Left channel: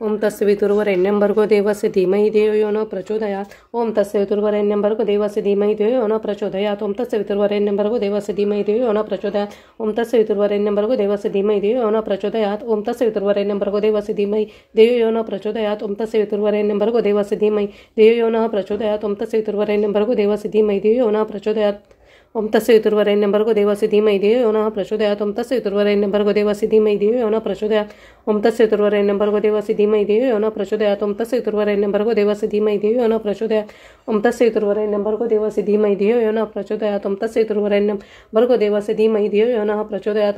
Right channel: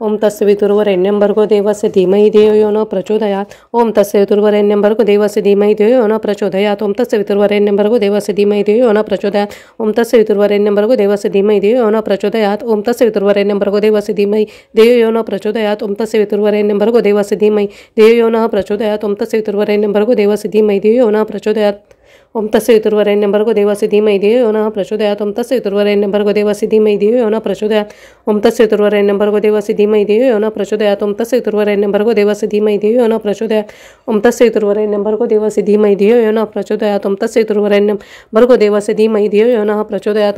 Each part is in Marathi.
ओम तस्य वितुर्वरेण्यं भर्गो देवस्य धीमहि धियो यो न प्रचोदयात्। ओम तस्य वितुर्वरेण्यं भर्गो देवस्य धीमहि धियो यो न प्रचोदयात्। ओम तस्य वितुर्वरेण्यं भर्गो देवस्य धीमहि धियो यो न प्रचोदयात्। ओम तस्य वितुर्वरेण्यं भर्गो देवस्य धीमहि धियो यो न प्रचोदयात्। ओम तस्य वितुर्वरेण्यं भर्गो देवस्य धीमहि धियो यो न प्रचोदयात्। ओम तस्य वितुर्वरेण्यं भर्गो देवस्य धीमहि धियो यो न प्रचोदयात्। ओम तस्य वितुर्वरेण्यं भर्गो देवस्य धीमहि धियो यो न प्रचोदयात्। ओम तस्य वितुर्वरेण्यं भर्गो देवस्य धीमहि धियो यो न प्रचोदयात्। ओम तस्य वितुर्वरेण्यं भर्गो देवस्य धीमहि धियो यो न प्रचोदयात्। ओम तस्य वितुर्वरेण्यं भर्गो देवस्य धीमहि धियो यो न प्रचोदयात्। ओम तस्य वितुर्वरेण्यं भर्गो देवस्य धीमहि धियो यो न प्रचोदयात्। ओम तस्य वितुर्वरेण्यं भर्गो देवस्य धीमहि धियो यो न प्रचोदयात्। ओम तस्य वितुर्वरेण्यं भर्गो देवस्य धीमहि धियो यो न प्रचोदयात्।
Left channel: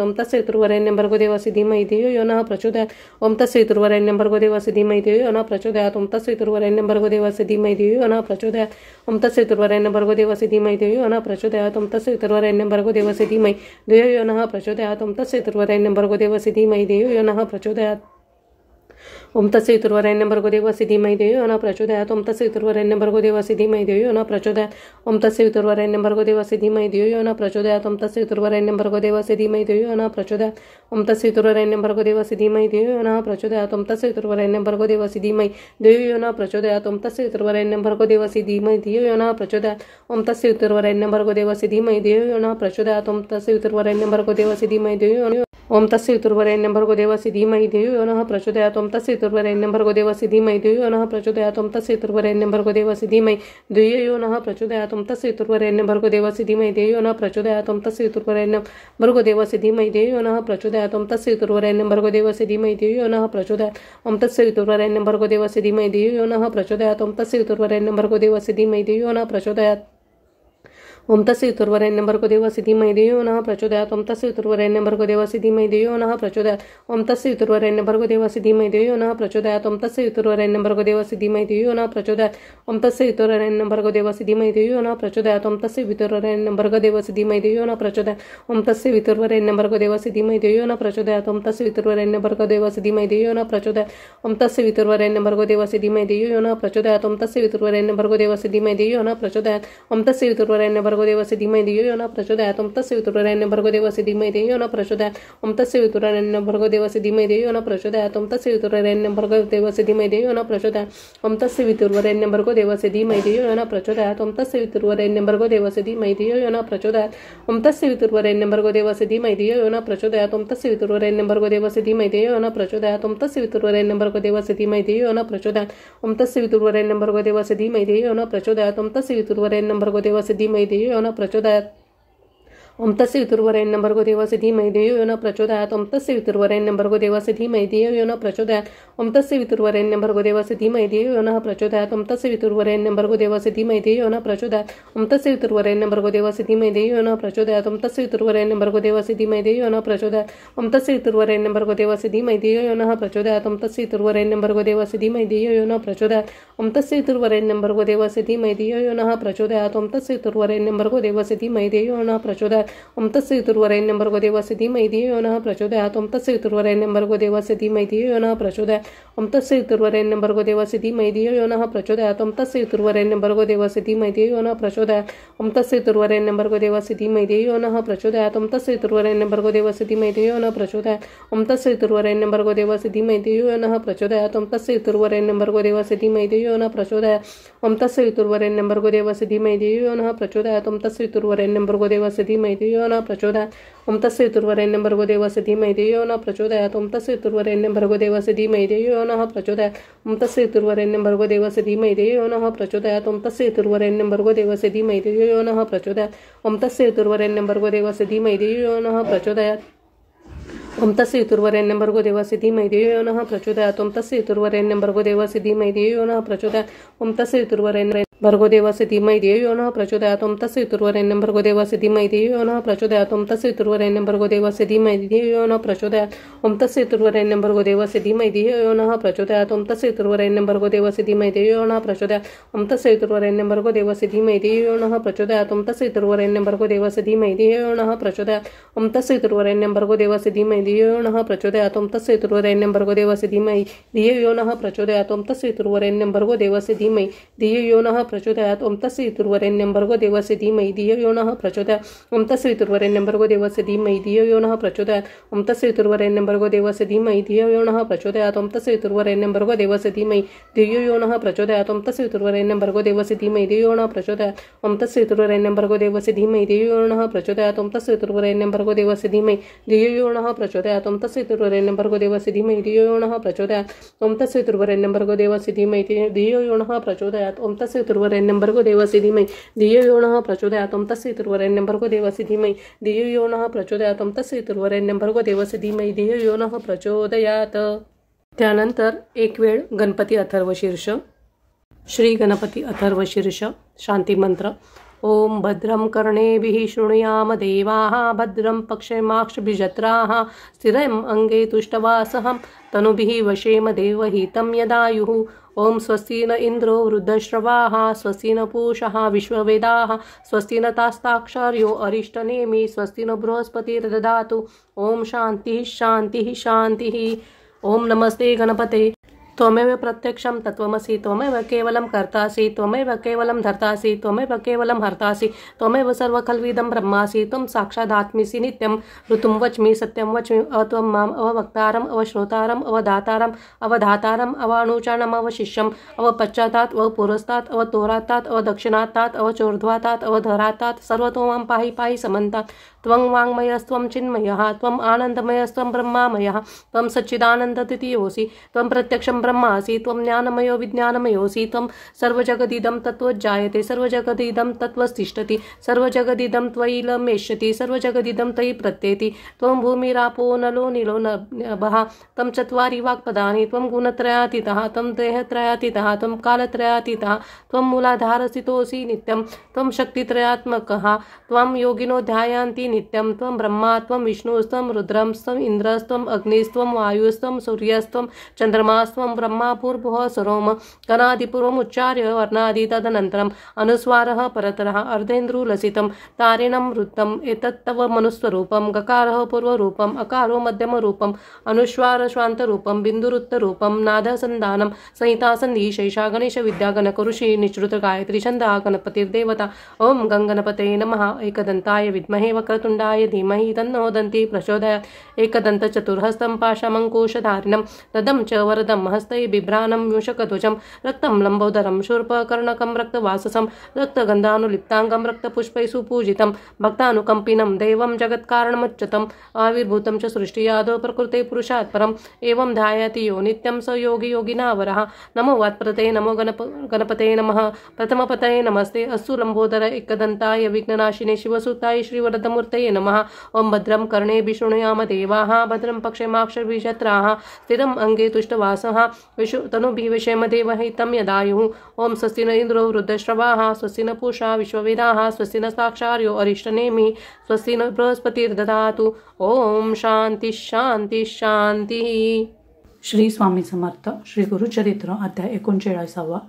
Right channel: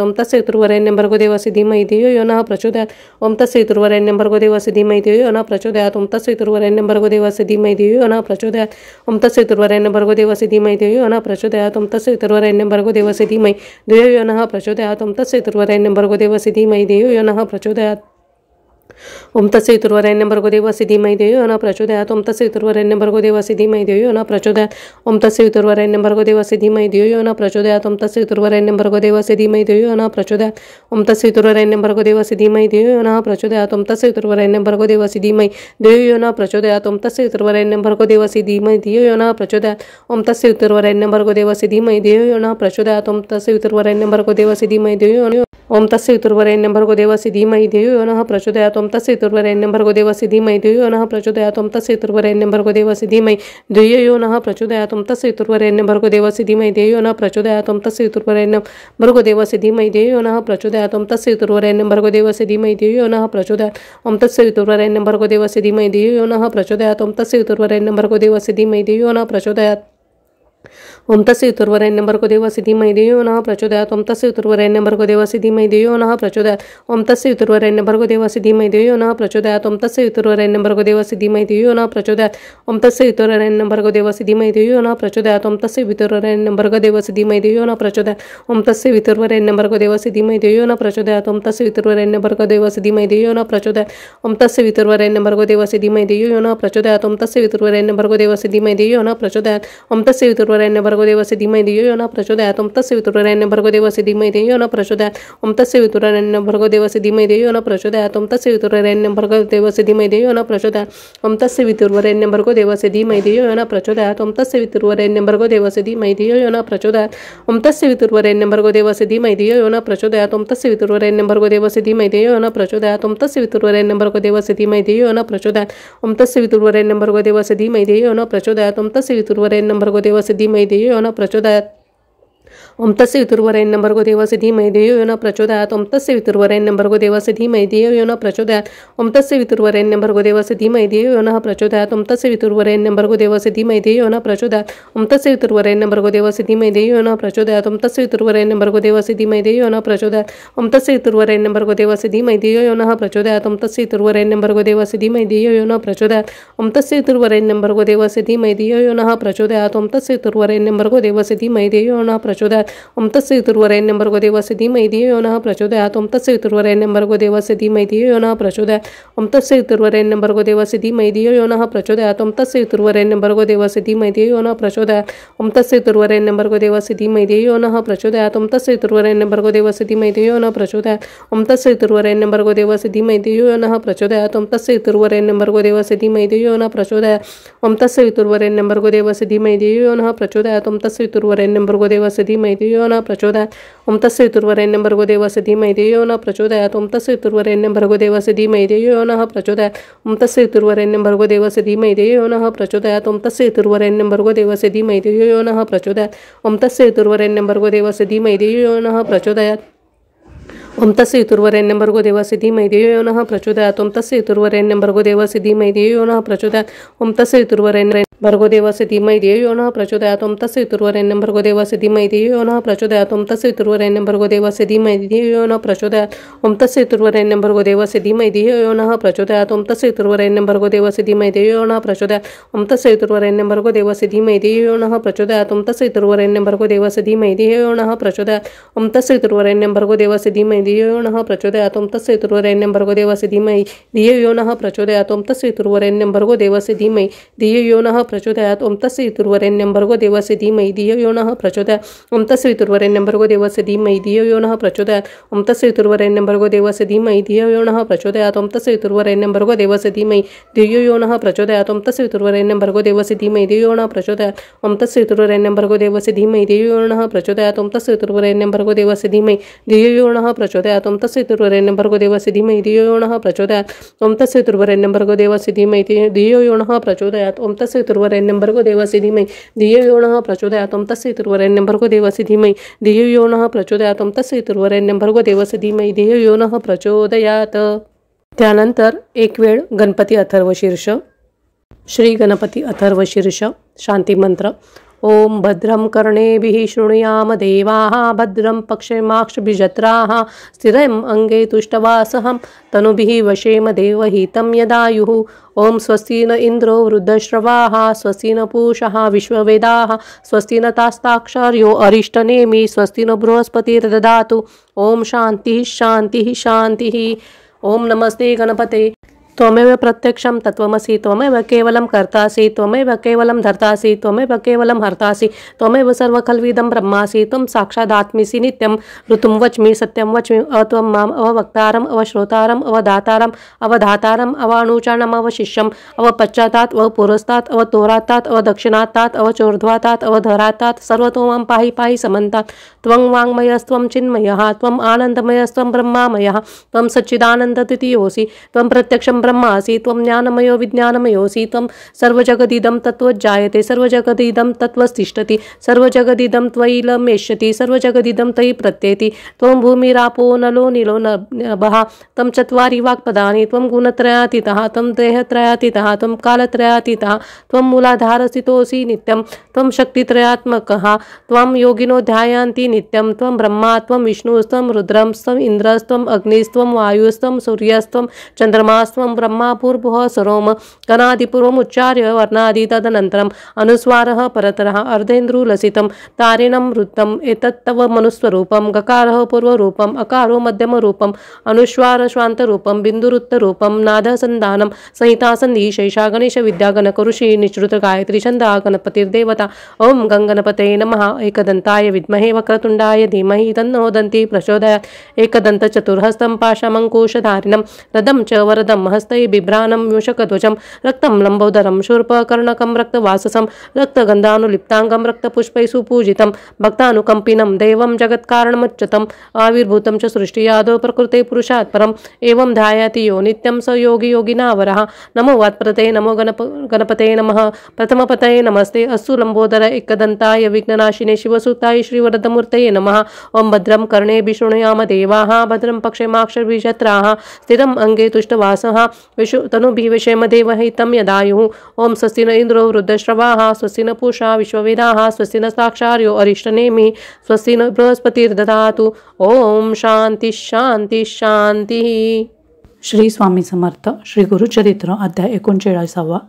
ओम तस्य वितुर्वरेण्यं भर्गो देवस्य धीमहि धियो यो न प्रचोदयात्। ओम तस्य वितुर्वरेण्यं भर्गो देवस्य धीमहि धियो यो न प्रचोदयात्। ओम तस्य वितुर्वरेण्यं भर्गो देवस्य धीमहि धियो यो न प्रचोदयात्। ओम तस्य वितुर्वरेण्यं भर्गो देवस्य धीमहि धियो यो न प्रचोदयात्। ओम तस्य वितुर्वरेण्यं भर्गो देवस्य धीमहि धियो यो न प्रचोदयात्। ओम तस्य वितुर्वरेण्यं भर्गो देवस्य धीमहि धियो यो न प्रचोदयात्। ओम तस्य वितुर्वरेण्यं भर्गो देवस्य धीमहि धियो यो न प्रचोदयात्। ओम तस्य वितुर्वरेण्यं भर्गो देवस्य धीमहि धियो यो न प्रचोदयात्। ओम तस्य वितुर्वरेण्यं भर्गो देवस्य धीमहि धियो यो न प्रचोदयात्। ओम तस्य वितुर्वरेण्यं भर्गो देवस्य धीमहि धियो यो न प्रचोदयात्। ओम तस्य वितुर्वरेण्यं भर्गो देवस्य धीमहि धियो यो न प्रचोदयात्। ओम तस्य वितुर्वरेण्यं भर्गो देवस्य धीमहि धियो यो न प्रचोदयात्। ओम तस्य वितुर्वरेण्यं भर्गो देवस्य धीमहि धियो यो न प्रचोदयात्। ओम तस्य वितुर्वरेण्यं भर्गो देवस्य धीमहि धियो यो न प्रचोदयात्। ओम तस्य वितुर्वरेण्यं भर्गो देवस्य धीमहि धियो यो न ओम तस्य वितुर्वरेण्यं भर्गो देवस्य धीमहि धियो यो न प्रचोदयात्। ओम तस्य वितुर्वरेण्यं भर्गो देवस्य धीमहि धियो यो न प्रचोदयात्। ओम तस्य वितुर्वरेण्यं भर्गो देवस्य धीमहि धियो यो न प्रचोदयात्। ओम तस्य वितुर्वरेण्यं भर्गो देवस्य धीमहि धियो यो न प्रचोदयात्। ओम तस्य वितुर्वरेण्यं भर्गो देवस्य धीमहि धियो यो न प्रचोदयात्। ओम तस्य वितुर्वरेण्यं भर्गो देवस्य धीमहि धियो यो न प्रचोदयात्। ओम तस्य वितुर्वरेण्यं भर्गो देवस्य धीमहि धियो यो न प्रचोदयात्। ओम तस्य वितुर्वरेण्यं भर्गो देवस्य धीमहि धियो यो न प्रचोदयात्। ओम तस्य वितुर्वरेण्यं भर्गो देवस्य धीमहि धियो यो न प्रचोदयात्। ओम तस्य वितुर्वरेण्यं भर्गो देवस्य धीमहि धियो यो न प्रचोदयात्। ओम तस्य वितुर्वरेण्यं भर्गो देवस्य धीमहि धियो यो न प्रचोदयात्। ओम तस्य वितुर्वरेण्यं भर्गो देवस्य धीमहि धियो यो न प्रचोदयात्। ओम तस्य वितुर्वरेण्यं भर्गो देवस्य धीमहि धियो यो न प्रचोदयात्। ओम तस्य वितुर्वरेण्यं भर्गो देवस्य धीमहि धियो यो न प्रचोदयात्। ओम तस्य वितुर्वरेण्यं भर्गो देवस्य धीमहि धियो यो न प्रचोदयात्। ओम तस्य वितुर्वरेण्यं भर्गो देवस्य धीमहि धियो यो न प्रचोदयात्। ओम तस्य वितुर्वरेण्यं भर्गो देवस्य धीमहि धियो यो न प्रचोदयात्। ओम तस्य वितुर्वरेण्यं भर्गो देवस्य धीमहि धियो यो न प्रचोदयात्। ओम तस्य वितुर्वरेण्यं भर्गो देवस्य धीमहि धियो यो न प्रचोदयात्। ओम तस्य वितुर्वरेण्यं भर्गो देवस्य धीमहि धियो यो न प्रचोदयात्। ओम तस्य वितुर्वरेण्यं भर्गो देवस्य धीमहि धियो यो न प्रचोदयात्। ओम तस्य वितुर्वरेण्यं भर्गो देवस्य धीमहि धियो यो न प्रचोदयात्। ओम तस्य वितुर्वरेण्यं भर्गो देवस्य धीमहि धियो यो न प्रचोदयात्। ओम तस्य वितुर्वरेण्यं भर्गो देवस्य धीमहि धियो यो न प्रचोदयात्। ओम तस्य वितुर्वरेण्यं भर्गो देवस्य धीमहि धियो यो न प्रचोदयात्। ओम तस्य वितुर्वरेण्यं भर्गो देवस्य धीमहि धियो यो न प्रचोदयात्। ओम तस्य वितुर्वरेण्यं भर्गो देवस्य धीमहि धियो यो न प्रचोदयात्। ओम तस्य वितुर्वरेण्यं भर्गो देवस्य धीमहि धियो यो न प्रचोदयात्। ओम तस्य वितुर्वरेण्यं भर्गो देवस्य धीमहि धियो यो न प्रचोदयात्। ओम तस्य वितुर्वरेण्यं भर्गो देवस्य धीमहि धियो यो न प्रचोदयात्। ओम तस्य वितुर्वरेण्यं भर्गो देवस्य धीमहि धियो यो न प्रचोदयात्। ओम तस्य वितुर्वरेण्यं भर्गो देवस्य धीमहि धियो यो न प्रचोदयात्। ओम तस्य वितुर्वरेण्यं भर्गो देवस्य धीमहि धियो यो न प्रचोदयात्। ओम तस्य वितुर्वरेण्यं भर्गो देवस्य धीमहि धियो यो न प्रचोदयात्। ओम तस्य वितुर्वरेण्यं भर्गो देवस्य धीमहि धियो यो न प्रचोदयात्। ओम तस्य वितुर्वरेण्यं भर्गो देवस्य धीमहि धियो यो न प्रचोदयात्। ओम तस्य वितुर्वरेण्यं भर्गो देवस्य धीमहि धियो यो न प्रचोदयात्। ओम तस्य वितुर्वरेण्यं भर्गो देवस्य धीमहि धियो यो न प्रचोदयात्। ओम तस्य वितुर्वरेण्यं भर्गो देवस्य धीमहि धियो यो न प्रचोदयात्। ओम तस्य वितुर्वरेण्यं भर्गो देवस्य धीमहि धियो यो न प्रचोदयात्। ओम तस्य वितुर्वरेण्यं भर्गो देवस्य धीमहि धियो यो न प्रचोदयात्। ओम तस्य वितुर्वरेण्यं भर्गो देवस्य धीमहि धियो यो न प्रचोदयात्। ओम तस्य वितुर्वरेण्यं भर्गो देवस्य धीमहि धियो यो न प्रचोदयात्। ओम तस्य वितुर्वरेण्यं भर्गो देवस्य धीमहि धियो यो न प्रचोदयात्। ओम तस्य वितुर्वरेण्यं भर्गो देवस्य धीमहि धियो यो न प्रचोदयात्। ओम तस्य वितुर्वरेण्यं भर्गो देवस्य धीमहि धियो यो न प्रचोदयात्। ओम तस्य वितुर्वरेण्यं भर्गो देवस्य धीमहि धियो यो न प्रचोदयात्। ओम तस्य वितुर्वरेण्यं भर्गो देवस्य धीमहि धियो यो न प्रचोदयात्। ओम तस्य वितुर्वरेण्यं भर्गो देवस्य धीमहि धियो यो न प्रचोदयात्। ओम तस्य वितुर्वरेण्यं भर्गो देवस्य धीमहि धियो यो न प्रचोदयात्। ओम तस्य वितुर्वरेण्यं भर्गो देवस्य धीमहि धियो यो न प्रचोदयात्। ओम तस्य वितुर्वरेण्यं भर्गो देवस्य धीमहि धियो यो न प्रचोदयात्। ओम तस्य वितुर्वरेण्यं भर्गो देवस्य धीमहि धियो यो न प्रचोदयात्। ओम तस्य वितुर्वरेण्यं भर्गो देवस्य धीमहि धियो यो न प्रचोदयात्। ओम तस्य वितुर्वरेण्यं भर्गो देवस्य धीमहि धियो यो न प्रचोदयात्। ओम तस्य वितुर्वरेण्यं भर्गो देवस्य धीमहि धियो यो न प्रचोदयात्। ओम तस्य वितुर्वरेण्यं भर्गो देवस्य धीमहि धियो यो न प्रचोदयात्। ओम तस्य वितुर्वरेण्यं भर्गो देवस्य धीमहि धियो यो न प्रचोदयात्। ओम तस्य वितुर्वरेण्यं भर्गो देवस्य धीमहि धियो यो न प्रचोदयात्। ओम तस्य वितुर्वरेण्यं भर्गो देवस्य धीमहि धियो यो न प्रचोदयात्। ओम तस्य वितुर्वरेण्यं भर्गो देवस्य धीमहि धियो यो न प्रचोदयात्। ओम तस्य वितुर्वरेण्यं भर्गो देवस्य धीमहि धियो यो न प्रचोदयात्। ओम तस्य वितुर्वरेण्यं भर्गो देवस्य धीमहि धियो यो न प्रचोदयात्। ओम तस्य वितुर्वरेण्यं भर्गो देवस्य धीमहि धियो यो न प्रचोदयात्। ओम तस्य वितुर्वरेण्यं भर्गो देवस्य धीमहि धियो यो न प्रचोदयात्। ओम तस्य वितुर्वरेण्यं भर्गो देवस्य धीमहि धियो यो न प्रचोदयात् ओम तस्य पितुर्वरेण्यं भर्गो देवस्य धीमहि धियो यो नः प्रचोदयात् ओम तस्य पितुर्वरेण्यं भर्गो देवस्य धीमहि धियो यो नः प्रचोदयात् ओम तस्य पितुर्वरेण्यं भर्गो देवस्य धीमहि धियो यो नः प्रचोदयात् ओम तस्य पितुर्वरेण्यं भर्गो देवस्य धीमहि धियो यो नः प्रचोदयात् ओम तस्य पितुर्वरेण्यं भर्गो देवस्य धीमहि धियो यो नः प्रचोदयात् ओम तस्य पितुर्वरेण्यं भर्गो देवस्य धीमहि धियो यो नः प्रचोदयात् ओम तस्य पितुर्वरेण्यं भर्गो देवस्य धीमहि धियो यो नः प्रचोदयात् ओम तस्य पितुर्वरेण्यं भर्गो देवस्य धीमहि धियो यो नः प्रचोदयात् ओम तस्य पितुर्वरेण्यं भर्गो देवस्य धीमहि धियो यो नः प्रचोदयात् ओम तस्य पितुर्वरेण्यं भर्गो देवस्य धीमहि धियो यो नः प्रचोदयात् ओम तस्य पितुर्वरेण्यं भर्गो देवस्य धीमहि धियो यो नः प्रचोदयात् ओम तस्य पितुर्वरेण्यं भर्गो देवस्य धीमहि धियो यो नः प्रचोदयात्। त्यानंतर एक वेळ गणपती अथर्वशीर्ष। श्री गणपती अथर्वशीर्ष शांती मंत्र। ओम भद्रं कर्णेभिः शृणुयाम देवाः भद्रं पक्षेमाक्षभिजत्राः स्थिरम् अंगे तुष्टवासहं तनुभिः वशेम देवहितं यदायुः। ओम स्वस्ति न इन्द्रो वृद्धश्रवाः स्वस्ति न पूषः विश्ववेदाः स्वस्ति न तास्ताक्षर्यो अरिष्टनेमि स्वस्ति न बृहस्पतिर्दधातु। ओम शांतिः शांतिः शांतिः। ओम नमस्ते गणपते। त्वमेव प्रत्यक्षं तत्त्वमसि त्वमेव केवलं कर्तासि त्वमेव केवलं धर्तासि त्वमेव केवलं हर्तासि त्वमेव सर्वखल्विदं ब्रह्मासि त्वं साक्षादात्मिसि नित्यं ऋतुं वच्मि सत्यं वच्मि अत्वं माम् अवक्तारम् अवश्रोतारम् अवधातारम् अवधातारम् अवानुचानम् अवशिष्यम् अवपश्चातात् अवपुरस्तात् अवतोरातात् अवदक्षिणातात् अवचोर्ध्वातात् अवधरातात् सर्वतो मां पाहि पाहि समन्तात्। त्वं वाङ्मयस्त्वं चिन्मयः त्वम् आनन्दमयस्त्वं ब्रह्मामयः त्वं सच्चिदानन्दद्वितीयोऽसि त्वं प्रत्यक्षं ब्रह्मासि त्वं ज्ञानमयो विज्ञानमयोऽसि त्वं सर्वजगदिदं तत्त्वज्जायते सर्वजगदिदं तत्त्वस्तिष्ठति सर्वजगदिदं त्वयिलमेष्यति सर्वजगदिदं तयि प्रत्येति। त्वं भूमिरापो नलो नीलो नभः त्वं चत्वारि वाक्पदानि त्वं गुणत्रयातीतः त्वं देहत्रयातीतः त्वं कालत्रयातीतः त्वं मूलाधारस्थितोऽसि नित्यं त्वं शक्तित्रयात्मकः त्वं योगिनो ध्यायन्ति नित्यं त्वं ब्रह्मा त्वं विष्णुस्त्वं रुद्रस्त्वं इन्द्रस्त्वं अग्निस्त्वं वायुस्त्वं सूर्यस्त्वं चन्द्रमास्त्वं ब्रह्मा भूर्भुवः स्वरोम गणादिपूर्वमुच्चार्य वर्णादि तदनन्तरम् अनुस्वारः परतरः अर्धेन्द्रुलसितं तारिणं वृत्तम् एतत्तव मनुस्वरूपं गकारः पूर्वरूपम् अकारो मध्यमरूपम् अनुस्वार श्वान्तरूपं बिन्दुरुत्तरूपं नादसन्धानं संहितासन्धि शैषा गणेश विद्या गणकऋषि निश्रुत गायत्री छन्दा गणपतिर्देवता। ओम गंगणपतये नमः। एकदन्ताय विद्महे वक्रतुण्डाय धीमहि तन्नो दन्ति प्रचोदयात्। एकदन्त चतुर्हस्तं पाशमङ्कुशधारिणं रदं च वरदं हस्तै बिभ्राणं मूषकध्वजं रक्तं लम्बोदरं शूर्पकर्णकं रक्तवाससं रक्तगन्धानुलिप्ताङ्गं रक्तपुष्पैः सुपूजितं भक्तानुकम्पिनं देवं जगत्कारणमुच्यतम् आविर्भूतं च सृष्टियादौ प्रकृते पुरुषात् परम् एवं ध्यायति यो नित्यं स योगी योगिनावरः। नमो वात्प्रते नमो गणपते नमः। प्रथमपतये नमस्ते अस्तु लम्बोदर एकदन्ताय विघ्ननाशिने शिवसुताय श्रीवरदमूर्तये नमः। ओम भद्रं कर्णेभिः शृणुयाम देवाः भद्रं पक्षेमाक्षभिजत्राः स्थिरम् अंगे तुष्टवासः तनुभिः वशेम देवहितं यदायुः। ओम स्वस्ति न इन्द्रो वृद्धश्रवाः स्वस्ति न पूषा विश्ववेदाः स्वस्ति न साक्षार्यो अरिष्टनेमि स्वस्ति न बृहस्पतिर्दधातु। ओम शांति शांति शांती। श्री स्वामी समर्थ श्री गुरुचरित्र अध्याय 39।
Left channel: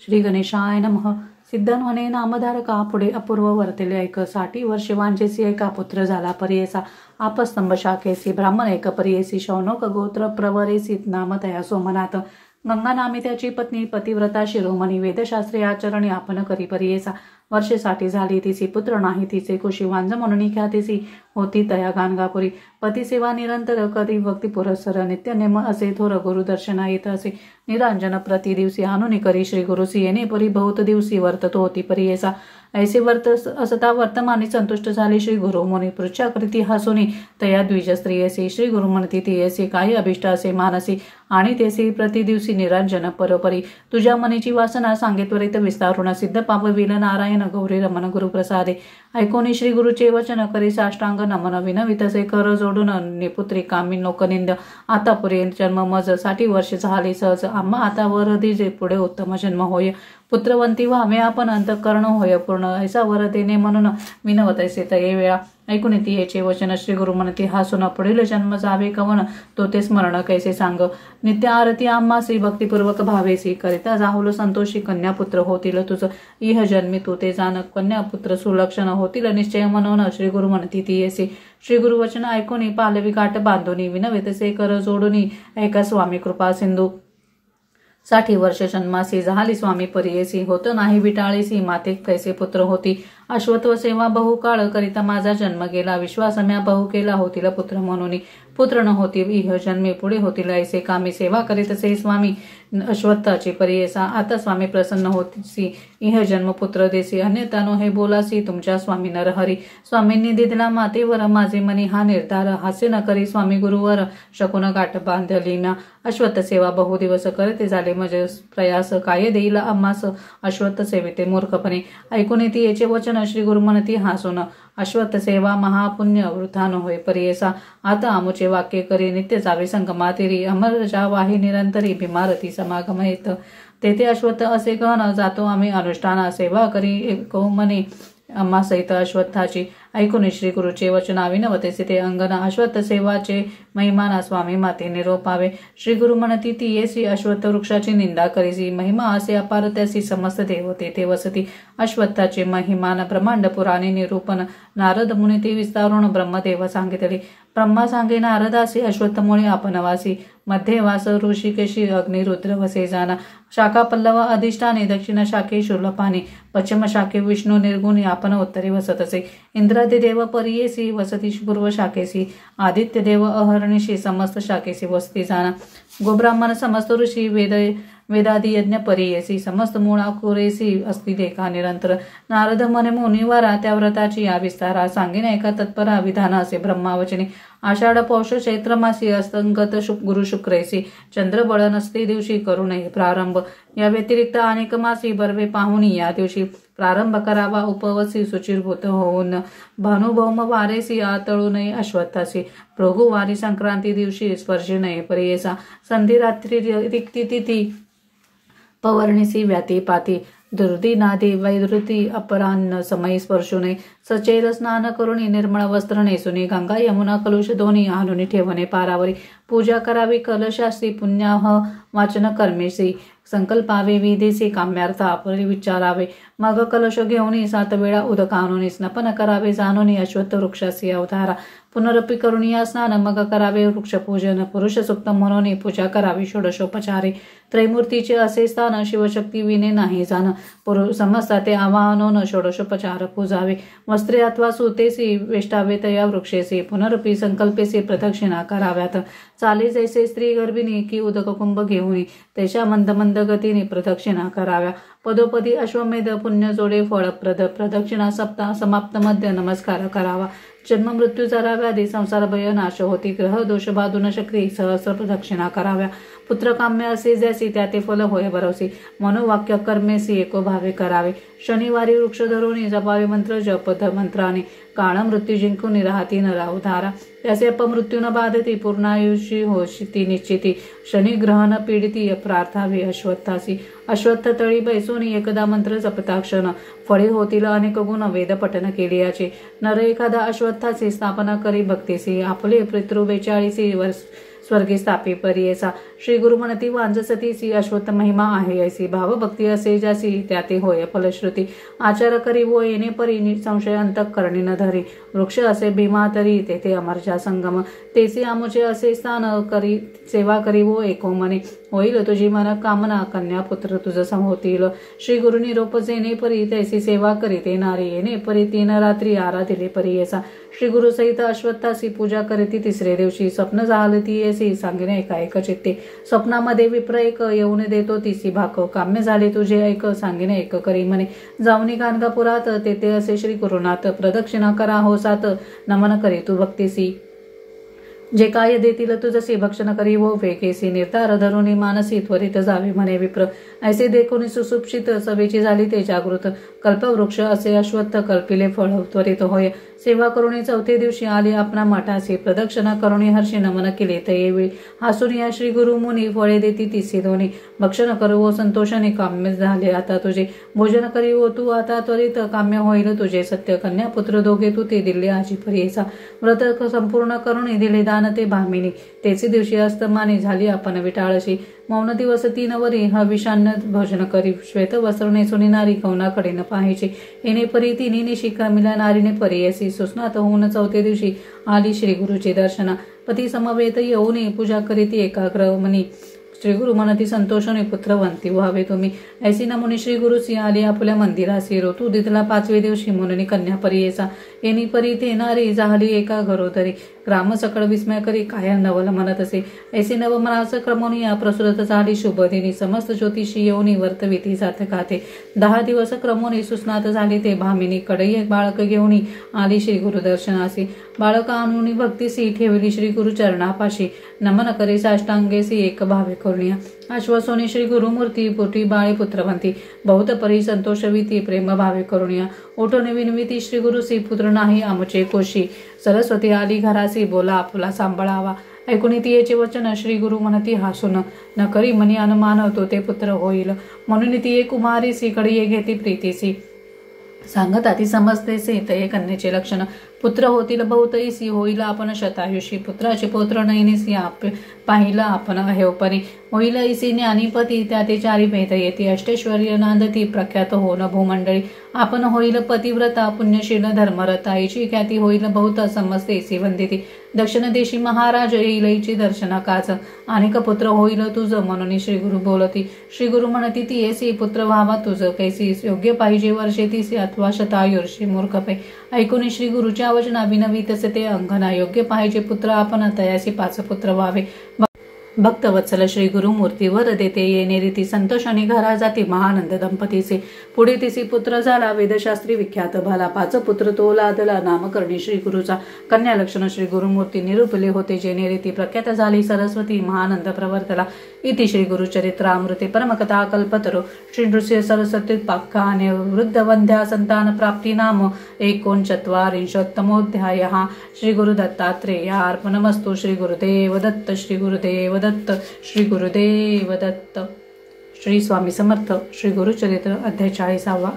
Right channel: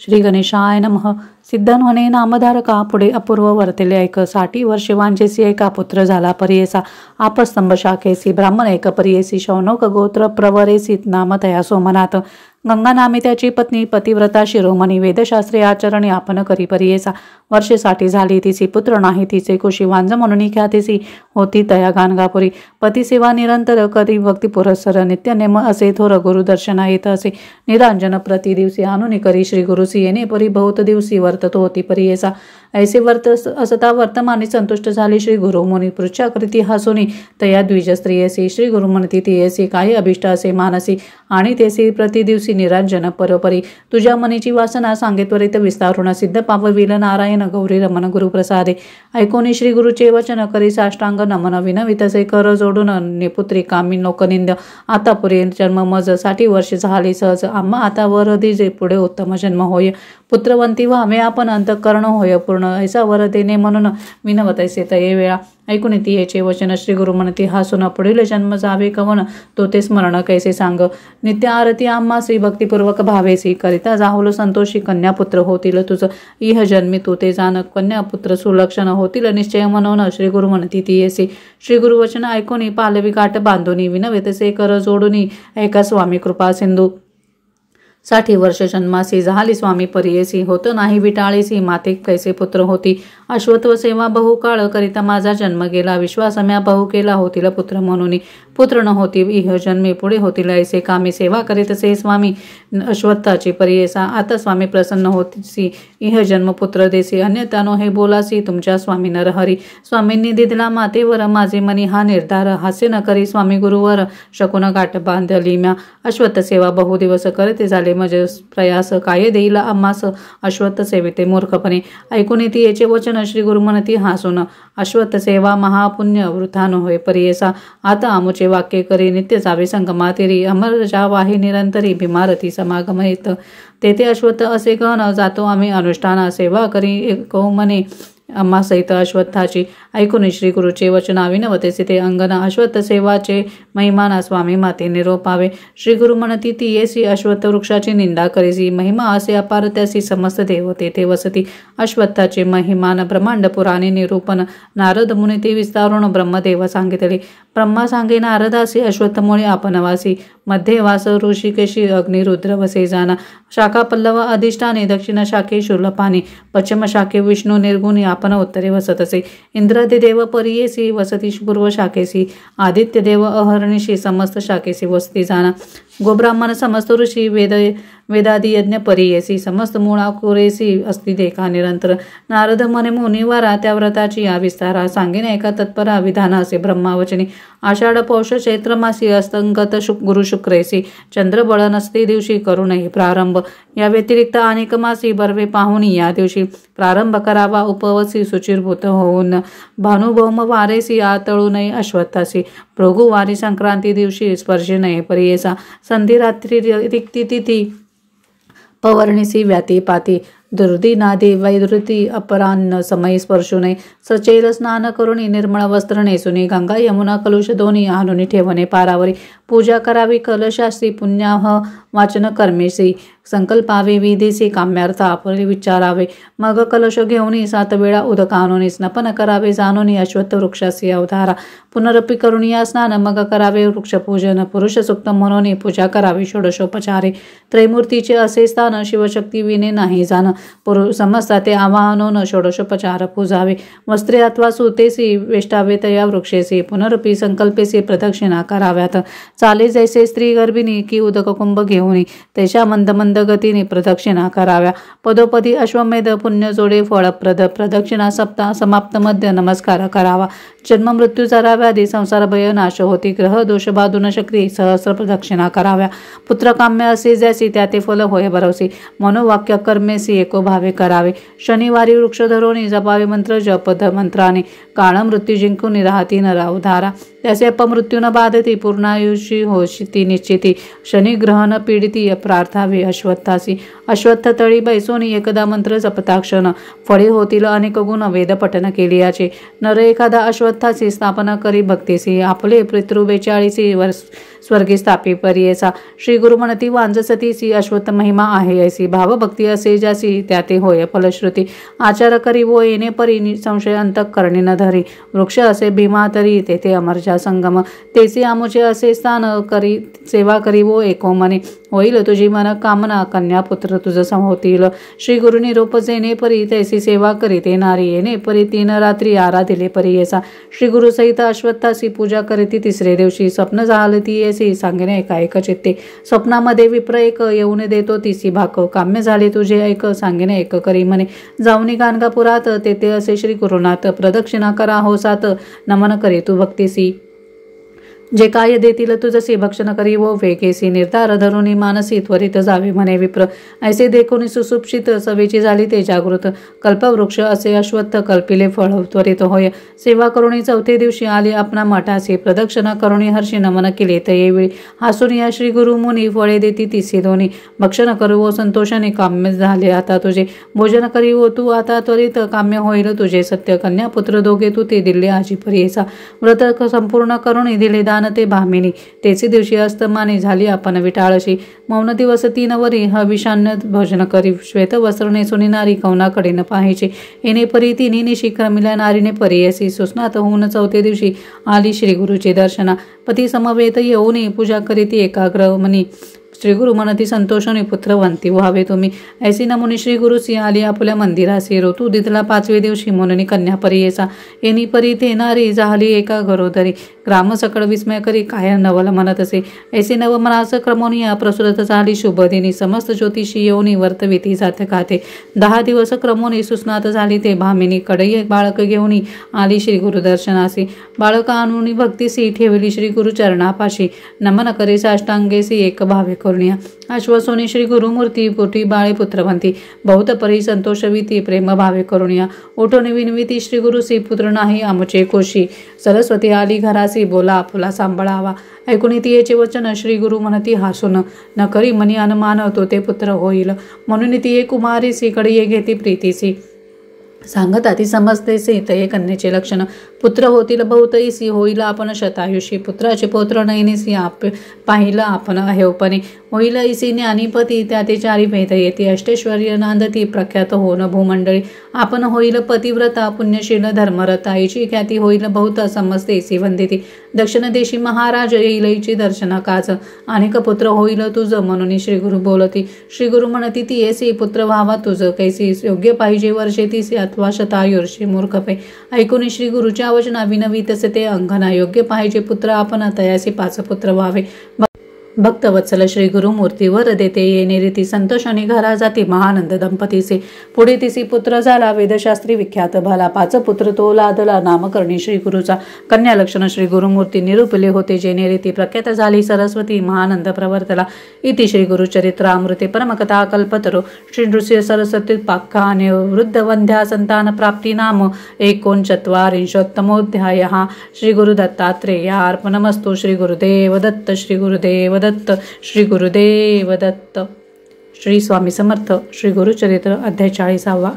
श्री गणेशाय नमः। सिद्धन्वने नामधारका पुढे अपूर्व वर्तले ऐक 60 वर्षे वांजेसी एका पुत्र झाला परियेसा आपस्तंभ शाखेसी ब्राह्मण एक परियेसी शौनक गोत्र प्रवरेसी नाम तया सोमनाथ गंगा नामे त्याची पत्नी पतिव्रता शिरोमणी वेदशास्त्रे आचरणे आपण करी परियेसा वर्षे 60 झाली तिचे पुत्र नाही तिचे कुशी वांज म्हणून ख्यातीसी होती तया गाणगापुरी पतिसेवा निरंतर कधी भक्ती पुरस्सर नित्यनेम असे थोर गुरुदर्शना येत असे निरांजन प्रति दिवसी आणून करी श्री गुरुसी येणे परी बहुत दिवसी वर्तत होती परियेसा ऐसे वर्त असता वर्तमानी संतुष्ट झाली श्री गुरु मुनी पृच्छा कृती हसुनी तया द्विज स्त्रियसी श्री गुरु म्हणती तियसी काही अभिष्ट असे मानसी आणि तेसी प्रति दिवसी निरांजन परोपरी तुझ्या मनीची वासना सांगे त्वरित विस्तारुण सिद्ध पावविल नारायण गौरी रमण गुरुप्रसादे ऐकोनी श्री गुरुचे वचन करी साष्टांग नमन विनवितसे कर जोडून निपुत्री कामी लोकनिंद आता पुरे जन्म मज 60 वर्षे झाली सहज आम्हा आता वर दिजे पुढे उत्तम जन्म होय पुत्रवंती व्हावे आपण अंतःकरण होय पूर्ण ऐसा वर देणे म्हणून विनवतैसे तये वेळा ऐकून येते वचन श्री गुरु म्हणती हासून पुढील जन्म जावे कवन तो ते स्मरण कैसे सांग नित्य आरती आम्हा श्री भक्तिपूर्वक भावेसी करिता जाहुल संतोषी कन्यापुत्र होतील तुझ इह जन्मी तू ते जाण कन्यापुत्र सुलक्षण होतील निश्चय म्हणून श्री गुरु म्हणती ती येसी श्री गुरु वचन ऐकून पालवी काठ बांधून विनवेतसे कर जोडून ऐका स्वामी कृपा सिंधू 60 वर्ष जन्मासी झाली स्वामी परियेसी, होत नाही विटाळेसी माते कैसे पुत्र होती. अश्वत्व सेवा बहु काळ करिता माझा जन्म गेला, विश्वास म्या बहु केला होतील पुत्र म्हणून. पुत्र न होती इह जन्मी, पुढे होतील ऐसे कामी. सेवा करीत से स्वामी अश्वत्थाची परियेसा, आता स्वामी प्रसन्न होतीसी, इह जन्म पुत्र देसी. अन्यथा नो हे बोलासी तुमच्या स्वामी नरहरी. स्वामींनी दिला मातेवर माझे मनी हा निर्धार, हास्य न करी स्वामी गुरुवर शकून गाठ बांधली म्या. अश्वत्थ सेवा बहु दिवस करते झाले मज प्रयास, काय देईला आम्हास अश्वत्थ सेविते मूर्खपणे. ऐकून येते याचे वचन श्री गुरु म्हणती हासून, अश्वत्थ सेवा महापुण्य वृथा न होय परियेसा. आता आमुचे वाक्य करी नित्य जावे संगमातिरी, अमर जा वाही निरंतरी भीमारती समागम येत. तेथे अश्वत्थ असे गहन जातो आम्ही अनुष्ठाना, सेवा करी एको मने अम्मा सहित अश्वत्थाची. ऐकून श्री गुरुचे वचन विनवतेसे ते अंगना, अश्वत्थ सेवाचे महिमाना स्वामी माते निरोपावे. श्री गुरु म्हणती ती येसी अश्वत्थ वृक्षाची निंदा करीसी, महिमा असे अपार त्यासी समस्त देव तेथे वसती. अश्वत्थाचे महिमान ब्रह्मांड पुराणे निरूपण, नारद मुनी ते विस्तारून ब्रह्मदेव सांगितले. ब्रह्मा सांगे नारदासी, अश्वत्थमुळे आपण वासी, मध्ये वास ऋषिकेशी अग्निरुद्र वसे जाना. शाखा पल्लव अधिष्ठाने, दक्षिण शाखे शूलपाणी, पश्चिम शाखे विष्णू निर्गुणी, आपण उत्तरे वसत असे. इंद्रादिदेव परियेसी वसती पूर्व शाखेसी, आदित्य देव अहर्निशी समस्त शाखेसी वसती जाना. गोब्राह्मण समस्त ऋषी वेदादी यज्ञ परियेसी, समस्त मुळा कुरेसी असती देखा निरंतर. नारद मने मुनिवरा त्या व्रताची या विस्तारा, सांगेन एका तत्परा विधान असे ब्रह्मावचनी. आषाढ पौष चैत्र मासी अस्तंगत गुरु शुक्रेसी, चंद्रबळ नसते दिवशी करू नये प्रारंभ. या व्यतिरिक्त अनेक मासी बर्वे पाहुणी या दिवशी प्रारंभ करावा उपवसी, सुचिरभूत होऊन भानुभौम वारेसी आतळू नये अश्वत्थासी. भृगुवारी संक्रांती दिवशी स्पर्शी नये परियेसा, संधी रात्री रिक्ती तिथी पवर्णिसी व्याती पाती. दुर्दिनादी वैदृती अपरान्न समयी स्पर्शू नये. सचेल स्नान करुणी निर्मळ वस्त्र नेसुनी, गंगा यमुना कलुष दोन्ही आणून ठेवणे पारावरी. पूजा करावी कलशासी, पुण्याह वाचन कर्मेसी, संकल्पावे विधीसी, काम्यार्थ आपले विचारावे. मग कलश घेऊन 7 वेळा उदक आणून स्नपन करावे जाणून अश्वत्थ वृक्षासी अवतारा. पुनरपी करून या स्नान मग करावे वृक्षपूजन, पुरुष सुक्त म्हणून पूजा करावी षोडशोपचारे. त्रैमूर्तीचे असे स्थान शिवशक्ती विने नाही जाण, समजता ते आवाहनोन षोडशोपचार पूजावे. वस्त्रे अथवा सुतेसी वेष्टावे तया वृक्षेसी, पुनरपी संकल्पेसी प्रदक्षिणा कराव्यात. चाले जैसे स्त्री गर्भिणी की उदक कुंभ घेऊन त्याच्या मंद मंद गतीने प्रदक्षिणा कराव्या. पदोपदी अश्वमेध पुण्य जोडे फळप्रद, प्रदक्षिणा सप्ताह समाप्त मध्ये नमस्कार करावा. जन्म मृत्यूचा व्याधी संसार भय नाश होती, ग्रह दोष बाधून शक्ती सहस्र प्रदक्षिणा कराव्या. पुत्र काम्य असे जैसी त्या ते फल होय भरवसी, मनोवाक्य कर्मेसी एको भावे करावे. शनिवारी वृक्ष धरोनी जपावे मंत्र जपद मंत्राने, काळ मृत्यू जिंकून राहती नरावधारा. त्याचे अपमृत्यू न बाधती, पूर्णायुषी होशी निश्चिती. शनी ग्रहण पीडिती प्रार्थावे अश्वत्थासी. अश्वत्थ तळी बैसोनी एकदा मंत्र जपताक्षण, फळे होतील अनेक गुण वेद पठन केलियाचे. नर एखादा अश्वत्थाची स्थापना करी भक्तीसी, आपले पितृ 42 स्वर्गी स्थापी परियेसा. श्री गुरु म्हणती वांजसतीसी, अश्वत्थ महिमा आहे ऐसी, भावभक्ती असे ज्यासी त्या ते होय फलश्रुती. आचार करी वो येणे परी, संशय अंतःकरणी न धरी. वृक्ष असे भीमा तरी तेथे अमरजा संगम, तेचे आमुचे असे स्थान करी. सेवा करी वो एको मने, होईल तुझी मन कामना, कन्या पुत्र तुझ होतील. श्री गुरुनी रूप जेणे परी, तैसी सेवा करी ते नारी. येणे परी 3 रात्री आराधिले परियेसा. श्री गुरु सहित अश्वत्थासी पूजा करीती 3रे दिवशी. स्वप्न झाले ती येसी, सांगणे एका एक चित्ते. स्वप्नामध्ये विप्र एक येऊन देतो तिसी भाक, काम्य झाले तुझे ऐक, सांगणे एक करी म्हणे. जाऊनी गाणगापुरात तेथे असे श्री गुरुनाथ, प्रदक्षिणा करा होसात, नमन करी तू भक्तीसी. जे काय देतील तुझसी, भक्षण करी वो वेगेसी. निर्धार धरुनी मानसी, त्वरित जावे म्हणे विप्र. ऐसे देखून सुसुप्षित सवेची झाली ते जागृत. कल्पवृक्ष असे अश्वत्थ, कल्पिले फळ त्वरित होय. सेवा करुणी 4थ्या दिवशी आली आपणा मठासी, प्रदक्षिणा करुणी हर्षी नमन केले तयेवेळी. हासून या श्री गुरु मुनी, फळे देती तिसी दोन्ही. भक्षण करू वो संतोषाने, काम्य झाले आता तुझे. भोजन करी वो तू आता त्वरित, काम्य होईल तुझे सत्य. कन्या पुत्र दोघे तू ते दिले आजी परियेसा. व्रत संपूर्ण करुणी दिले दान ते भामिनी. तेचे दिवशी अस्तमानी झाली आपण विटाळशी. मौन दिवस 3 वरी, हविषान्न भोजन करी. श्वेत वस्त्र नेसुनी नारी, कौनाकडे न पाहायची. येणे परी 3 निशी क्रमिल्या नारीने परियेसी. सुस्नात होऊन 4थ्या दिवशी आली श्री गुरुची दर्शना. पती समवेत येऊन पूजा करीती एकाग्र मनी. श्री गुरु म्हणती संतोषाने पुत्रवंती व्हावे तुम्ही. ऐसी नमुनी श्री गुरुसी आली आपल्या मंदिरासी. ऋतू दितला 5वे दिवशी म्हणून कन्या परी येसा. येणी परी ते नारी झाली एका घरोदरी. ग्राम सकळ विस्मय करी काय नवल म्हणत असे. ऐसे नव मनास क्रमोनिया प्रसुरत झाली शुभदिनी. समस्त ज्योतिषी येऊनी वर्तविती जात खाते. 10 दिवस क्रमोनी सुस्नात झाली ते भामिनी. कडई बाळक घेऊनी आली श्री गुरु दर्शनासी. बाळक आणून भक्तीसी ठेवली श्री गुरु चरणापाशी. नमन करे साष्टांगेसी एक भावे करुणिया. आश्वासोनी श्री गुरुमूर्ती पोटी बाळे पुत्रवंती. बहुत परी संतोषविती प्रेम भावे करुणिया. उठून विनविती श्री गुरुसी पुत्र नाही आमचे कोशी. सरस्वती आली घरासी बोला आपुला सांभाळावा. ऐकून तियेचे वचन श्री गुरु म्हणती हसून. न करी मनी अनुमान तो ते पुत्र होईल. म्हणून तिये कुमारीसी कडे घेती प्रीतीसी. सांगता ती समजतेसी तये कन्येचे लक्षण. पुत्र होतील बहुत इसी होईल आपण शतायुषी. पुत्राचे पौत्र नयनीसी पाहिला आपण अहेवपणे. होईल इसी ज्ञानीपती त्या ते 4 भेद येते. अष्टेश्वर्य नांदती प्रख्यात होन भूमंडळी. आपण होईल पतिव्रता पुण्यशील धर्मरता. हिची ख्याती होईल बहुत समजते इसी वंदिती. दक्षिण देशी महाराज येईलची दर्शन काच. अनेक पुत्र होईल तुझ म्हणून श्री गुरु बोलती. श्री गुरु म्हणती ती येसी पुत्र व्हावा तुझ कैसी. योग्य पाहिजे वर्षे तिसे अथवा शतायुर्षी मूर्खपै. ऐकून श्री गुरुच्या वचना विनवी तसे ते अंगना. योग्य पाहिजे पुत्र आपण तयासी 5 पुत्र व्हावे. भक्तवत्सल श्री गुरुमूर्ती वर देते येणे रीती. संतोषाने घरा जाती महानंद दंपतीचे. पुढे तिसी पुत्र झाला वेदशास्त्री विख्यात भाला. 5 पुत्र तो लादला नामकरणी श्री गुरुचा. कन्या लक्षण श्री गुरुमूर्ती निरूपले होते जेणे रीती. प्रख्यात झाली सरस्वती महानंद प्रवर्तला. इति श्री गुरुचरित्रामृते परमकथा कल्पतरो श्री नृसिंह सरस्वती पाख्याने वृद्धवंध्या संतान प्राप्ती नाम 49तमोऽध्याय. श्री गुरुदत्तात्रेयार्पणमस्तु. श्री गुरुदेव दत्त. श्री गुरुदेव दत्त. श्री गुरुदेव दत्त. श्री स्वामी समर्थ. श्री गुरुचरित्र अध्याय 40.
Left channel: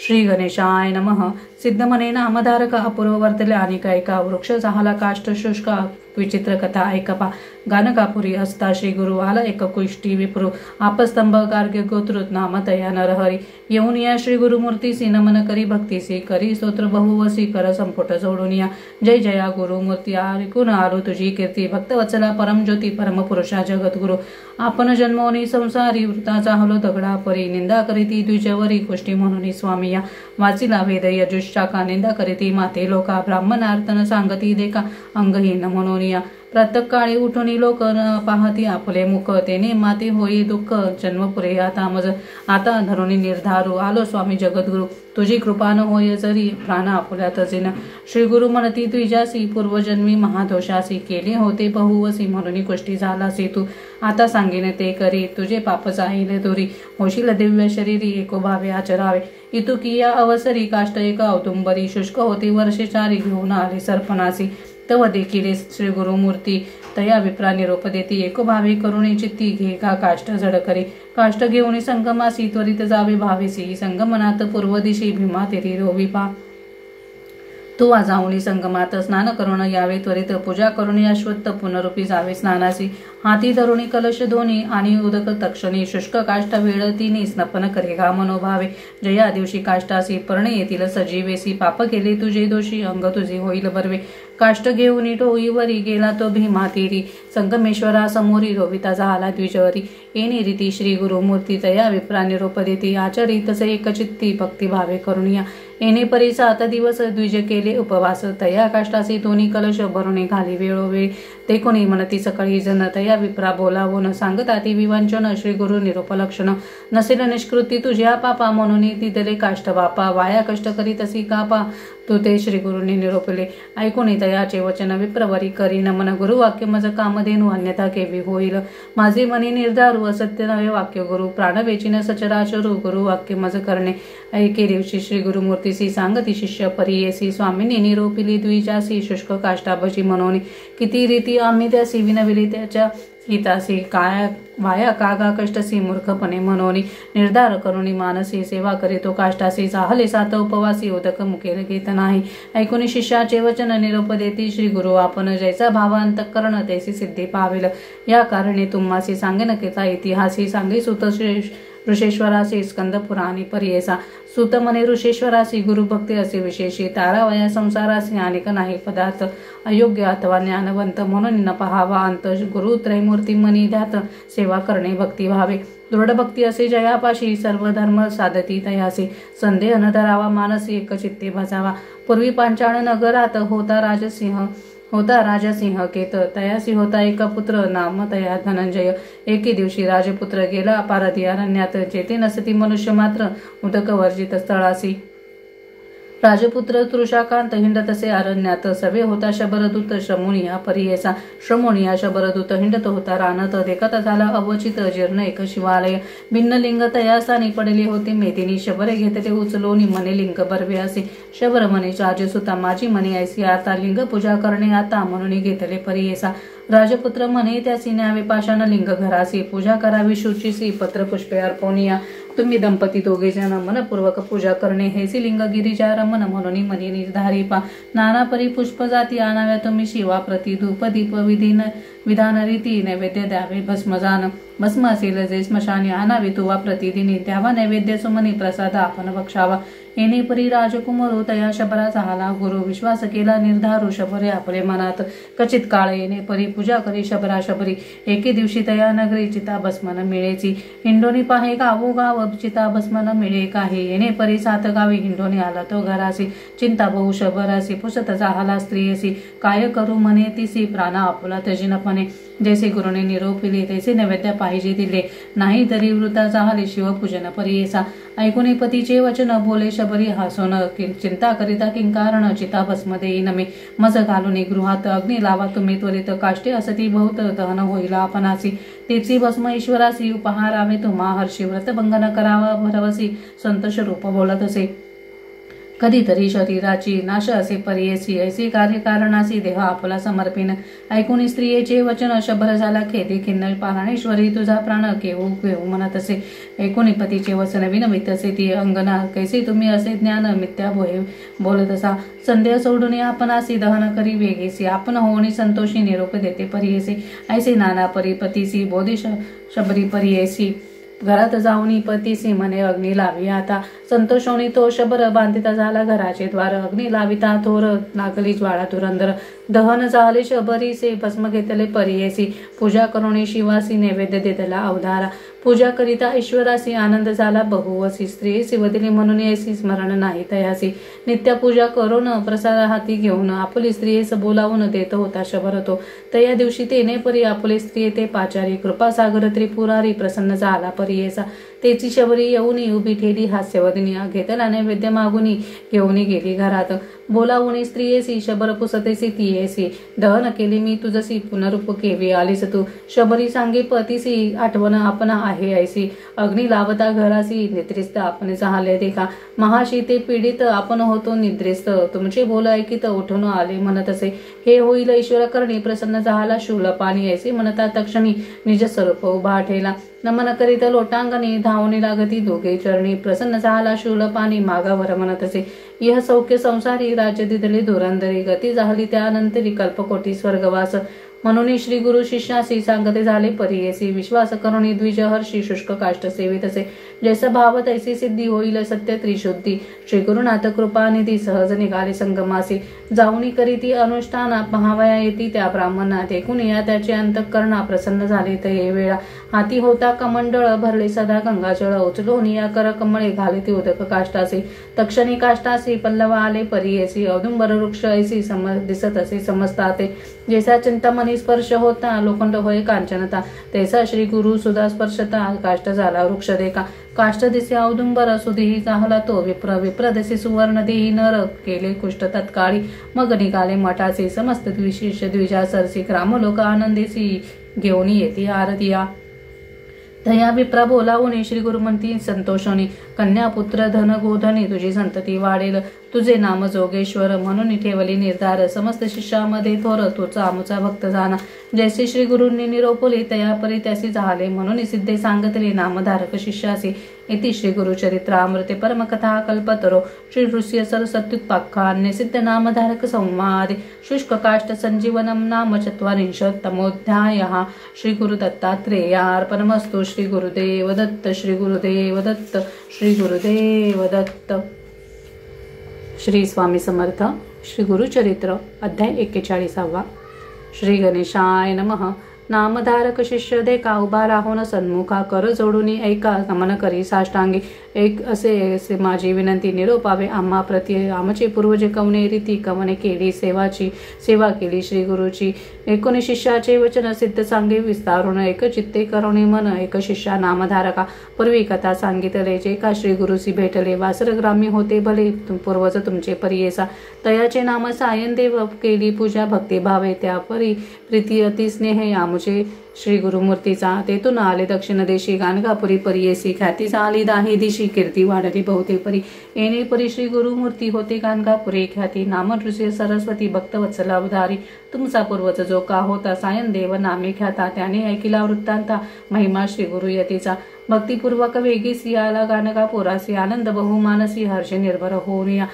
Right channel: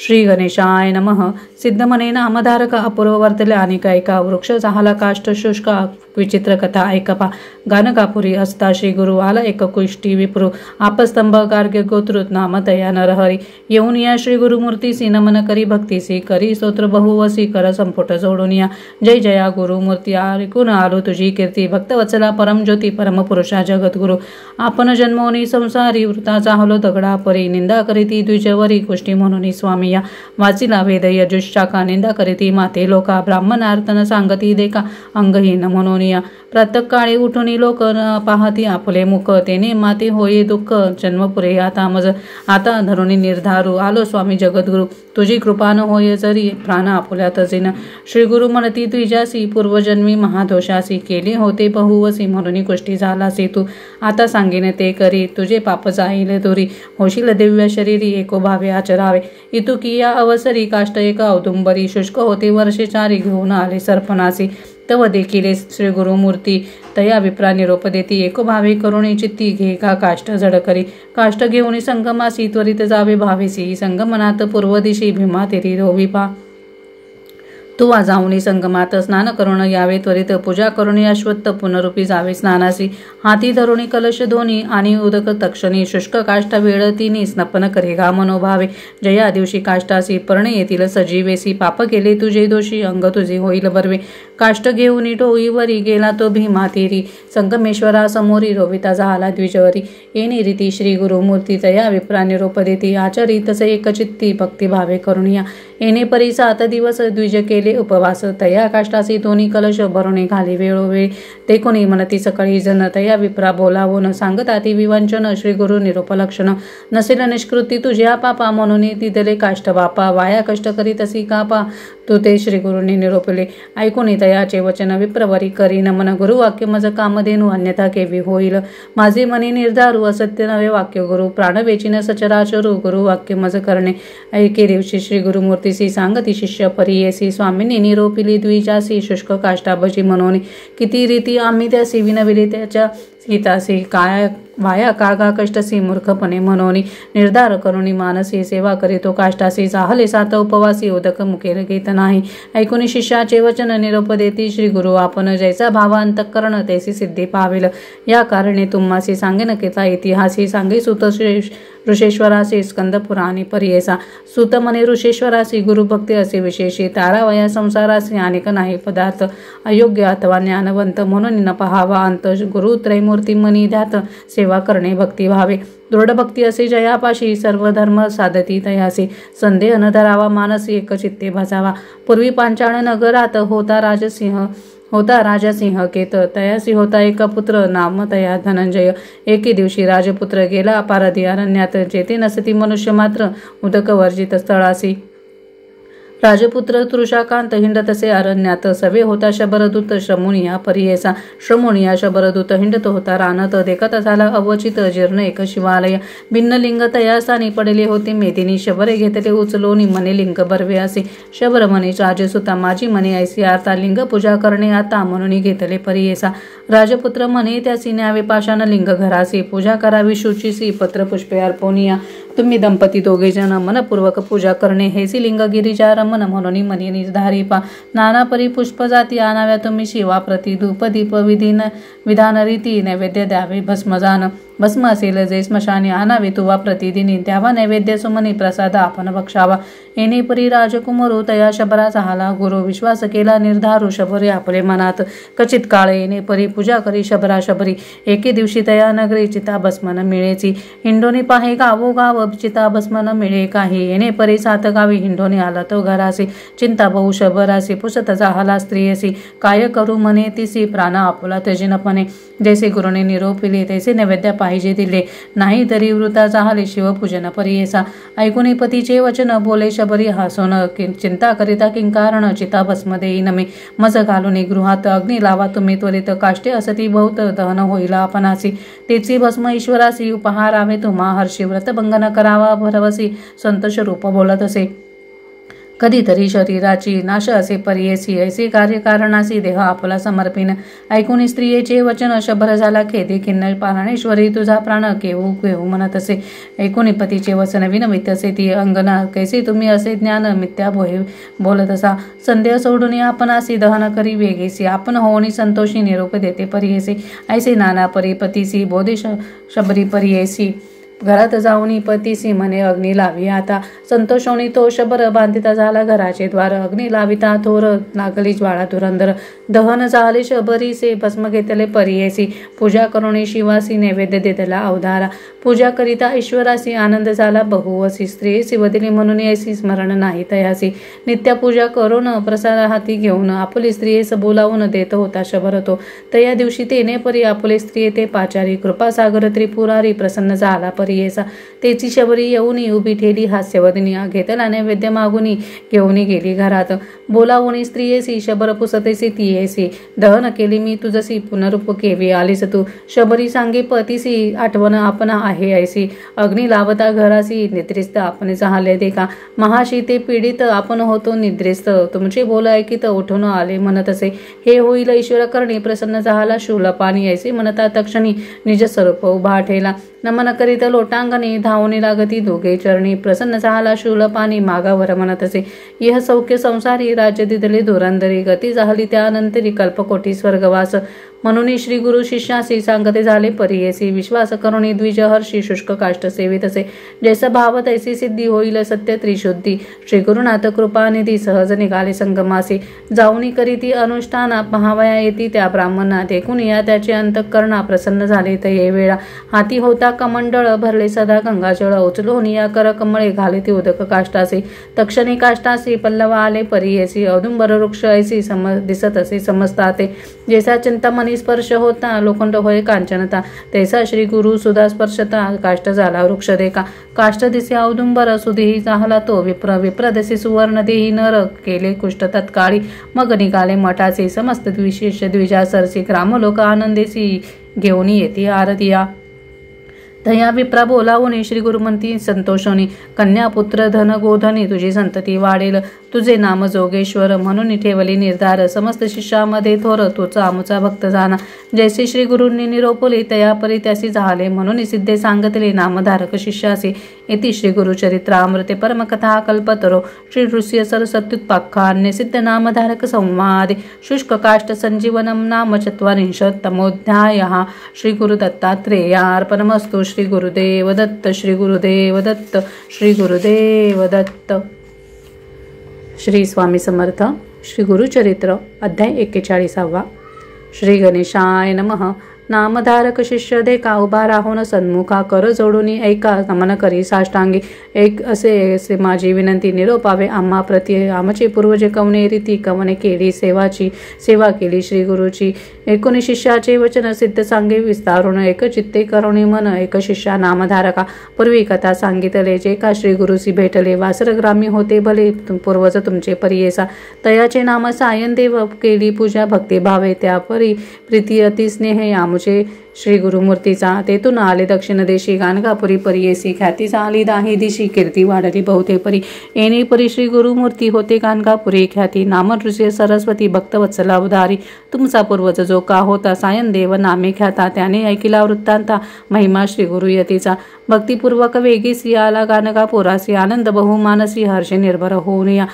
श्री गणेशाय नमः. सिद्धमने नामधारक अपूर्व वर्तले अनेक ऐका. वृक्ष झाला काष्ट शुष्क विचित्र कथा ऐकपा. गानकापुरी असता श्री गुरु आला एक कुष्टी विप्रू. आपस्तंभ गार्ग्य गोत्रुत नाम तया नरहरी. येऊन या श्री गुरुमूर्तीसी नमन करी भक्तीसी. करी स्तोत्र बहुवसी कर संपुट जोडून या. जय जया गुरुमूर्ती ऐकून आलो तुझी कीर्ती. भक्तवत्सला परमज्योती परमपुरुषा जगद्गुरु. आपण जन्मोनी संसारी वृताचा हलो दगडा परी. निंदा करीती द्विजवरी गोष्टी म्हणून स्वामी या. वाचिला वेद यजुशाखा. निंदा करीती माते लोका. ब्राह्मणार्थन सांगती देखा अंगहीन म्हणून या. प्रातःकाळी उठून लोक पाहती आपले मुख. तेने माते होई दुःख जन्मपुरे आता मज. आता धरुणी निर्धारू आलो स्वामी जगद्गुरु. तुझी कृपा न होय जरी प्राण आपुल्यात जिन. श्री गुरु म्हणती तुझ्यासी पूर्वजन्मी महादोषासी. केले होते बहुवसी म्हणून गोष्टी झालासी तू. आता सांगेन ते करी तुझे पाप जाईल दुरी. होशील दिव्य शरीरी एको भावे आचरावे. इतुकिया अवसरी काष्ट एक औदुंबरी. शुष्क होते वर्षे 4 घेऊन आले सर्पणासी. तव देखील श्री गुरुमूर्ती तया विप्रा निरोप देती. एको भावे करुणे चित्ती घे का काष्ट जड करी. काष्ट घेऊन संगमासी त्वरित जावे भावेसी. संगमनात पूर्व दिशी भीमा तेरी रोविपा. तू जाऊनी संगमात स्नान करून यावे त्वरित. पूजा करून अश्वत्थ पुनरुपी जावे स्नानासी. हाती धरुणी कलश धोनी आणि उदक तक्षणी. शुष्क काष्ट वेळ तिनी स्नपन करे गा मनोभावे. जया दिवशी काष्टासी पर्णे येतील सजीवेसी. पाप केले तुझे दोषी अंग तुझे होईल बर्वे. काष्ट घेऊन टोईवरी गेला तो भीमा तीरी. संगमेश्वरा समोरी रोविता झाला द्विजवरी. येणे रीती श्री गुरुमूर्ती तया विप्रा निरोप देती. आचरी तसे एकचित्ती भक्तिभावे करुणिया. येणे परी 7 दिवस द्विज केले उपवास. तया काष्टासी दोन्ही कलश भरणे घाली वेळोवेळी. ते कोणी म्हणती सकाळी जन तया विप्रा बोलावून. सांगता ती विवंचन श्री गुरु निरोप लक्षण. नसेल निष्कृती तुझ्या पापा म्हणून तिथले काष्ट बापा. वाया कष्ट करी तसी कापा. तू ते श्री गुरुनी निरोपले. ऐकून तयाचे वचन विप्रवरी करी नमन. गुरुवाक्य मज कामधेनु अन्यथा केवी होईल. माझे मनी निर्धारू असत्य नवे वाक्य गुरु. प्राण वेचिन सचराचरू गुरुवाक्य मज करणे. ऐके दिवशी श्री गुरुमूर्तीसी सांगती शिष्य परियेसी. स्वामींनी निरोपिली द्विजासी शुष्क काष्टाभजी म्हणून. किती रीती आम्ही त्यासी विनविली त्याच्या हितासी. काय वाया कागा कष्टसी मूर्खपणे म्हणून. निर्धार करुणी मानसी सेवा करीतो काष्टासी. चाहले 7 उपवासी उदक मुखेल घेत नाही. ऐकून शिष्याचे वचन निरोप देती श्री गुरु. आपण जैसा भावांतकरण तैसी सिद्धी पावेल. या कारणे तुम्हासी सांगेन केचा इतिहासी. सांगे सुत ऋषेश्वरासी स्कंदपुराणी पर्येसा सुत म्हणे ऋषेश्वरासी गुरुभक्ती असे विशेषी तारावया संसारासी अनेक नाही पदार्थ अयोग्य अथवा ज्ञानवंत म्हणून न पहावा अंत गुरु त्रैमूर्ती मनी ध्यात सेवा करणे भक्ती भावे दृढ भक्ती असे जयापाशी सर्व धर्म साधती तयासी संदेह न धरावा मानसी एकचित्ते भसावा पूर्वी पांचाळ नगरात होता राजसिंह केत तयासी होता एक पुत्र नाम तया धनंजय एके दिवशी राजपुत्र गेला अपारधी अरण्यात जेथे नसती मनुष्य मात्र उदक वर्जित स्थळासी राजपुत्र तृषाकांत हिंडतसे अरण्यात सवे होता शबरदूत श्रमुनिया परियेसा श्रमुनिया शबरदूत हिंडत होता रानत देखत झाला अवचित जीर्ण एक शिवालय भिन्न लिंग तयासानी पडले होते मेदिनी शबरे घेतले उचलोनी मने लिंग बरवे असे शबर म्हणे राजसुता माझी मने ऐसी आता लिंग पूजा करणे आता म्हणून घेतले परियेसा राजपुत्र म्हणे त्यासी न्यावे पाषाण लिंग घरासी पूजा करावी शुचीसी पत्र पुष्पे अर्पवनिया तुम्ही दंपती दोघे जण मनपूर्वक पूजा करणे हेसी लिंग गिरिजा रमन म्हणून मनी निर्धारी पा नाना परी पुष्प जाती आणाव्या तुम्ही शिवा प्रति धूप दीप विधान रीती नैवेद्य द्यावे भस्मजान भस्म असेल जे स्मशानी आणावे तुवा प्रतिदिनी द्यावा नैवेद्य सुमनी प्रसाद आपण बक्षावा येणे परी राजकुमारो तया शबरा झाला गुरु विश्वास केला निर्धारू शबरे आपले मनात कचित काळ येणे परी पूजा करी शबरा शबरी एके दिवशी तया नगरी चिता भस्मन मिळेची हिंडोनी पाहे गावोगाव चिता भस्मन मिळे काही येणे परी सात गावी हिंडोनी आला तो घरासी चिंता बहु शबरासी पुसत झाला स्त्रियसी काय करू म्हणे तिसी प्राण आपुला तजिनपणे जैसे गुरुने निरोपिले तैसे नैवेद्य पाहिजे दिले नाही तरी वृता झाले शिवपूजन परियेसा ऐकुनी पतीचे वचन बोले शबरी हासून चिंता करिता किंकारण चिता भस्म देईन मी मज घालून गृहात अग्नी लावा तुम्ही त्वरित काष्टे असती बहुत दहन होईल आपणासी तेची भस्म ईश्वरासी उपहारावे तुम्हा हर्षी व्रत भंगन करावा भरवसी संतोष रूप बोलत असे कधीतरी शरीराची नाश असे परियेसी ऐसे कार्यकारणासी देह आपला समर्पिन ऐकून स्त्रियेचे वचन शबर झाला खेदी खिन्न प्राणेश्वरी तुझा प्राण केहू केहू म्हणत असे ऐकून पतीचे वचन विनवित असे ती अंगना कैसे तुम्ही असे ज्ञान मिथ्या बोलत असा संदेह सोडून आपण असे दहन करी वेगेसी आपण होऊन संतोषी निरोप देते परियेसी ऐसे नाना परिपतीसी बोधे शबरी परियेसी घरात जाऊन पतीसी म्हणे अग्नी लावी आता संतोषोनी तो शबर बांधिता झाला घराचे द्वार अग्नी लाविता थोर लागली ज्वाळा धुरंधर दहन झाले शबरीसे भस्म घेतले परियेसी पूजा करुणी शिवासी नैवेद्य देतला अवधारा पूजा करिता ईश्वरासी आनंद झाला बहुवसी स्त्री शिवदिली म्हणून ऐसी स्मरण नाही तयासी नित्य पूजा करून प्रसाद हाती घेऊन आपली स्त्रियेस बोलावून देत होता शबर तो तया दिवशी तेने परी आपले स्त्री ते पाचारी कृपासागर त्रिपुरारी प्रसन्न झाला परियेसा तेची शबरी येऊनी उभी ठेली हास्यवदनी घेतला नैवेद्य मागुनी घेऊनी गेली घरात बोलावून स्त्रियेसी शबर पुसतेसी तियेसी दहन केली मी तुझसी पुनरूप केवी आलीस तू शबरी सांगे पतीसी आठवण आपण आहे ऐसी अग्नी लावता घरासी निद्रिस्त आपण झाले देखा महाशी ते पीडित आपण होतो निद्रिस्त तुमचे बोल ऐकित उठून आले म्हणत असे हे होईल ईश्वर करणी प्रसन्न झाला शूलपाणी ऐसे म्हणता तक्षणी निज स्वरूप उभा ठेला नमन करीत लोटांगणी धावणी लागती दोघे चरणी प्रसन्न झाला शूलपाणी मागावर म्हणत असे यह सौख्य संसारी राज्य दिदले धुरंधरी गती झाली त्यानंतरी कल्पकोटी स्वर्गवास म्हणून श्री गुरु शिष्यासी सांगते झाले परियेसी विश्वास करुणी द्विज हर्षी शुष्क काष्ट सेवित असे जैसा भाव तैसी सिद्धी होईल सत्य त्रिशुद्धी श्री गुरुनाथ कृपानिधी सहज निघाले संगमासी जाऊनी करीती अनुष्ठाना पहावया येती त्या ब्राह्मणा देखून या त्याचे अंतःकरणा प्रसन्न झाले ते वेळा हाती होता कमंडळ भरले सदा गंगाजळ उचलून या कर कमळे घाले ते उदक काष्टासी तक्षणी काष्टासी पल्लव आले परियेसी औदुंबर वृक्ष ऐसी दिसत असे समजता ते जैसा चिंतामणी स्पर्श होता लोखंड होय कांचनता तैसा श्री गुरु सुधा स्पर्शता काष्ट झाला वृक्ष देखा काष्ट दिसे औदुंबर सुधीही झाला तो विप्र दिसे सुवर्ण देही नर केले कुष्ट तत्काळी मग निघाले मठाचे समस्त विशेष द्विजा सरसी ग्रामलोक आनंदेसी घेऊन येते आरतिया तया विप्रा बोलावून श्री गुरुमंती संतोषोनी कन्या पुत्र धन गोधनी तुझी संतती वाढेल तुझे नाम जोगेश्वर म्हणून ठेवली निर्धार समस्त शिष्यामध्ये थोर तोचा आमुचा भक्त जाना जैसे श्री गुरूंनी निरोपले तया परी त्यासी झाले म्हणून सिद्धे सांगतले नामधारक शिष्यासी इति श्री गुरुचरित्रामृते परमकथा कल्पतरो श्री नृस्य सरसत्युत्पाख्याने सिद्ध नामधारक संवादे शुष्क काष्ट संजीवनम नाम चत्वारिंशत्तमोऽध्यायः श्री गुरु दत्तात्रेयार्पणमस्तु। श्री गुरुदेव दत्त, श्री गुरुदेव दत्त, श्री गुरुदेव दत्त. श्री स्वामी समर्थ. श्री गुरुचरित्र अध्याय 41. श्री गणेशाय नमः. नामधारक शिष्य देखा उभा राहून सन्मुखा कर जोडून ऐका नमन करी साष्टांगी. एक असे माझी विनंती निरोपावे आम्हा प्रति. आमचे पूर्वजे कवने रीती कवने केली सेवा केली श्री गुरुची. एकूण शिष्याचे वचन सिद्ध सांगे विस्तारून. एक चित्ते करुणी मन एक शिष्या नामधारका. पूर्वी कथा सांगितले जे का श्री गुरुसी भेटले. वासर ग्रामी होते भले पूर्वज तुमचे परियेसा. तयाचे नाम सायन देव केली पूजा भक्ती भावे. त्या परी प्रीती अति स्नेह आमुचे श्री गुरुमूर्तीचा. तेथून आले दक्षिण देशी गाणगापुरी परियेसी. ख्याती झाली दाही दिशी कीर्ती वाढली बहुते परी. येणे परी श्री गुरुमूर्ती होते गाणगापुरी ख्याती. नाम ऋषी सरस्वती भक्तवत्सला उदारी. तुमचा पूर्वज जो का होता सायन देव नामे ख्याता. त्याने ऐकिला वृत्तांता महिमा श्री गुरुयतीचा. भक्तिपूर्वक वेगीसी आला गाणगापुरासी. आनंद बहुमानसी हर्षे निर्भर होऊन या.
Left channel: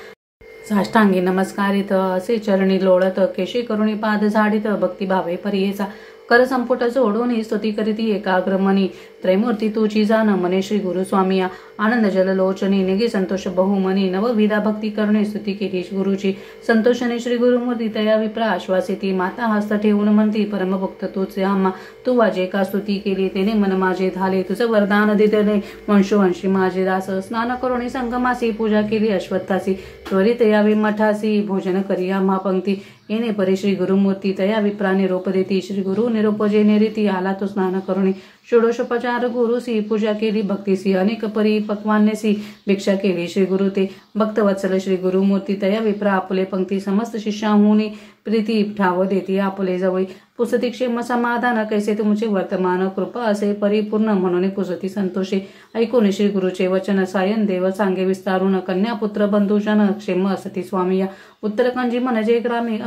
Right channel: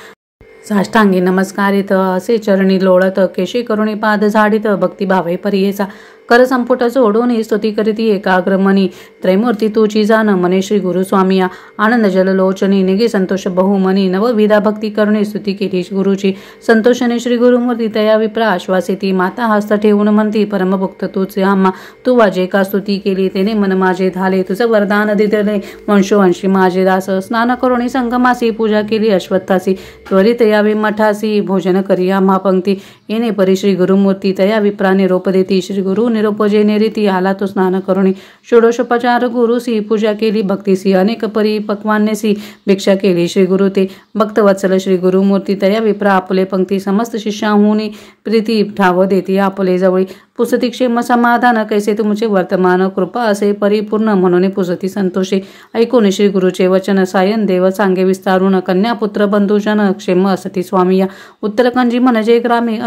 साष्टांगी नमस्कारित असे चरणी लोळत. केशी करुणी पाद झाडित भक्तिभावे परियेचा. कर संपुट जोडून स्तुती करीती एकाग्रमनी. त्रैमूर्ती तुझी जाण मने श्री गुरुस्वामिया. आनंद जललोचनी निगे संतोष बहुमनी. नवविधा भक्ती करुणी स्तुती केली गुरुची. संतोषने श्री गुरुमूर्ती तया विप्रा आश्वासिती. माता हस्त ठेवून म्हणती परमभक्त तूच आम्हा. तू वाजे का स्तुती केली तेने मन माझे झाले. तुझं वरदान दिले वंशोवंशी माझे दास. स्नान करुणी संगमासी पूजा केली अश्वत्थासी. त्वरित यावी मठासी भोजन करी आम्हा पंक्ती. येणे परी श्री गुरुमूर्ती तया विप्रा निरोप देती. श्री गुरु निरोपजे निरीती आला तो स्नान करुणी. षोडशोपचार गुरुसी पूजा केली भक्तीसी. अनेक परी पक्वान्यसी भिक्षा केली श्री गुरु ते. भक्तवत्सल श्री गुरुमूर्ती तया विप्रा आपले पंक्ती. समस्त शिष्याहुनी प्रीती ठाव देती आपले जवळी. पुसती क्षेम समाधान कैसे तुमचे वर्तमान. कृपा असे परिपूर्ण म्हणून पुसती संतोषे. ऐकून श्री गुरुचे वचन सायन देव सांगे विस्तारून. कन्यापुत्र बंधुजन क्षेम असती स्वामिया. उत्तरकंजी म्हणजे ग्रामी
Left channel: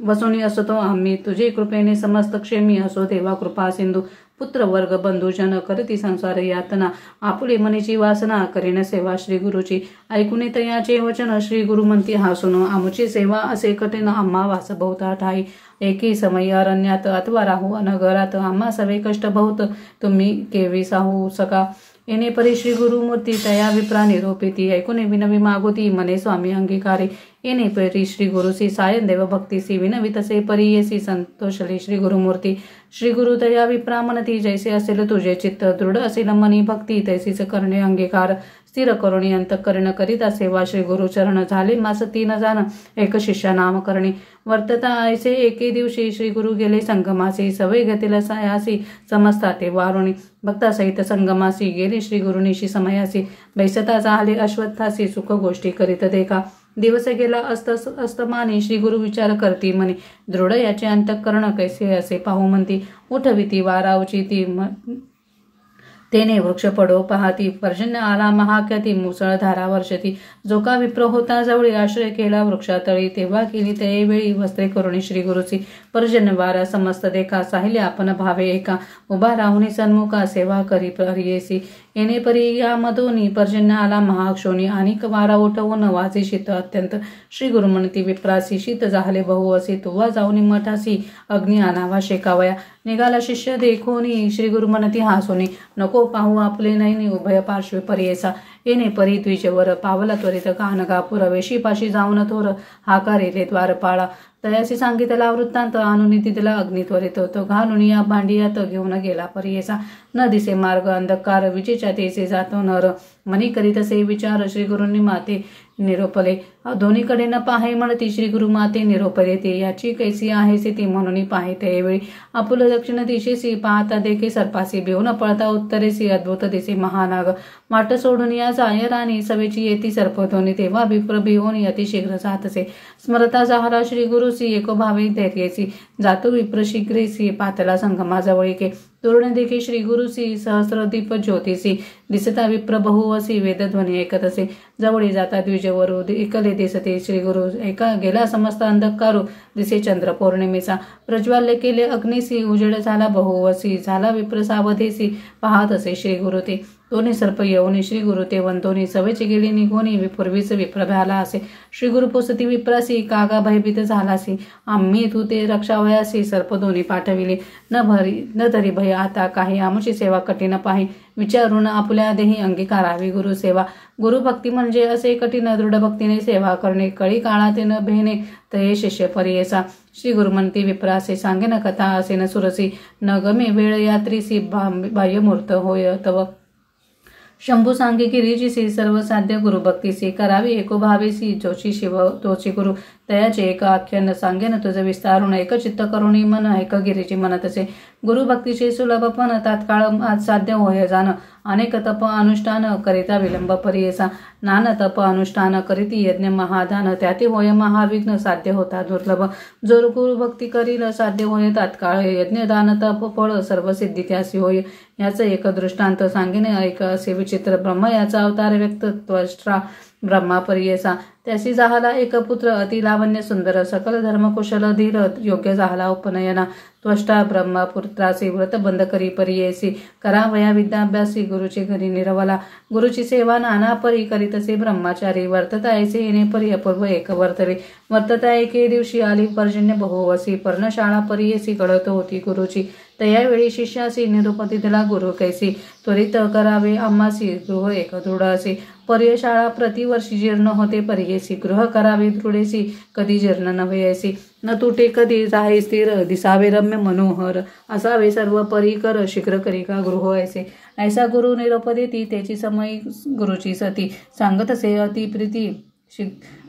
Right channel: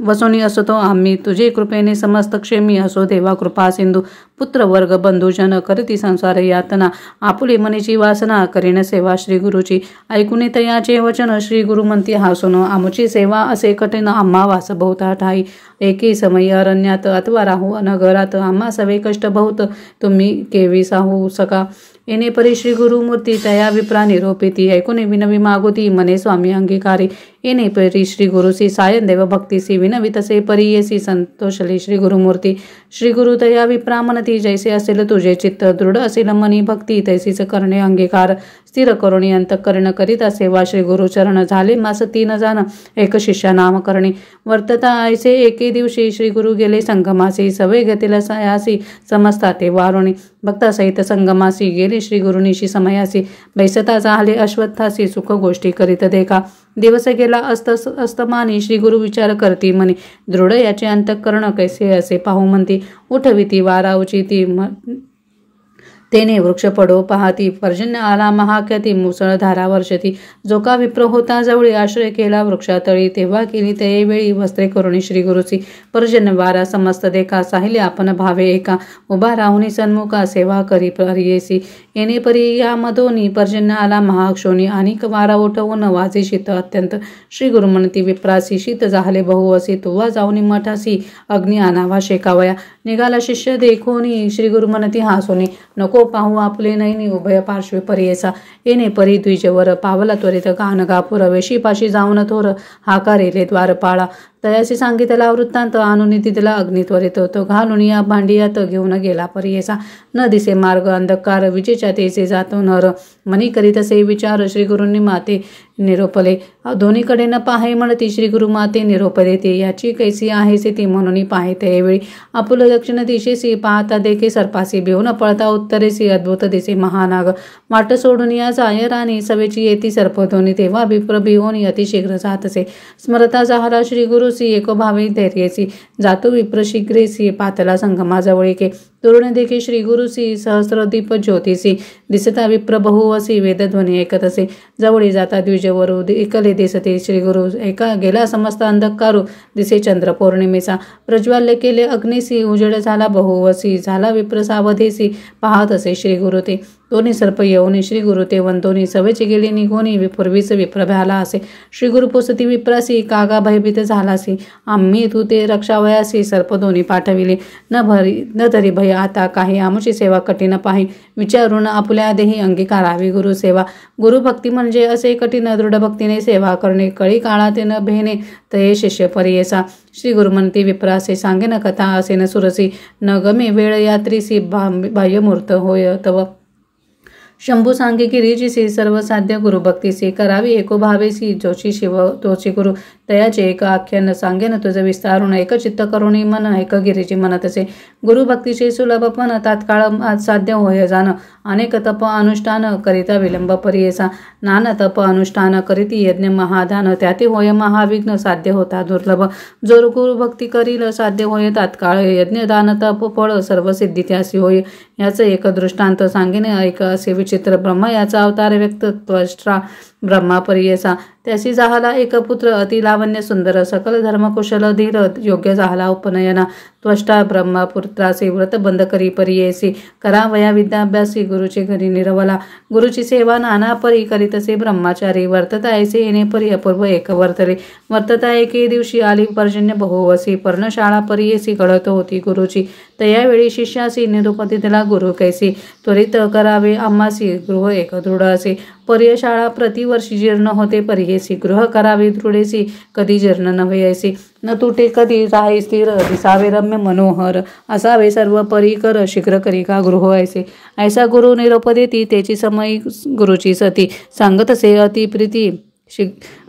वसोनी असतो आम्ही. तुझे कृपेने समस्त क्षेमी असो देवा कृपा सिंधू. पुत्र वर्ग बंधुजन करती संसार यातना. आपुले मनीची वासना करीन सेवा श्री गुरुची. ऐकुने तयाचे वचन श्री गुरु म्हणती हासून. आमची सेवा असे कठीण आम्हा वास बहुता ठाई. एके समयी अरण्यात अथवा राहू अनगरात. आम्हा सवे कष्ट बहुत तुम्ही केवी साहू सका. येणे परी श्री गुरुमूर्ती तया विप्रा निरोपिती. ऐकुने विनवी मागुती मने स्वामी अंगीकारी. येणे परी श्री गुरुसी सायन देव भक्तीसी. विनवी तसे परियेसी संतोषली श्री गुरुमूर्ती. श्री गुरु तया विप्रा म्हणती जैसे असेल तुझे चित्त. दृढ असेल मनी भक्ती तैसीच करणे अंगीकार. स्थिर करुणी अंतःकरण करीता सेवा श्री गुरुचरण. झाले मास 3 जाण एक शिष्य नाम करणे. वर्तता ऐसे एके दिवशी श्री गुरु गेले संगमासी. सवय गतीला सायासी समजता ते वारुणी. भक्तासहित संगमासी गेले श्री गुरुनिशी समयासी. बैसता झाले अश्वत्थासी सुख गोष्टी करीत देखा. दिवस गेला अस्तमानी. श्री गुरु विचार करती म्हणे. दृढ याचे अंतःकरण कैसे असे पाहू म्हणती. उठविती वारावची ती. तेने वृक्ष पडो पाहती. पर्जन्य आला महाख्याती. मुसळधारा वर्षती. जो का विप्र होता जवळी. आश्रय केला वृक्षातळी. तेव्हा केली ते वेळी वस्त्रे करुणी श्री गुरुची. पर्जन्य वारा समस्त देखा. साहिले आपण भावे एका. उभा राहुनी सन्मुखा सेवा करी परियेसी. येणे परी या मधोनी पर्जन्य आला महाक्षोणी. अनेक वारा उठवून वाजे शीत अत्यंत. श्री गुरु म्हणती विप्रासी. शीत झाले बहुवसी. तुवा जाऊनी मठासी अग्नी आणावा शेकावया. निघाला शिष्य देखोनी. श्री गुरु म्हणती हासोनी. नको पाहू आपले नैनी उभय पार्श्वे परियेसा. येणे परी द्विजवर पावला त्वरित गाणगापुर. वेशीपाशी जाऊन थोर हाकारेले द्वारपाळा. तयाशी सांगितला वृत्तांत. आणून तिथला अग्नी त्वरित तो घालून या भांडियात घेऊन गेला परियेसा. न दिसे मार्ग अंधकार. विजेच्या तेचे जातो नर. मनी करीत असे विचार. श्री गुरूंनी माते निरोपले. दोन्हीकडे न पाहे म्हणती. श्री गुरु माते निरोप देते. याची कैसी आहेसे ती म्हणून पाहते वेळी. आपुल दक्षिण दिशेसी पाहता देखे सर्पासी. भिवून पळता उत्तरेसी अद्भुत दिसे महानाग. वाट सोडून या जाय राणी. सवेची येती सर्पधोनी. तेव्हा विप्र भिवून अतिशीघ्र जातसे. स्मरता जाहला श्री गुरुसी. एको भावी धैर्यसी. जातो विप्र शीघ्रेसी. पातला संगमाजवळीके. तोरण देखी श्री गुरुसी. सहस्रदीप ज्योतिसी. दिसता विप्र बहुवसी. वेदध्वनी ऐकत असे. जवळी जाता द्विजवरू एकले दिसते श्री गुरु. एका गेला समस्त अंधकारू. दिसे चंद्र पौर्णिमेचा. प्रज्वाल्य केले अग्निसी. उजेड झाला बहुवसी. झाला विप्र सावधेसी. पाहत असे श्री गुरु ते. दोन्ही सर्प येऊनी श्री गुरु ते वंतोनी. सवेची गेली निघोनी. पूर्वीच विप्र भ्याला असे. श्री गुरु पोसती विप्रासी. कागा भयभीत झालासी. आम्ही तू ते रक्षावयासी. सर्प दोन्ही पाठविले. न धरी भया होय आता काही आमुची सेवा कठीण पाही विचारून आपुल्या देही अंगीकारावी गुरुसेवा. गुरुभक्ती म्हणजे असे कठीण दृढ भक्तीने सेवा करणे, कळी काळात न भेणे तये शिष्य परियेसा. श्री गुरुमंती विप्रासे सांगेन कथा असेन सुरसी, न गमे वेळ यात्रीसी बाह्यमूर्त होय तव. शंभू सांगे गिरीजीसी सर्वसाध्य गुरुभक्तीसी, करावी एको भावेसी जोशी शिव तोची गुरु. तयाचे एक आख्यान सांगेन तुझ विस्तारून, एक चित्त करुणी मन ऐक गिरीजी म्हणतसे. गुरुभक्तीचे सुलभ पण तात्काळ साध्य होय जाण, अनेक तप अनुष्ठान करिता विलंब परियेसा. नाना तप अनुष्ठान करीती यज्ञ महादान, त्याते होय महाविघ्न साध्य होता दुर्लभ. जो गुरुभक्ती करील साध्य होय तात्काळ, यज्ञ दान तप फळ सर्व सिद्धी त्यासी होय. याचं एक दृष्टांत सांगेन ऐक असे विचित्र. ब्रह्म याचा अवतार व्यक्त त्वष्ट्रा ब्रह्मा परियेसा. त्यासी झाला एक पुत्र अति लावण्य सुंदर, सकल धर्मकुशल धीर योग्य झाला उपनयना. त्वष्टा ब्रह्मपुत्रासी व्रत बंद करी परियेसी, करावया विद्याभ्यासी गुरुची घरी निरवला. गुरुची सेवा नाना परी करीतसे ब्रह्मचारी, वर्तता ऐसे येणे परी अपूर्व एक वर्तले. वर्तता एके दिवशी आली पर्जन्य बहुवसी, पर्णशाळा परियेसी घडत होती गुरुची. तयावेळी शिष्यासी निरुपती दिला गुरु कैसी, त्वरित करावे आम्हासी गृह एक दृढ असे. पर्यशाळा प्रतिवर्षी जीर्ण होते परियेसी, गृह करावे दृढेसी कधी जीर्ण नव्हे ऐसी. न तुटे कधी राहे स्थिर, दिसावे रम्य मनोहर, असावे सर्व परिकर शीघ्र करी का गृह ऐसे. ऐसा गुरु निरोप देती, त्याची समयी गुरुची सती, सांगतसे अति प्रीती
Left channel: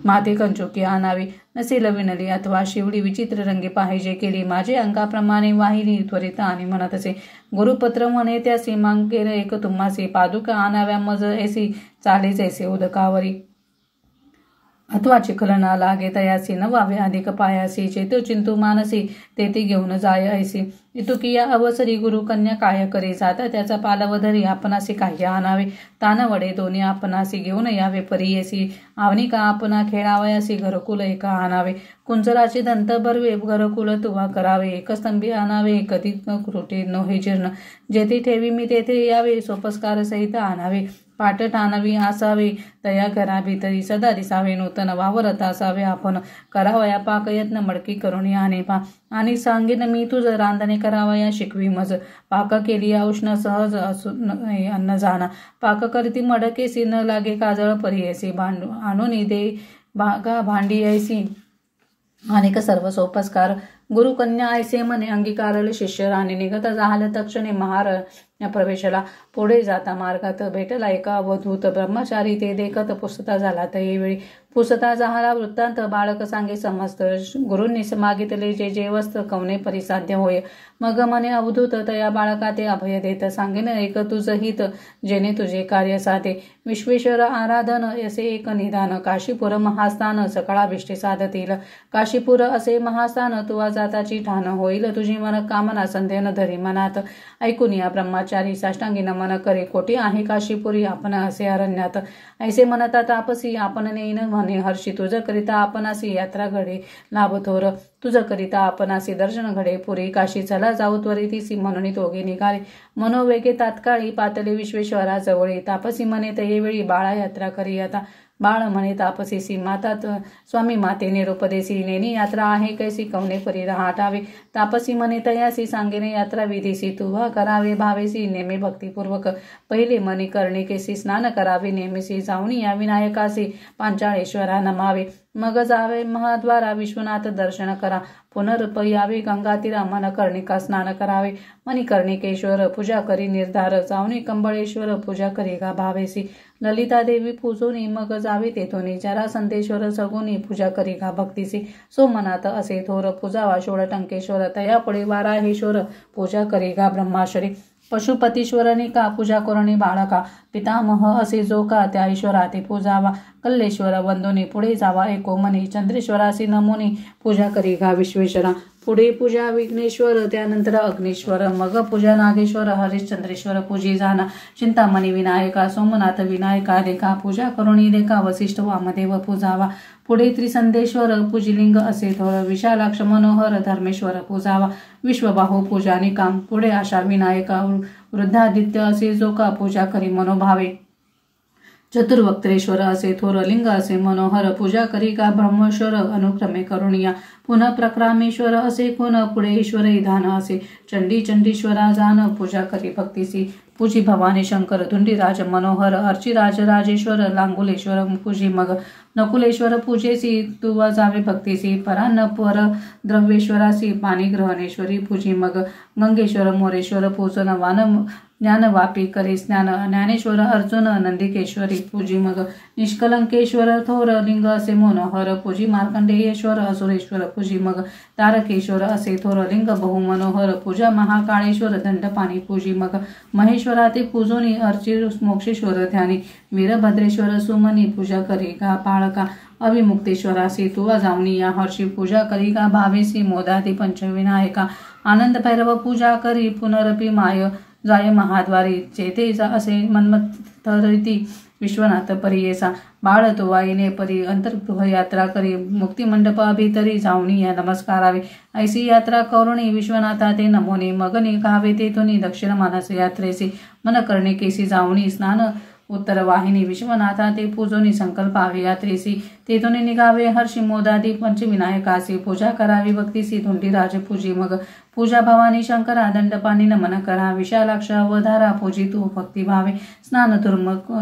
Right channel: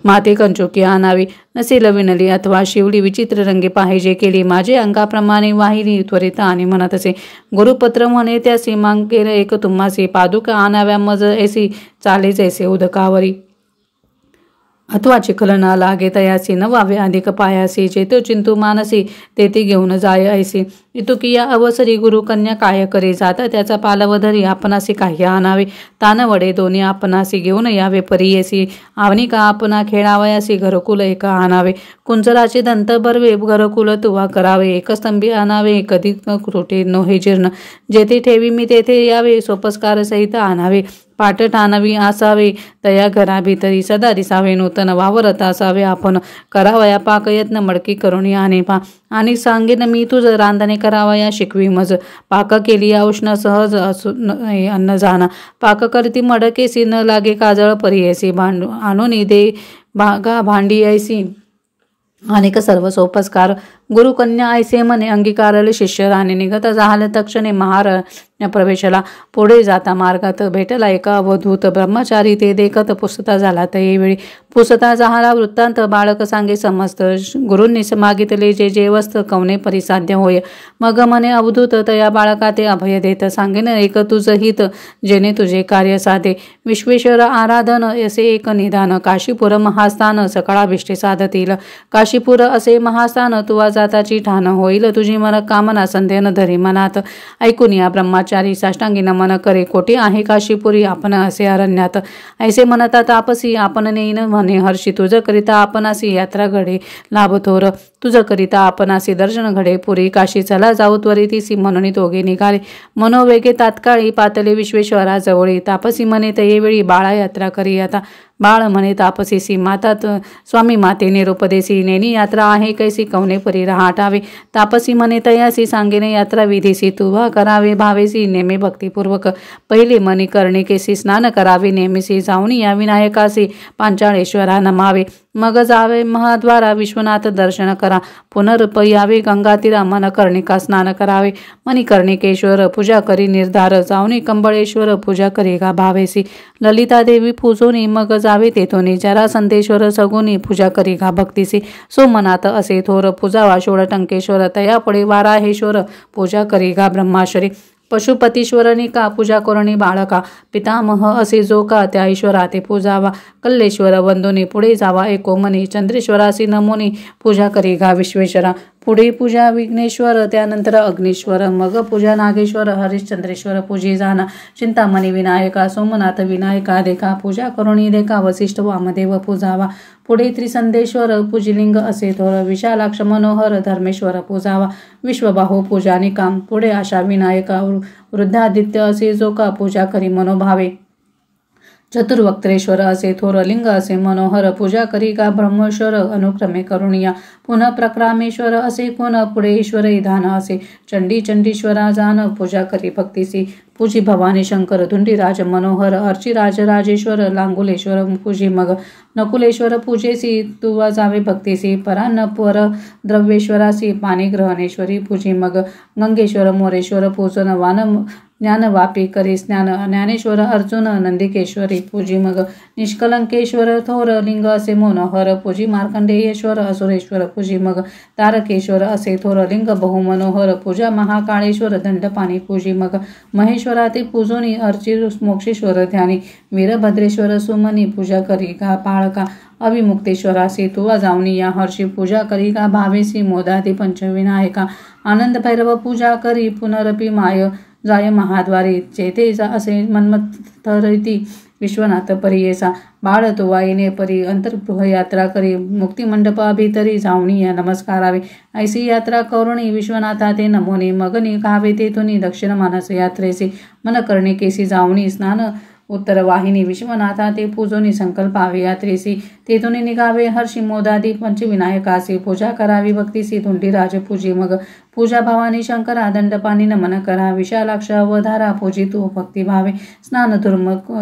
माते कंचुकी आणावी. नसेल विणली अथवा शिवली विचित्र रंगे पाहिजे केली, माझे अंगाप्रमाणे वाहिली त्वरित आणि म्हणतसे. गुरुपत्र म्हणे त्यासी, मागेल एक तुम्हासी, पादुका आणाव्या मज ऐसी चालेच ऐसे उदकावरी. अथवा चिखल ना लागे तयासी, न वावे अधिक पायासी, चेतो चिंतू मानसी तेथे घेऊन जाय ऐसी. इतुकिया अवसरी गुरु कन्या काय करे जात, त्याचा पालवधरी आपणासी काही आणावे. तान वडे दोन्ही आपणासी घेऊन यावे परियेसी, आवनी का आपणा खेळावयासी घरकुल एक आणावे. कुंजराचे दंत बरवे घरकुल तुवा करावे, एक स्तंभी आणावे कधी त्रुटे नोहे जीर्ण. जेथे ठेवी मी तेथे यावे, सोपस्कार सहित आणावे. पाटट आणावी असावे तया घरा भीतरी, सदा दिसावे नूतन वावरत असावे आपण. करावया पाकयत्न मडकी करुणी आणे पा, आणि सांगेन मी तुझ रांधणे करावया शिकवी मज. पाक केली औष्ण सहज अन्न जाना, पाक करती मडकेसी न लागे काजळ परियेसी. आणून दे भागा भांडी ऐसी अनेक सर्व सोपस्कार. गुरुकन्या ऐसे म्हणे अंगीकारले शिष्य राणे, निघत झाले तक्षणे महारण्य प्रवेशला. पुढे जाता मार्गात भेटला एका अवधूत ब्रह्मचारी, ते देखत पुसता झाला तयेवेळी. पुसता झाला वृत्तांत बाळक सांगे समस्त, गुरूंनी मागितले जे जे वस्त कवने परिसाध्य होय. मग म्हणे अवधूत तया बाळका ते अभय देत, सांगेन एक तुझ हित जेणे तुझे कार्य साधे. विश्वेश्वर आराधन असे एक निदान, काशीपुर महास्थान सकळाभिष्टे साधतील. काशीपुर असे महास्थान तुवा जाताची ठाण, होईल तुझी मन कामना संध्यान धरी मनात. ऐकून या ब्रह्मचारी साष्टांगी नमन करे, कोटी आहे काशीपुरी आपण असे अरण्यात. ऐसे म्हणता तापसी आपण नेईन म्हणे हर्षी, तुझ करिता आपणासी यात्रा घडे लाभ थोर. तुझ करिता आपणासी दर्शन घडे पुरी, काशी चला जाऊ त्वरितीसी म्हणून दोघे निघाले. मनोवेगे तात्काळी पातले विश्वेश्वरा जवळी, तापसी म्हणे तयेवेळी बाळा यात्रा करी आता. बाळ म्हणे तापसीसी, मातात स्वामी माते निरुपदेसी, नेनी यात्रा आहे कैसी कवने परी रहाटावे. तापसी म्हणे तयासी, सांगेने यात्रा विधीसी, तुवा करावे भावेसी नेमे भक्तिपूर्वक. पहिले मनी कर्णिकेसी स्नान करावे नेमीसी, जाऊन या विनायकासी पांचाळेश्वरा नमावे. मग जावे महाद्वारा विश्वनाथ दर्शन करा, पुनर्पयावे गंगातीरा मन कर्णिका स्नान करावे. मणिकर्णिकेश्वर पूजा करी निर्धार, जाऊनी कंबळेश्वर पूजा करी का भावेसी. ललिता देवी पूजोनी मग जावे तेथोनी, जरासंधेश्वर सगुनी पूजा करी का भक्तीसी. सोमनाथ असे थोर पूजावा षोडटंकेश्वर, तया पुढे वाराहेश्वर पूजा करी का ब्रह्माश्वरी. पशुपतीश्वरनी का पूजा करुणी बाळका, पितामह असे जो का त्या ईश्वरा ते पूजावा. कल्लेश्वर वंदोनी पुढे जावा एकोमनी, चंद्रेश्वरासी नमोनी पूजा करी गा विश्वेश्वरा. पुढे पूजा विघ्नेश्वर, त्यानंतर अग्नीश्वर, मग पूजा नागेश्वर हरिश्चंद्रेश्वर पूजी जाना. चिंतामणी विनायका सोमनाथ विनायका देखा, पूजा करुणी देखा वसिष्ठ वामदेव पूजावा. पुढे त्रिसंधेश्वर पूजिलिंग असे थोर, विशालाक्ष मनोहर धर्मेश्वर पूजावा. विश्वबाहू पूजा निकाम, पुढे आशा विनायका वृद्धादित्य असे जो का पूजा करी मनोभावे. चतुर्वक्त्रेश्वर असे थोर लिंग असे मनोहर पूजा करी का ब्रह्मेश्वर अनुक्रमे करुणिया पुन्हा प्रक्रामेश्वर असे कोण पुढे ईश्वर धान असे चंडीश्वरा जान पूजा करी भक्तीसी पूजी भवानी शंकर धुंडीराज मनोहर अर्चिराज राजेश्वर लांगुलेश्वर पूजी मग नकुलेश्वर पूजेसी तुवा जावे भक्तीसी परान्न पर द्रव्येश्वरासी पाणीग्रहणेश्वरी पूजी मग गंगेश्वर मोरेश्वर पूजन वान ज्ञानवापी करी ज्ञानेश्वर अर्जुन नंदिकेश्वरी पूजी मग निष्कलंकेश्वर थोर लिंग असे मनोहर पूजी मार्कंडेयेश्वर असुरेश्वर पूजी मग तारकेश्वर असे थोर लिंग बहुमनोहर पूजा महाकाळेश्वर दंडपाणी पूजी मग महेश्वराती पूजोनी अर्ची मोक्षेश्वर ध्यानी वीरभद्रेश्वर सुमनी पूजा करी का पाळका अविमुक्तेश्वरासी तुवा जावनी या हर्षी पूजा करी का भावेसी मोदाती पंचविनायका आनंद भैरव पूजा करी पुनरपी माय जाय महाद्वारी चेते असे मन्मथरिती विश्वनाथ परियेसा बाळ तुवा येणे परी अंतर्गृह यात्रा करी मुक्तिमंडपाभितरी जावणी या नमस्कारावे ऐसी यात्रा करुणी विश्वनाथा ते नमोने मग निघावे तेथुनी दक्षिण मानस यात्रेसी मन करणे केसी जावणी स्नान उत्तर वाहिनी विश्वनाथा ते पूजोनी संकल्पावे यात्रेसी तेथुनी निघावे हर्षी मोदादी पंचविनायकासी पूजा करावी भक्तीसी धुंडीराज पूजी मग पूजा भवानी शंकरा दंडपाणी नमन करा विशालाक्ष अवधारा पूजी तू भक्तिभावे स्नान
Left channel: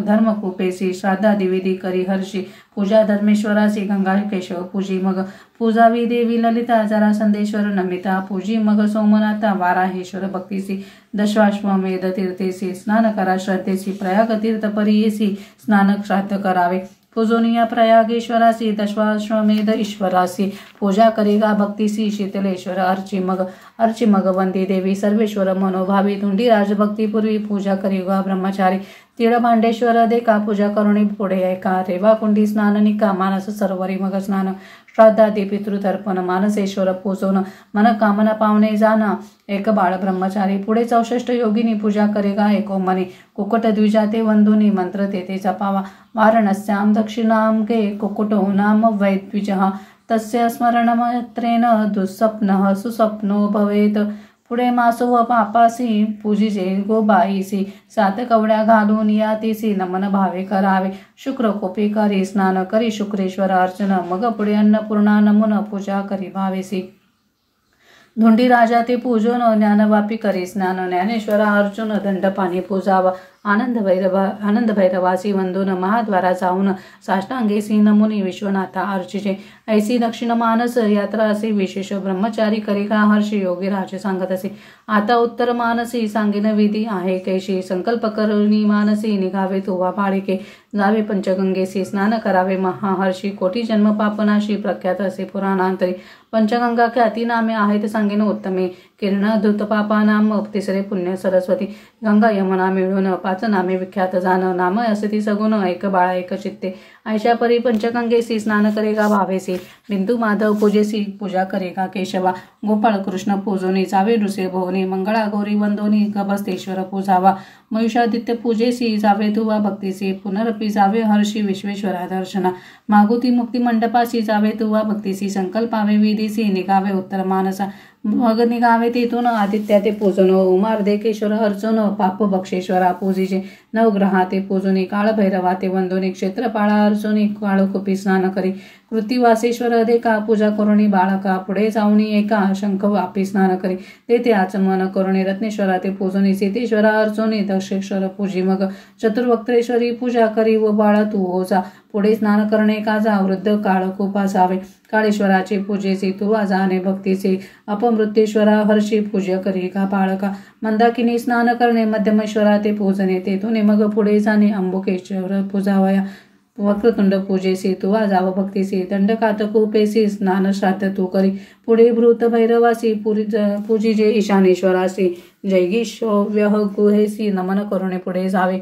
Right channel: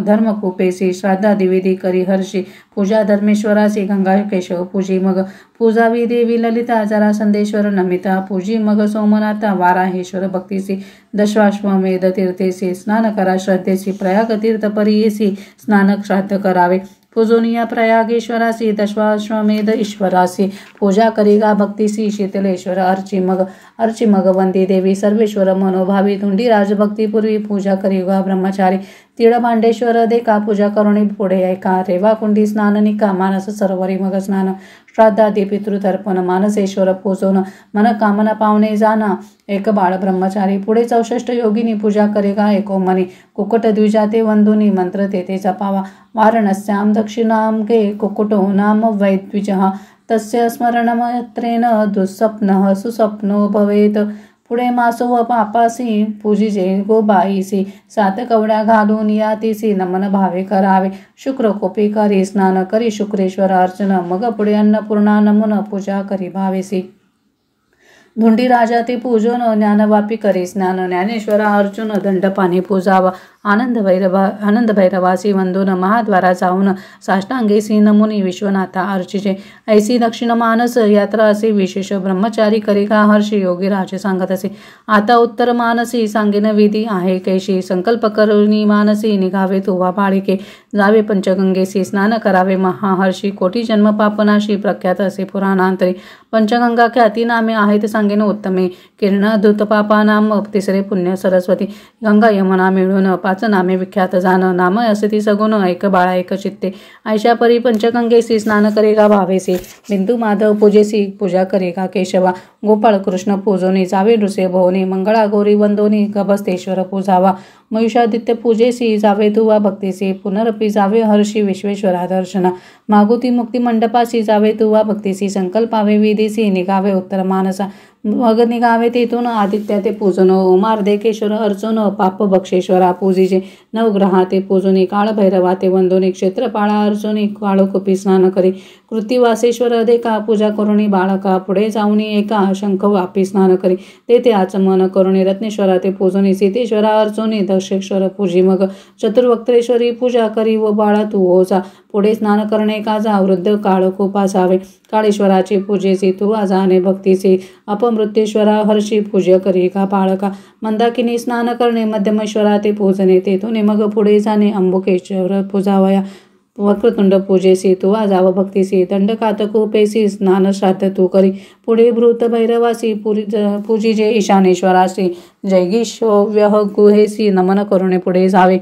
धर्मकूपेसी श्राद्धा दिविधी करी हर्षी पूजा धर्मेश्वरासी गंगा केशव पूजी मग पूजावी देवी ललिता जरासंदेश्वर नमिता पूजी मग सोमनाथा वाराहेश्वर भक्तीसी दशाश्वमेध तीर्थेसी स्नान करा श्रद्धेसी प्रयाग तीर्थ परियेसी स्नान श्राद्ध करावे पूजोनिया प्रयागेश्वरासी दशाश्वमेध ईश्वरासी पूजा करिगा भक्तीसी शीतलेश्वर अर्ची मग वंदी देवी सर्वेश्वर मनोभावी धुंडीराज भक्तीपूर्वी पूजा करिगा ब्रह्मचारी तिळभांडेश्वर देका पूजा करुणी पुढे ऐका रेवा कुंडी स्नान निका मानस सरोवरी मग स्नान श्राद्धादी पितृतर्पण मानसेश्वर पूजोन मन कामना पावणे जाना एक बाळ ब्रह्मचारी पुढे 64 योगिनी पूजा करेगा एको मनी कुकुट द्विजाते वंदुनी मंत्र तेथे जपावा वारणस्याम दक्षिणाम गे कुकुटो नाम वैद्विजः तस्य स्मरणमत्रेन दुःस्वप्नः सुस्वप्नो भवेत पुढे मासो व पापासी पूजिजे गोबाईसी 7 कवड्या घालून यातीसी नमन भावे करावे शुक्र कोपी करी स्नान करी शुक्रेश्वर अर्चन मग पुढे अन्नपूर्णा नमन पूजा करी भावेसी धुंडी राजा ते पूजन ज्ञानवापी करी स्नान ज्ञानेश्वर अर्जुन दंडपाणी पूजावा आनंद भैरवासी वंदून महाद्वारा जाऊन साष्टांगेसी नमुनी विश्वनाथा अर्चिजे ऐसी दक्षिण मानस यात्रा असे विशेष ब्रह्मचारी करिका हर्षी योगी राजे सांगत असे आता उत्तर मानसी सांगेन विधी आहे कैशी संकल्प करुणी मानसी निघावे तुवा बाळिके जावे पंचगंगेसी स्नान करावे महाहर्षी कोटी जन्म पापनाशी प्रख्यात असे पुराणांतरी पंचगंगा ख्याती नामे आहेत सांगेन उत्तमे किरणा धूत पापानाम तिसरे पुण्य सरस्वती गंगा यमुना मिळून 5 नामे विख्यात जाण नाम असती सगुण एक बाळा एक चित्ते आयशा परी पंचगंगेसी स्नान करेगा भावेसी बिंदू माधव पूजेसी पूजा करेगा केशवा गोपाळ कृष्ण पूजोनी जावे नृसे भोवनी मंगळा गौरी वंदोनी गभस्तेश्वर पूजावा मयुषादित्य पूजेसी जावे तुवा भक्तीसी पुनरपी जावे हर्षी विश्वेश्वरा दर्शना मागुती मुक्ती मंडपासी जावे तुवा भक्तीसी संकल्पावे विधीसी निघावे उत्तर मानसा मग निघावे तेथून आदित्या ते पूजन उमार्देकेश्वर अर्चन पाप बक्षेश्वरा पूजिजे नवग्रहा ते पूजनी काळभैरवा ते वंदोनी क्षेत्रपाळा अर्चनी काळोकुपी स्नान करी कृतिवासेश्वर देका पूजा करुणी बाळका पुढे जाऊनी एका शंख वापी स्नान करी तेथे आचमन करुणी रत्नेश्वरा ते पूजनी सीतेश्वरा अर्चनी दक्षेश्वर पूजी मग चतुर्वक्त्रेश्वरी पूजा करी व बाळा तू ओजा पुढे स्नान करणे का जा वृद्ध काळकोप असावे काळेश्वराची पूजेसी तू जाणे भक्तीसी अपमृत्येश्वरा हर्षी पूजा करी का बाळका मंदाकिनी स्नान करणे मध्यमेश्वरा ते पूजने तेथून मग पुढे जाणे अंबुकेश्वर पूजावया वक्रतुंड पूजेसी तू जाव भक्तीसी दंडकातकूपेसी स्नान श्राद्ध तू करी पुढे भृत भैरवासी पूजिजे ईशानेश्वरासी जैगीशोव्यह गुहेसी नमन करुणे पुढे जावे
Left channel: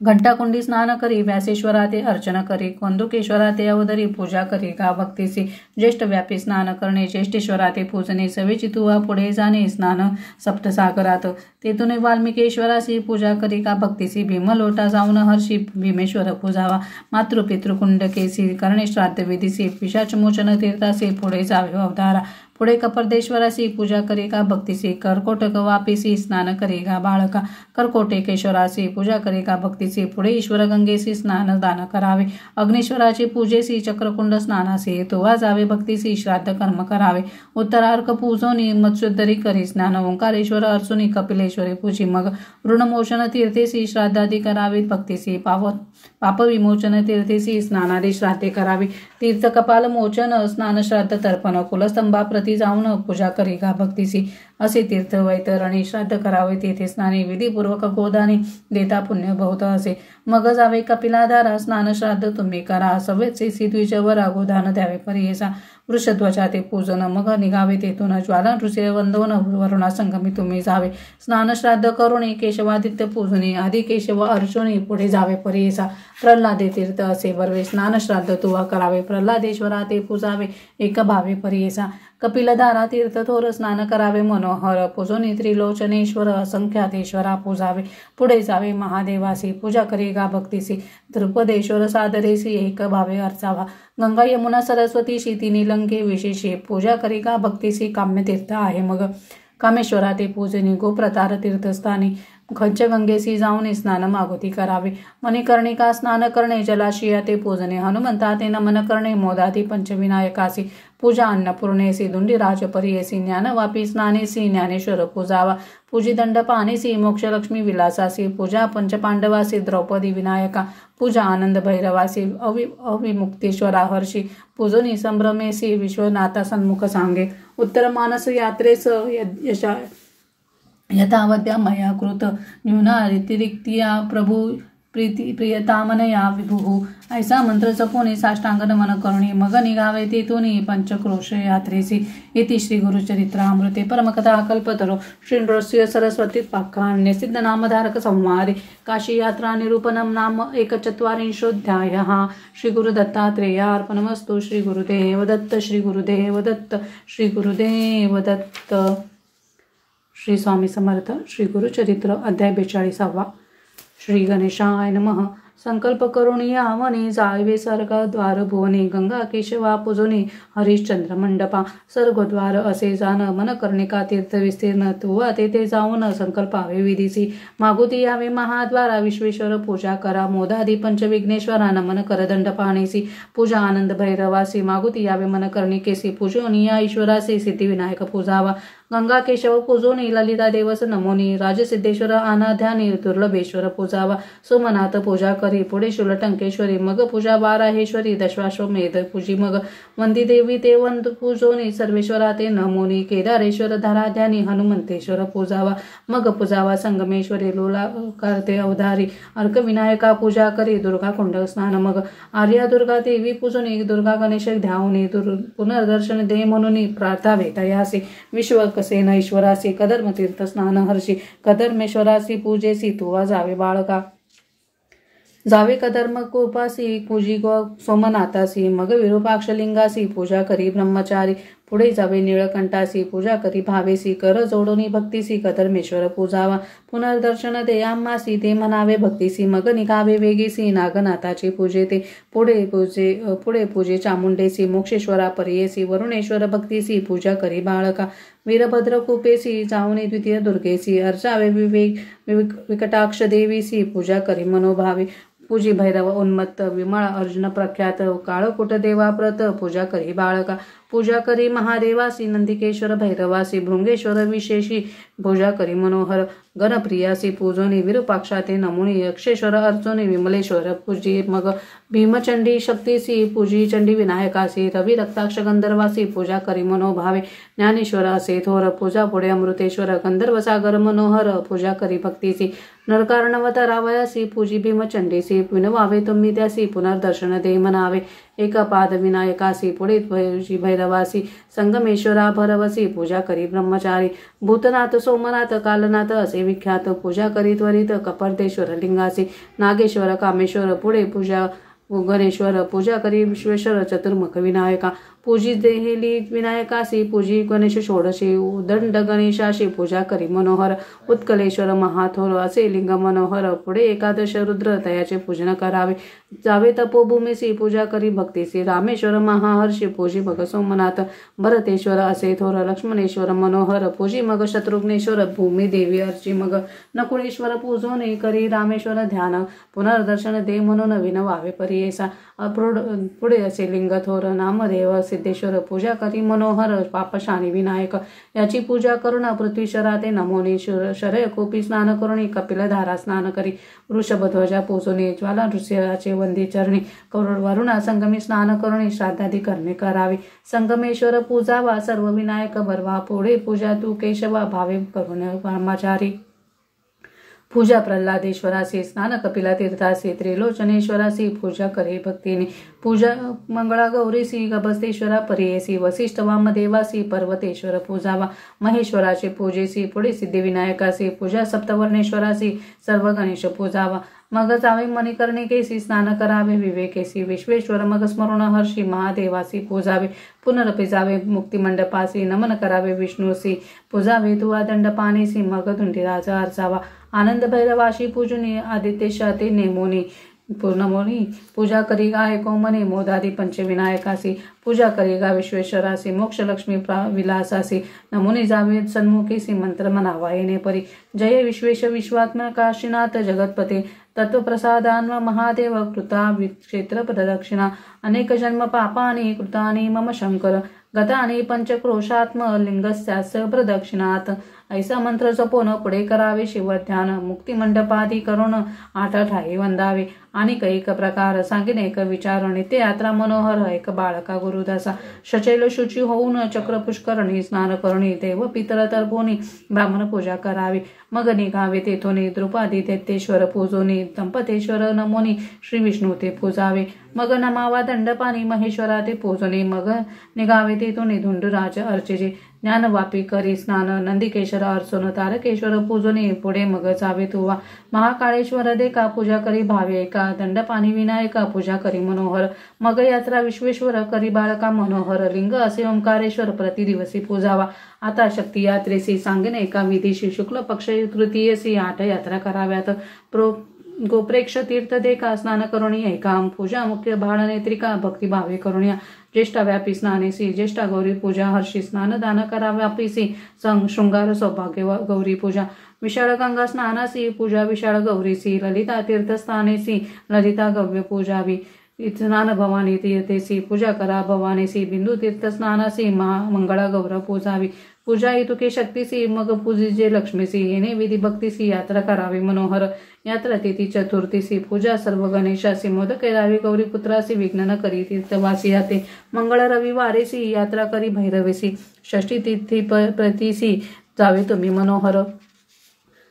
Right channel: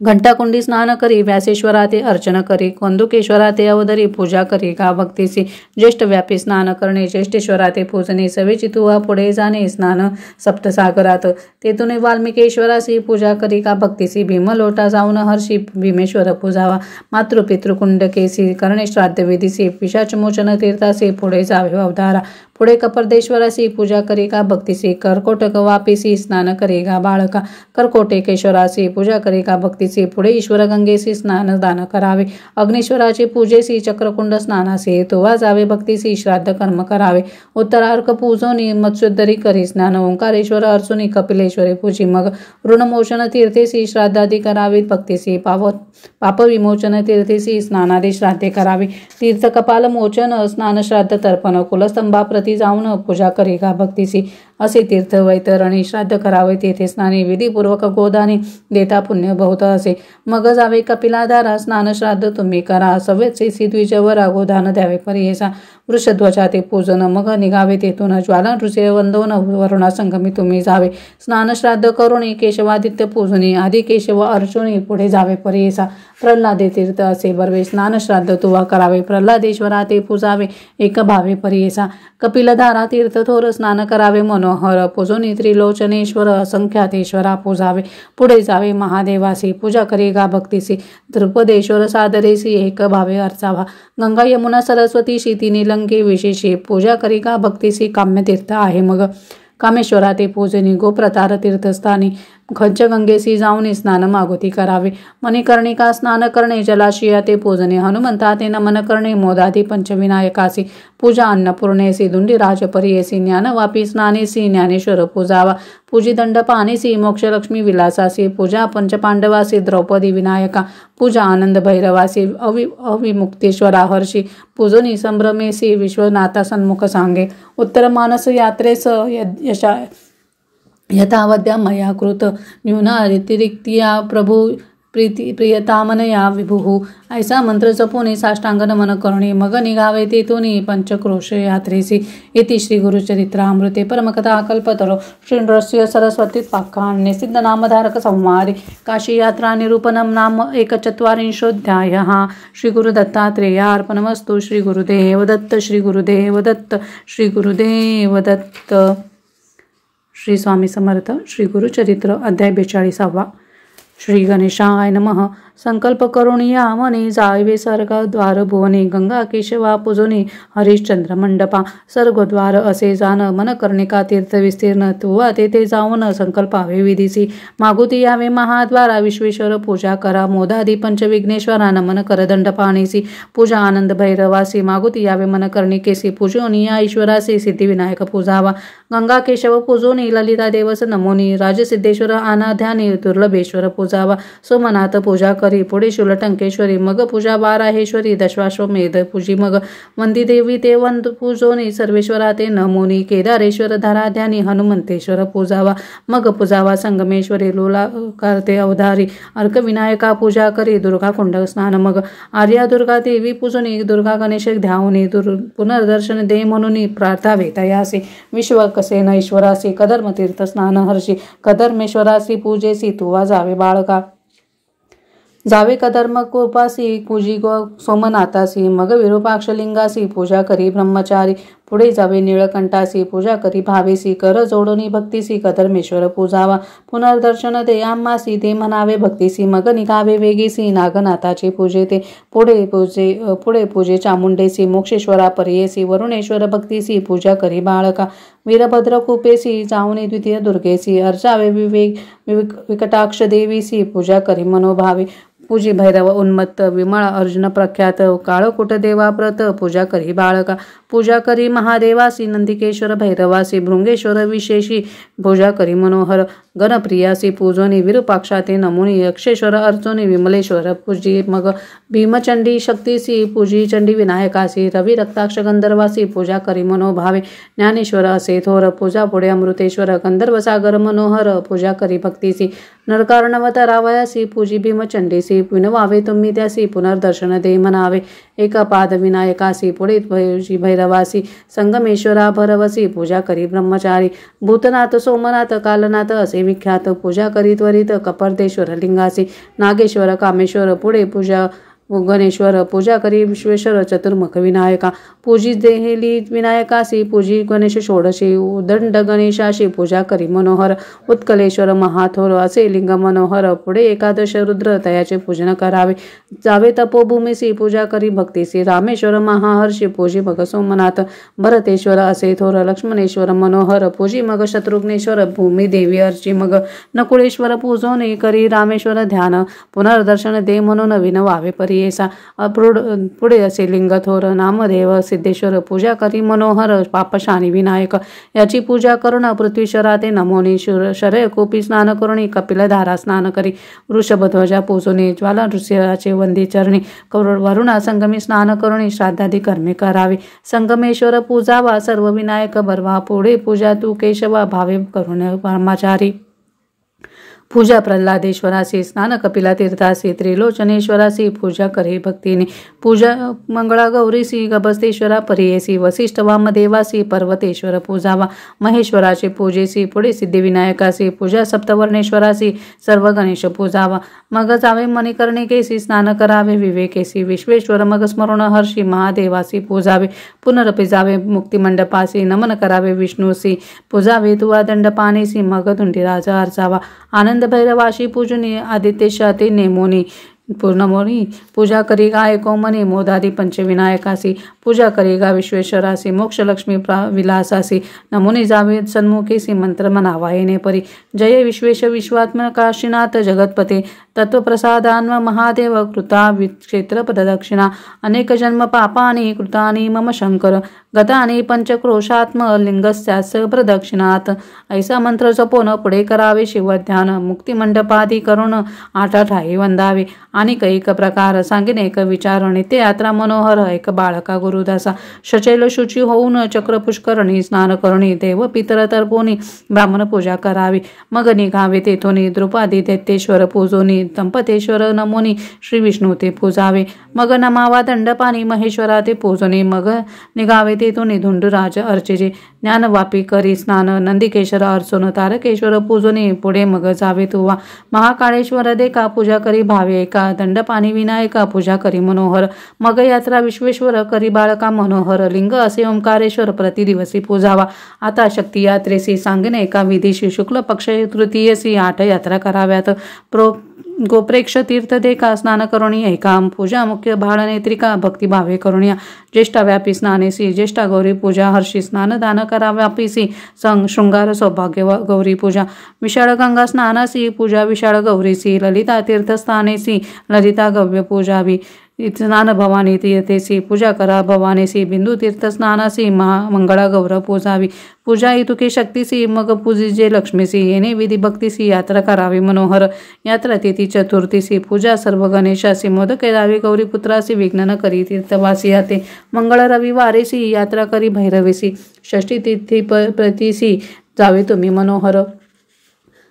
घंटाकुंडी स्नान करी व्यासेश्वरा ते अर्चन करी कंदुकेश्वरा ते अवधरी पूजा करी का भक्तीसी ज्येष्ठ व्यापी स्नान करणे ज्येष्ठेश्वरा ते पूजने सवेची तुवा पुढे जाणे स्नान सप्तसागरात तेथून वाल्मिकेश्वरासी पूजा करी का भक्तीसी भीमलोटा जाऊन हर्षी भीमेश्वर पूजावा मातृपितृकुंडकेसी करणे श्राद्ध विधीसी पिशाचमोचन तीर्थासी पुढे जावे अवतारा पुढे कपर्देश्वरासी पूजा करेगा भक्तीसी, कर्कोटक वापीसी स्नान करेगा बाळका, कर्कोटेकेश्वरासी पूजा करेगा भक्तीसी, पुढे ईश्वर गंगेसी स्नान दान करावे, अग्नीश्वराची पूजेसी चक्रकुंड स्नानासी, तुवा जावे भक्तीसी श्राद्ध कर्म करावे, उत्तरार्क पूजोनी मत्स्योद्धरी करी स्नान, ओंकारेश्वर अर्चुनी कपिलेश्वरी पूजी, मग ऋणमोचन तीर्थेसी श्राद्धादी करावीत भक्तीसी, पापविमोचन तीर्थेसी स्नानादी श्राद्धे करावी, तीर्थ कपाल मोचन स्नान श्राद्ध तर्पण, कुलस्तंभाप्रती जाऊन पूजा करेगा भक्तीसी, असे तीर्थ वैतरणी श्राद्ध करावे, तेथे स्नाने विधीपूर्वक गोदाने देता पुण्य बहुत असे, मग जावे कपिलाधारा स्नान श्राद्ध तुम्ही करा, सव्यसेसी द्विजवरा गोदान द्यावे पर्येसा, वृषध्वजा ते पूजन, मग निघावे तेथून ज्वाला नृसिंह वंदोन वरुणा संगमी तुम्ही जावे, स्नान श्राद्ध करुणी केशवादित्य पूजनी, आधी केशव अर्जुनी पुढे जावे पर्येसा, प्रल्हादे तीर्थ असे बर्वे स्नान श्राद्ध तुवा करावे, प्रल्हादेश्वरा ते पूजावे एक भावे पर्येसा, कपिलधारा तीर्थ थोर स्नान करावे मनोहर, पूजोनी त्रिलोचनेश्वर असंख्यातेश्वरा पूजावे, पुढे जावे महादेवासी पूजा करेगा भक्तीसी, द्रुपदेश्वर सादरेसी एक भावे अर्चावा, गंगा यमुना सरस्वती शीतिनी लंके विशेषी पूजा करेगा भक्तीसी, काम्य तीर्थ आहे मग कामेश्वरा ते पूजनी, गोप्रतार तीर्थस्थानी खंचगंगेसी जाऊन स्नान मागोती करावे, मणिकर्णिका स्नान करणे जलाशया ते पूजने, हनुमंता ते नमन करणे मोदादी पंचविनायकासी पूजा, अन्नपूर्णेसी दुंडीराज पर्येसी, ज्ञानवापी स्नानेसी ज्ञानेश्वर पूजावा, पूजी दंड पानेसी मोक्षलक्ष्मी विलासासी पूजा, पंचपांडवासी द्रौपदी विनायका पूजा, आनंद भैरवासी अविमुक्तेश्वरा हर्षी पूजनी, संभ्रमेसी विश्वनाथा सन्मुख सांगे, उत्तर मानस यात्रेस यथावद्या मया कृत न्यूनातिरिक्तिया प्रभू प्रियतामनया विभुः, ऐसा मंत्र जपून साष्टांग नमन करुणे, मग निघावे तेथून पंचक्रोश यात्रेसी, इति श्री गुरुचरित्रामृते परमकथा कल्पतरो श्री नृसिंह सरस्वतीत पाखान्य सिद्ध नामधारक संवादे काशी यात्रा निरूपणम नाम 1/4 श्री गुरुदत्तात्रेयार्पणमस्तु। श्री गुरुदेव दत्त, श्री गुरुदेव दत्त, श्री गुरुदेव दत्त। श्री स्वामी समर्थ। श्री गुरुचरित्र अध्याय 42। श्री गणेशाय नमः। संकल्प करून या मनी जावे स्वर्गद्वार भुवनी, गंगा केशवा पूजनी हरिश्चंद्र मंडपा स्वर्गद्वार असे जाण, मन कर्णिका तीर्थ विस्तीर्ण तुवा तेथे जाऊन संकल्पावे विधीसी, मागुती यावे महाद्वारा विश्वेश्वर पूजा करा, मोदादी पंचविघ्नेश्वरा नमन करदंड पाणीसी पूजा, आनंद भैरवासी मागुती यावे मन कर्णिकेसी पूजोनी, या ईश्वरासी सिद्धिविनायक पूजावा, गंगा केशव पूजोनी ललिता देवस नमोनी, राजसिद्धेश्वर अनाध्यानी दुर्लभेश्वर पूजावा, सोमनाथ पूजा करी पुढे शूलटंकेश्वरी, मग पूजा बाराहेश्वरी दशाश्वमेध पूजी, मग वंदी देवी ते वंद पूजोनी सर्वेश्वरा ते नमोनी, केदारेश्वर धराध्यानी हनुमंतेश्वर पूजावा, मग पूजावा संगमेश्वरी लोला करते अवधारी, अर्कविनायका पूजा करी दुर्गा कुंड स्नान, मग आर्या दुर्गा देवी पूजोनी, दुर्गा गणेश ध्यावनी पुनर्दर्शन दे म्हणून प्रार्थावे तयासी, विश्व कसेन ईश्वरासी कधर्म तीर्थ स्नान हर्षी, कधर्मेश्वरासी पूजेसी तुवा जावे बाळका, जावे कधर्म कोपासी पूजी गो सोमनाथासी, मग विरूपाक्षलिंगासी पूजा करी ब्रह्मचारी, पुढे जावे निळकंठासी पूजा करी भावेसी, कर जोडणी भक्तीसी कधर्मेश्वर पूजावा, पुनर्दर्शन दे आम्हासी ते म्हणावे भक्तीसी, मग निघावे वेगीसी नागनाथाचे पूजे ते, पुढे पूजे चामुंडेसी मोक्षेश्वरा पर्येसी, वरुणेश्वर भक्तीसी पूजा करी बाळका, वीरभद्र कुपेसी जाऊनी द्वितीय दुर्गेसी, अर्चावे विकटाक्ष देवीसी पूजा करी मनोभावे, पूजी भैरव उन्मत्त विमळ अर्जुन प्रख्यात, काळकुट देवाप्रत पूजा करी बाळका, पूजा करी महादेवासी नंदिकेश्वर भैरवासी, भृंगेश्वर विशेषी पूजा करी मनोहर, गणप्रियासी पूजोनी विरूपाक्षाते नमुनी, यक्षेश्वर अर्चोनी विमलेश्वर पूजी, मग भीमचंडी शक्तीसी पूजी चंडी विनायकासी, रवी रक्ताक्ष गंधर्वासी पूजा करी मनोभावे, ज्ञानेश्वर असे थोर पूजा पुढे अमृतेश्वर गंधर्वसागर मनोहर पूजा करी भक्तीसी, नरकार्णवतरावयासी पूजी भीमचंडीसी, विनवावे तुम्ही त्यासी पुनर्दर्शन दे म्हणावे, एकपाद विनायकासी पुढे पूजी भैरवासी, संगमेश्वरा भरवसी पूजा करी ब्रह्मचारी, भूतनाथ सोमनाथ कालनाथ असे विख्यात पूजा करी त्वरित कपर्देश्वर लिंगासी, नागेश्वर कामेश्वर पुढे पूजा गणेश्वर पूजा करी विश्वेश्वर चतुर्मुख विनायका, पूजी देहेली विनायकासी पूजी गणेश षोडशी उदंड गणेशाशी पूजा करी मनोहर उत्कलेश्वर महाथोर असे लिंग मनोहर पुढे एकादश रुद्र तयाचे पूजन करावे जावे तपोभूमीसी पूजा करी भक्तीसी रामेश्वर महाहर्षी पूजी मग सोमनाथ भरतेश्वर असे थोर लक्ष्मणेश्वर मनोहर पूजी मग शत्रुघ्नेश्वर भूमी देवी अर्ची मग नकुळेश्वर पूजोने करी रामेश्वर ध्यान पुनर्दर्शन दे म्हणून विनवावे परियेसा पुढे असे लिंग थोर नामदेव सिद्धेश्वर पूजा करी मनोहर पापशानी विनायक याची पूजा करून पृथ्वीश्वरा ते नमोनी शरय कोपी स्नान करुणी कपिलधारा स्नान करी वृषभध्वजा पूजोनी ज्वाला नृसिंहाचे वंदी चरणी वरुणा संगमी स्नान करुणी श्राद्धादी कर्मे करावे संगमेश्वर पूजावा सर्व विनायक बरवा पुढे पूजा तू केशवा भावे करुण परमाचारी पूजा प्रल्हादेश्वरासी स्नान कपिला तीर्थासी त्रिलोचनेश्वरासी पूजा करे भक्तीने पूजा मंगळा गौरीसी गभस्तेश्वरा परियेसी वसिष्ठ वामदेवासी पर्वतेश्वर पूजावा महेश्वराचे पूजेसी पुढे सिद्धिविनायकासी पूजा सप्तवर्णेश्वरासी सर्व गणेश पूजावा मग जावे मणिकर्णिकेसी स्नान करावे विवेकेसी विश्वेश्वर मग स्मरण हर्षी महादेवासी पूजावे पुनरपि जावे मुक्तिमंडपासी नमन करावे विष्णूसी पूजावे तुवा दंडपाणीसी मग धुंडीराजा अर्चावा आनंद भैरवाशी पूजनी आदित्यशाते नेमोनी पूर्णमोनी पूजा करीगा एकोमनी मोदादी पंचविनायकासी पूजा करीगा विश्वेश्वरासी मोक्षलक्ष्मी विलासासी नमुनी जावे सन्मुखीसी मंत्र मनावा येणे परी जय विश्वेश विश्वात्मन काशीनाथ जगतपते तत्वप्रसादान्व महादेव कृता क्षेत्र प्रदक्षिणा अनेक जन्म पापानि कृतानि मम शंकर गतानि पंचक्रोशात्म लिंगस्यास प्रदक्षिणात ऐसा मंत्र जपोन पुढे करावे शिवध्यान मुक्तिमंडपादी करून आठाठाई वंदावे आणि कैक प्रकार सांगिन एक विचार नित्य यात्रा मनोहर एक बाळका गुरुदासा शचैल शुची होऊन चक्र पुष्करणी स्नान करणी देव पितर तर्पोनी ब्राह्मण पूजा करावी मग निघावे तेथोनी द्रुपादी दैत्येश्वर पूजोनी दंपतेश्वर नमोनी श्री विष्णू ते पूजावे मग नमावा दंडपाणी महेश्वरा ते पूजोनी मग निघावे तेथोनी धुंडराज अर्चेजे ज्ञानवापी करी स्नान नंदिकेश्वर अर्चोन तारकेश्वर पूजोनी पुढे मग जावे तुवा महाकाळेश्वर देका पूजा करी भावे एका दंडपाणी विनायका पूजा करी मनोहर मग यात्रा विश्वेश्वर करी बाळका मनोहर लिंग असे ओंकारेश्वर प्रतिदिवसी पूजावा आता शक्ती यात्रेसी सांगणे एका विधीशी शुक्ल पक्ष तृतीयसी 8 यात्रा कराव्यात गोप्रेक्ष तीर्थ देका स्नान करुणी ऐका पूजा मुख्य भाळनेत्रिका भक्तिभावे करुण्या ज्येष्ठा व्यापी स्नानेसी ज्येष्ठा गौरी पूजा हर्षी स्नान दान कराव्यापीसी संग शृंगार सौभाग्य गौरी पूजा विशाळ गंगा स्नानासी पूजा विशाळ गौरीसी ललिता तीर्थस्थानेसी ललिता गव्य पूजावी स्नान भवानी तीर्थेसी पूजा करा भवानीसी बिंदू तीर्थ स्नानासी मंगळा गौर पूजावी पूजा इतुके शक्तीसी मग पूजिजे लक्ष्मीसी येणे विधी भक्तीसी यात्रा करावी मनोहर यात्रा तिथी चतुर्थीसी पूजा सर्व गणेशासी मोदक करावी गौरी पुत्रासी विघ्न न करी तीर्थवासी याते मंगळ रविवारेसी यात्रा करी भैरवीसी षष्ठी तिथी प्रतीसी जावे तुम्ही मनोहर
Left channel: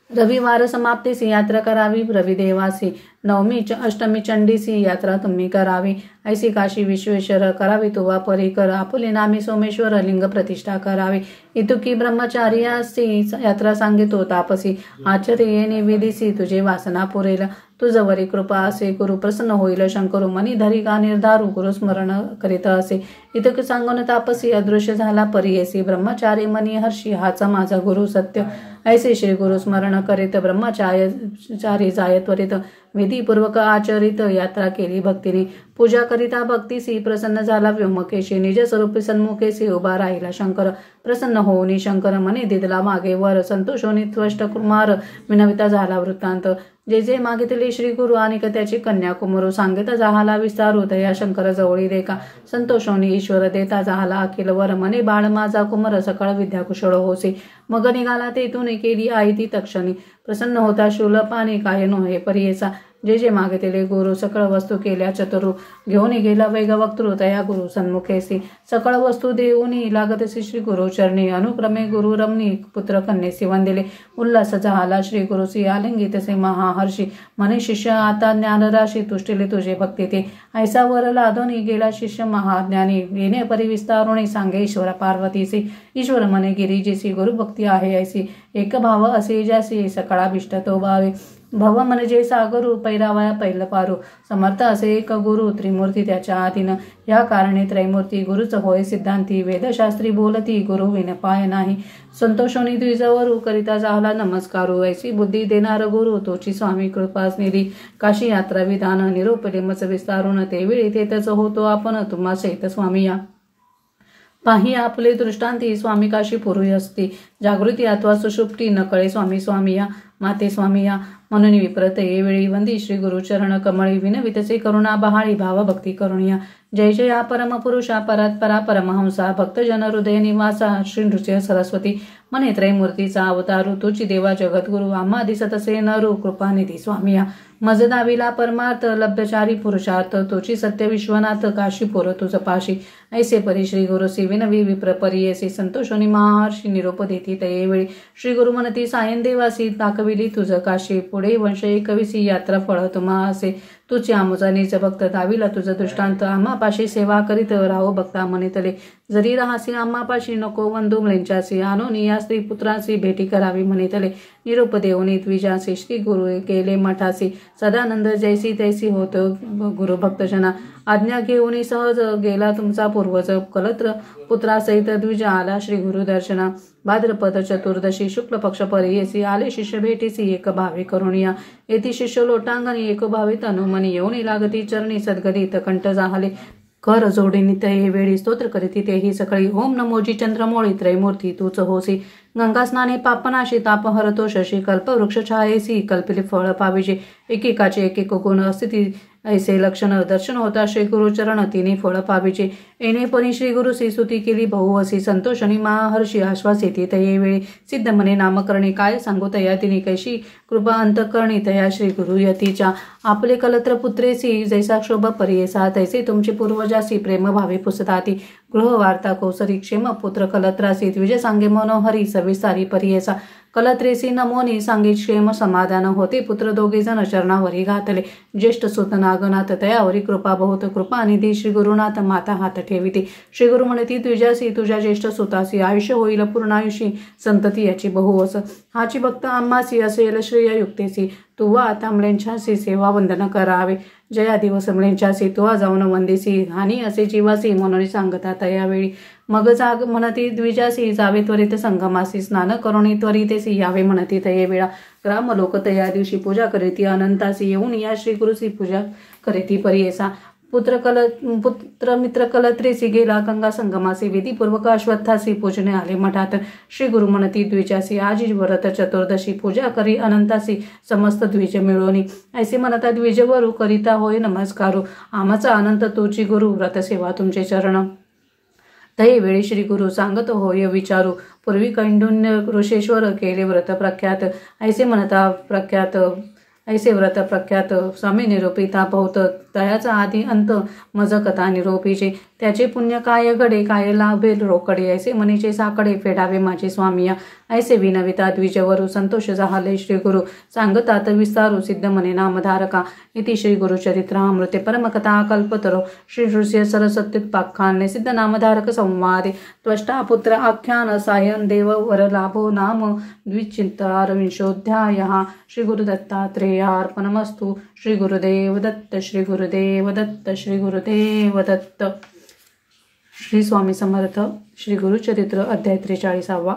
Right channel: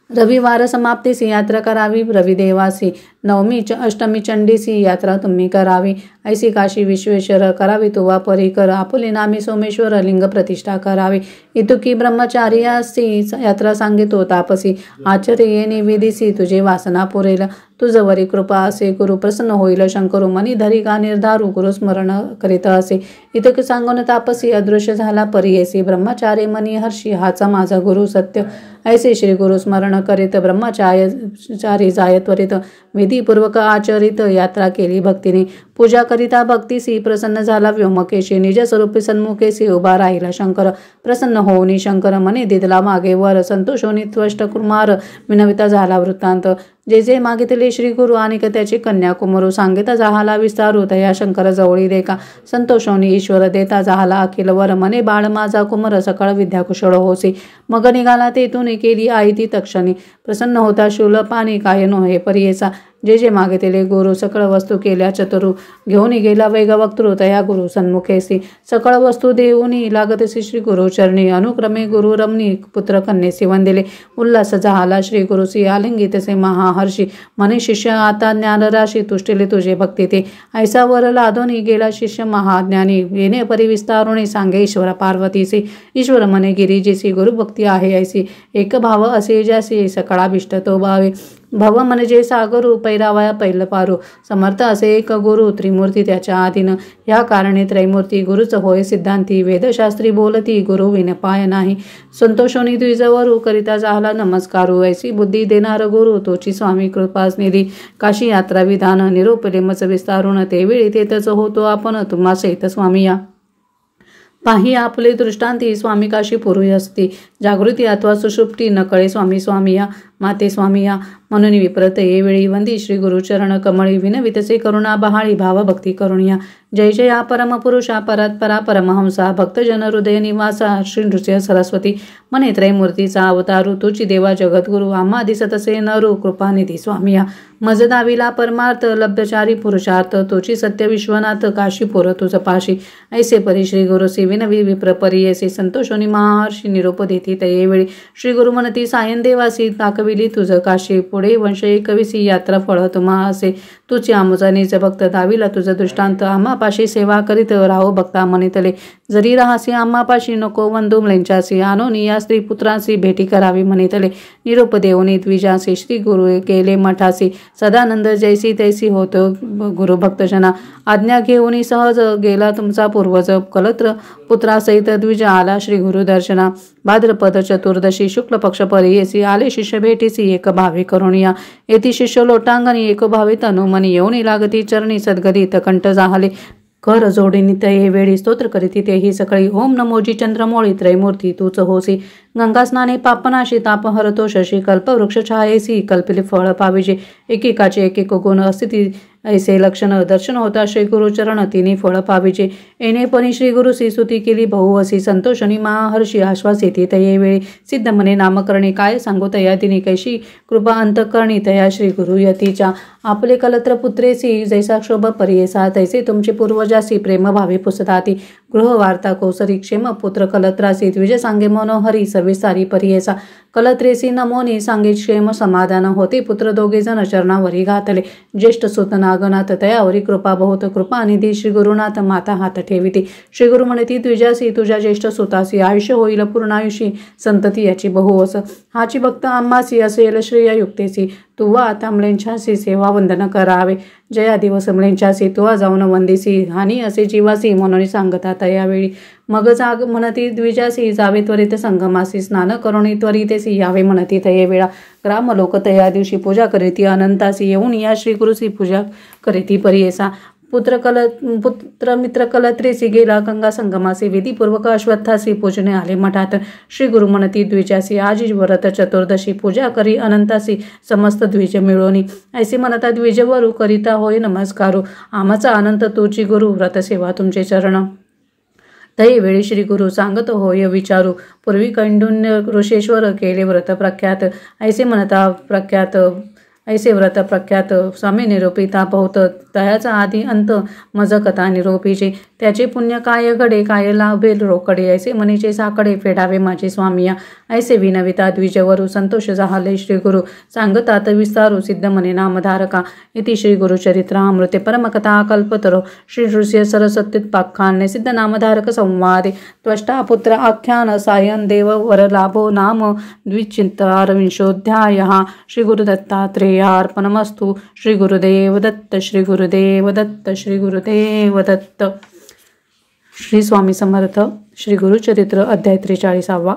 रविवार समाप्तीसी यात्रा करावी रविदेवासी नवमी अष्टमी चंडीसी यात्रा तुम्ही करावी ऐसी काशी विश्वेश्वर करावी तुवा परिकर आपुले नामी सोमेश्वर लिंग प्रतिष्ठा करावी इतुकी ब्रह्मचार्यासी यात्रा सांगितो तापसी आचर्य येणे विधीसी तुझे वासना पुरेल तुझवरी कृपा असे गुरु प्रसन्न होईल शंकरू मनी धरी का निर्धारू गुरु स्मरण करीत असे इतके सांगून तापसी अदृश्य झाला परियेसी ब्रह्मचारी मनी हर्षी हाचा माझा गुरु सत्य ऐसे श्री गुरु स्मरण करीत ब्रह्मचारी जाय त्वरित विधीपूर्वक आचरित यात्रा केली भक्तीने पूजा करिता भक्तीसी प्रसन्न झाला व्योमकेशी निज स्वरूपी सन्मुखेसी उभा राहिला शंकर प्रसन्न होऊनी शंकर मने दिदला मागे वर संतोषोनी त्वष्ट कुमार विनविता झाला वृत्तांत जे जे मागितले श्री गुरु आणि त्याची कन्या कुमरू सांगिता जाहाला विस्तारू तया शंकर जवळी देका संतोषोनी ईश्वर देता जाहाला अखिल वर मने बाळ माझा कुमर सकाळ विद्या कुशळ होसी मग निघाला तेथून केली आई ती तक्षणी प्रसन्न होता शूल पाणी काय नोहे परियेचा जे जे मागितले गुरु सकळ वस्तू केल्या चतुरू घेऊन गेला वेग वक्तृ तया गुरु सन्मुखेसी सकळ वस्तू देऊनी लागतसी श्री गुरु चरणी अनुक्रमे गुरु रमणी पुत्र कन्येसी वंदिले उल्हास झाला श्री गुरुसी आलिंगितसे महाहर्षी मनी शिष्य आता ज्ञानराशी तुष्टिले तुझे भक्ती ते ऐसा वर लादोनी गेला शिष्य महाज्ञानी येणे परिविस्तारुणी सांगे ईश्वर पार्वतीसी ईश्वर मने गिरिजीसी गुरुभक्ती आहे ऐसी एक भाव असे ज्यासी सकळाभिष्ट तो भावे भव म्हणजे सागरू, पैरावया पैल पारू. समर्थ असे एक गुरु, त्रिमूर्ती त्याच्या आधीन. या कारणे त्रैमूर्ती गुरुच होय सिद्धांती. वेदशास्त्री बोलती, गुरु विन पाय नाही. संतोषोनी द्विजवरू, करिता झाला नमस्कारू. ऐसी बुद्धी देणार गुरु, तोची स्वामी कृपास निधी. काशी यात्रा विधान, निरूपले मच विस्तारून. तेवेळी तेथच होतो आपण, तुम्हा सहित स्वामी या. पाही आपले दृष्टांती, स्वामी काशी पूर्वी असती. जागृती अथवा सुषुप्ती, नकळे स्वामी स्वामी या. माते स्वामी या. म्हणून विप्रत ये वेळी वंदी, श्री गुरुचरण कमळी. विनवितसे करुणा बहाळी, भाव भक्ती करुणिया. जय जया परमपुरुषा, परात्परा परमहंसा. भक्तजन हृदय निवासा, श्री नृसिंह सरस्वती. मने त्रैमूर्तीचा अवतारू, तुची देवा जगद्गुरु. आम्हा दिसतसे नरू, कृपानिधी स्वामी या. मज दाविला परमार्थ, लब्धचारी पुरुषार्थ. तोची सत्य विश्वनाथ, काशीपुर तुझ पाशी. ऐसे परी श्री गुरुसी, विनवी विप्र परियसी. संतोषोनी महर्षी, निरोप देती तये वेळी. श्री गुरु म्हणती सायन देवासी, दाखविली तुझ काशी. पुढे वंश एकविसी, यात्रा फळ तुम्हा असे. तुची आमुचा निज भक्त, दाविला तुझ दृष्टांत. आम्हापाशी सेवा करीत राहो भक्ता मनितले. जरी राहासी आम्हापाशी, नको वंदू म्लेंचासी. आणोनी या स्त्री पुत्रांसी, भेटी करावी मनितले. निरोप देऊनी द्विजासी, श्री गुरु गेले मठासी. सदानंद जैसी तैसी होतो गुरु भक्तजना. आज्ञा घेऊनी सहज, गेला तुमचा पूर्वज. कलत्र पुत्रासहित द्विज आला श्री गुरु दर्शना. भाद्रपद चतुर्दशी, शुक्ल पक्ष परियेसी. आले शिष्य भेटीसी, एक भावी करुणिया. येथे शिष्य लोटांगणी, एक भावी तनुमनी. येऊनी लागती चरणी, सद्गदित कंठ जाहले. कर जोडीनी तये वेळी, स्तोत्र करीती तेही सकळी. ओम नमोजी चंद्रमौळी, त्रैमूर्ती तूच होसी. गंगा स्नाने पापनाशी, ताप हरतो शशी. कल्पवृक्ष छायेसी, कल्पिले फळ पाविजे. एकेकाचे एक गुण अस्थिती, ऐसे लक्षण. दर्शन होता श्री गुरुचरण, तिने फळ पाविजे. येणेपणी श्री गुरुसी, स्तुती केली बहुवसी. संतोषणी महर्षी, आश्वास येते तये वेळी. सिद्ध मने नामकरणे, काय सांगू तया दिनी. कैशी कृपा अंतकरणी, तया श्री गुरु यतीच्या. आपले कलत्र पुत्रेसी, जैसा क्षोभ परियेसा. तैसे तुमचे पूर्वजासी, प्रेम भावे पुसताती. गृह वार्ता कौसरी, क्षेम पुत्र कलत्रासी. द्विज सांगे मनोहरी, सर्विसारी परियेसा. कलत्रेसी नमोनी, सांगे क्षेम समाधान. होते पुत्र दोघे जण, चरणावरी घातले. ज्येष्ठ सुत नागनाथ, तयावरी कृपा बहुत. कृपा निधी श्री गुरुनाथ, माता हात ठेविते. श्री गुरु म्हणती द्विजासी, तुझ्या ज्येष्ठ सुतासी. आयुष्य होईल पूर्णायुषी, संतती याची बहुवस. हाची भक्त आम्हासी, असेल श्रेय युक्तेसी. तुवा आता म्लेंछासी, सेवा वंदन करावे. जया दिवस म्लेंछासी, तुवा जाऊन वंदिसी. हानी असे जीवासी, म्हणून सांगता तयावेळी. मग जाग म्हणती द्विजासी, जावे त्वरित संगमासी. स्नान करुणी त्वरितेसी, यावे म्हणती तये वेळा. ग्राम लोक तया दिवशी, पूजा करीती अनंतासी. येऊन या श्री गुरुसी, पूजा करीती परियेसा. पुत्र मित्र कलत्रेसी, गेला गंगा संगमासी. विधीपूर्वक अश्वत्थासी, पूजने आले मठात. श्री गुरु म्हणती द्विजासी, आजी व्रत चतुर्दशी. पूजा करी अनंतासी, समस्त द्विज मिळवणी. ऐसे म्हणता द्विजवरू, करिता होय नमस्कारू. आमचा अनंत तोची गुरु, व्रतसेवा तुमचे चरण. तही वेळी श्री गुरु सांगत होय विचारू. पूर्वी कैंडुन्य ऋषेश्वर, केले व्रत प्रख्यात. ऐसे म्हणता प्रख्यात, ऐसे व्रत प्रख्यात. स्वामी निरोपिता बहुत, तयाचा आधी अंत मज कथा निरोपीचे. त्याचे पुण्य काय घडे, काय लाभे रोकडे. ऐसे मनीचे साकडे, फेडावे माझे स्वामिया. ऐसे विनविता द्विजवरू, संतोष जाहले श्री गुरु. सांगतात विस्तारू, सिद्ध मने नामधारका. इति श्री गुरुचरित्र अमृते परमकथा कल्पतरो. श्री नृसिंह सरस्वत्युत्पाख्याने, सिद्ध नामधारक संवादे. त्वष्टा पुत्र आख्यान, सायन देव वर लाभो नाम द्विचिंतारविंशोऽध्यायः. श्री गुरुदत्तात्रेयार्पणमस्तु. श्री गुरुदेव दत्त, श्री गुरुदेव दत्त, श्री गुरुदेव दत्त. श्री स्वामी समर्थ. श्री गुरुचरित्र अध्याय 43.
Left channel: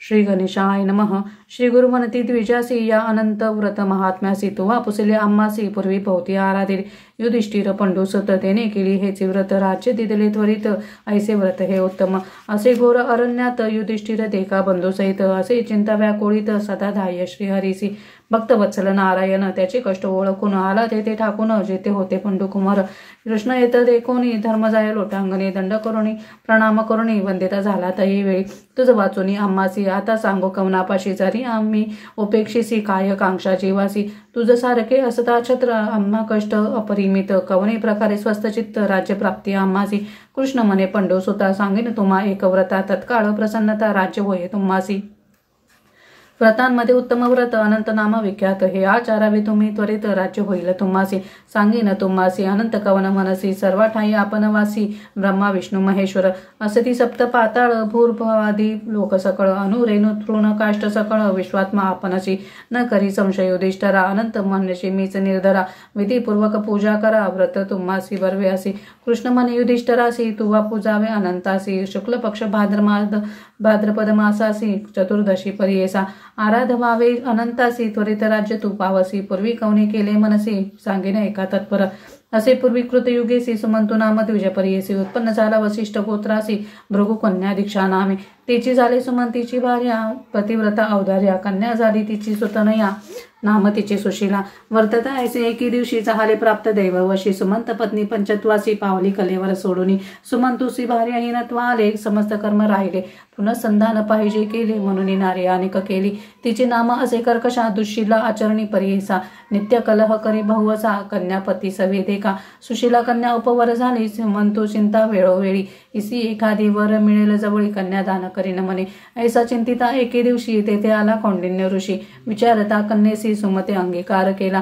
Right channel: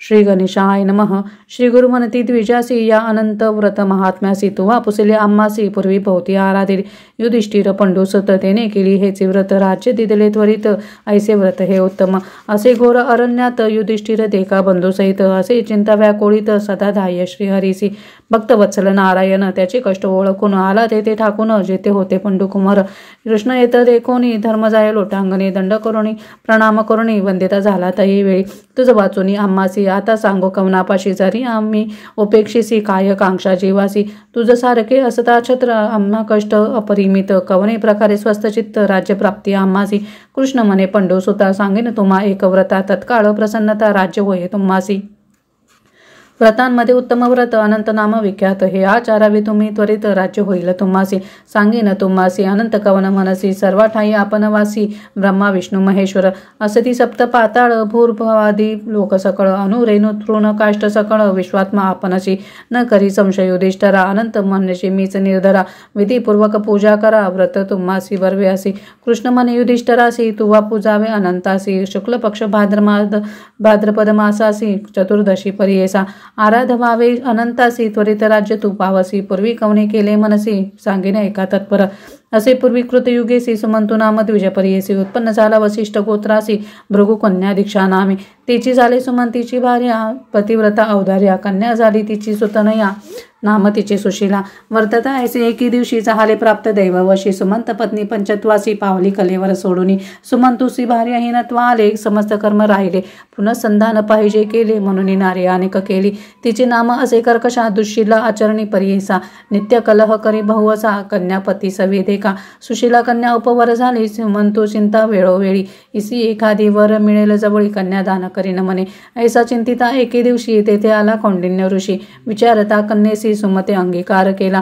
श्री गणेशाय नमः. श्री गुरु म्हणती द्विजासी, या अनंत व्रत महात्म्यासी. तुवा पुसले आम्हासी, पूर्वी भोवती आराधिले. युधिष्ठिर पंडुसुत, तेने केली हेचे व्रत. राज्य दिदले त्वरित, ऐसे व्रत हे उत्तम. असे घोर अरण्यात, युधिष्ठिर देखा बंधुसहित. असे चिंता व्याकुळित, सदा धाय श्रीहरीसी. भक्तवत्सल नारायण, त्याचे कष्ट ओळखून. आला तेथे ठाकून, जेथे होते पंडुकुमार. कृष्ण येत देखोनी, धर्म जाय लोटांगणी. दंड करुणी, प्रणाम करुणी, वंदिता झाला तये वेळी. तुझ वाचुनी आम्हासी, आता सांगो कवनापाशी. जरी आम्ही उपेक्षिसी, काय कांक्षा जीवासी. तुझ सारखे असता छत्र, आम्हा कष्ट अपरिमित. कवने प्रकारे स्वस्थचित्त, राज्यप्राप्ती आम्हासी. कृष्ण म्हणे पंडुसुता, सांगेन तुम्हा एक व्रता. तत्काळ प्रसन्नता, राज्य होय तुम्हासी. व्रतांमध्ये उत्तम व्रत अनंत नाम विख्यात हे आचारावे तुम्ही त्वरित राज्य होईल तुम्हासी सांगेन तुम्हासी अनंत कवन मनसी सर्व ठाई आपण वासी ब्रह्मा विष्णू महेश्वर असती सप्त पाताळ भूर्भवादी लोक सकळ अनुरेणु तृण काष्ट सकळ विश्वात्मा आपणशी न करी संशय युधिष्ठरा अनंत म्हणशी मीच निर्धरा विधीपूर्वक पूजा करा व्रत तुम्हासी बर्व्यासी कृष्ण म्हणे युधिष्ठरासी तुवा पूजावे अनंतासी शुक्ल पक्ष भाद्रपद मासासी चतुर्दशी पर्येसा आराध व्हावे अनंतासी त्वरित राज्य तू पावसी पूर्वी कवने केले मनसी सांगेन एका तत्पर असे पूर्वी कृतयुगेसी सुमंतू नाम द्विजपर्येसी उत्पन्न झाला वसिष्ठ गोत्रासी भृगु कन्या दीक्षा नामे तिची झाली सुमंतीची भार्या पतिव्रता औदार्या कन्या झाली तिची सुतनया नाम तिचे सुशीला वर्तता ऐसे एकी दिवशी झाले प्राप्त दैववशी सुमंत पत्नी पंचत्वासी पावली कलेवर सोडून सुमंतुसी भार्या हिनत्वा आले समस्त कर्म राहिले पुनଃसंधान पाहिजे केले म्हणून नारे अनेक केली तिचे नाम असे कर्कशा दुःशीला आचरणी पर्येसा नित्य कलह करे बहुवसा कन्यापती सवेदे का सुशीला कन्या उपवर झाली सुमंतू चिंता वेळोवेळी इसी एखादी वर मिळेल जवळी कन्यादान करीन म्हणे ऐसा चिंतिता एके दिवशी तेथे आला कौंडिन्य ऋषी विचारता कन्येसी सुमते अंगीकार केला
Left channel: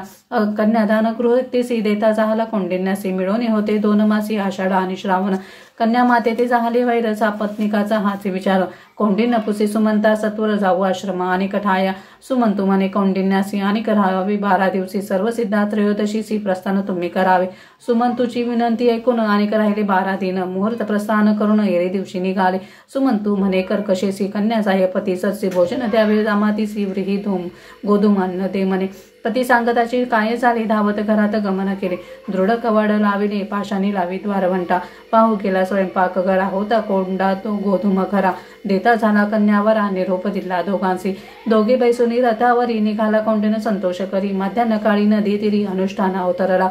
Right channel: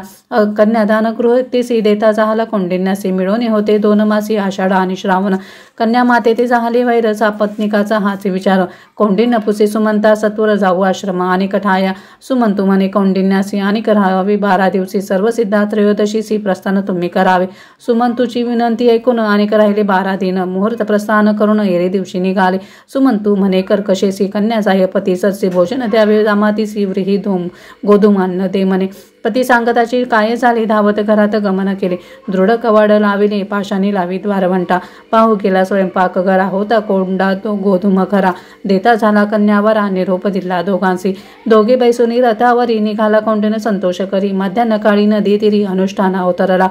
कन्यादान गृहतेसी देता झाला कौंडिन्यासी मिळवणे होते 2 मासी आषाढ आणि श्रावण कन्या माते ते झाले वैरचा पत्निकाचा हाच विचार कौंडिन्य पुसे सुमंता सत्वर जाऊ आश्रमा आणि कठाया सुमंतू म्हणे कौंडिन्यासी आणि करावे 12 दिवशी सर्व सिद्धा त्रयोदशीसी प्रस्थान तुम्ही करावे सुमंतूची विनंती ऐकून आणि राहिले 12 दिन मुहूर्त प्रस्थान करून एरे दिवशी निघाले सुमंतू म्हणे कर्कशेसी कन्याचा पती सरसे भोजन द्यावे जामातीसी व्रीही धूम गोधूम अन्न दे म्हणे पती सांगताची काय झाली धावत घरात गमन केले दृढ कवाड लाविले पाशाने लावी द्वारवंटा पाहू केला स्वयंपाक घरा होता कोंडा तो गोधूम खरा देता झाला कन्यावरा निरोप दिला दोघांशी दोघे बैसुनी रथावरी निघाला कौंडिन्य संतोष करी मध्यान्ह काळी नदी तिरी अनुष्ठान अवतरला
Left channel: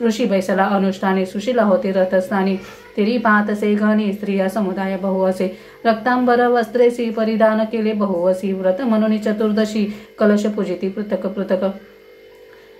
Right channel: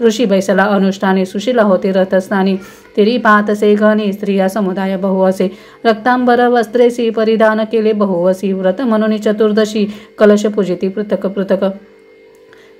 ऋषी बैसला अनुष्ठाने सुशीला होते रथस्थानी तिरी पाहत असे घनी स्त्रिया समुदाय बहु असे रक्तांबर वस्त्रेसी परिधान केले बहुवसी व्रत म्हणून चतुर्दशी कलश पूजिती पृथक पृथक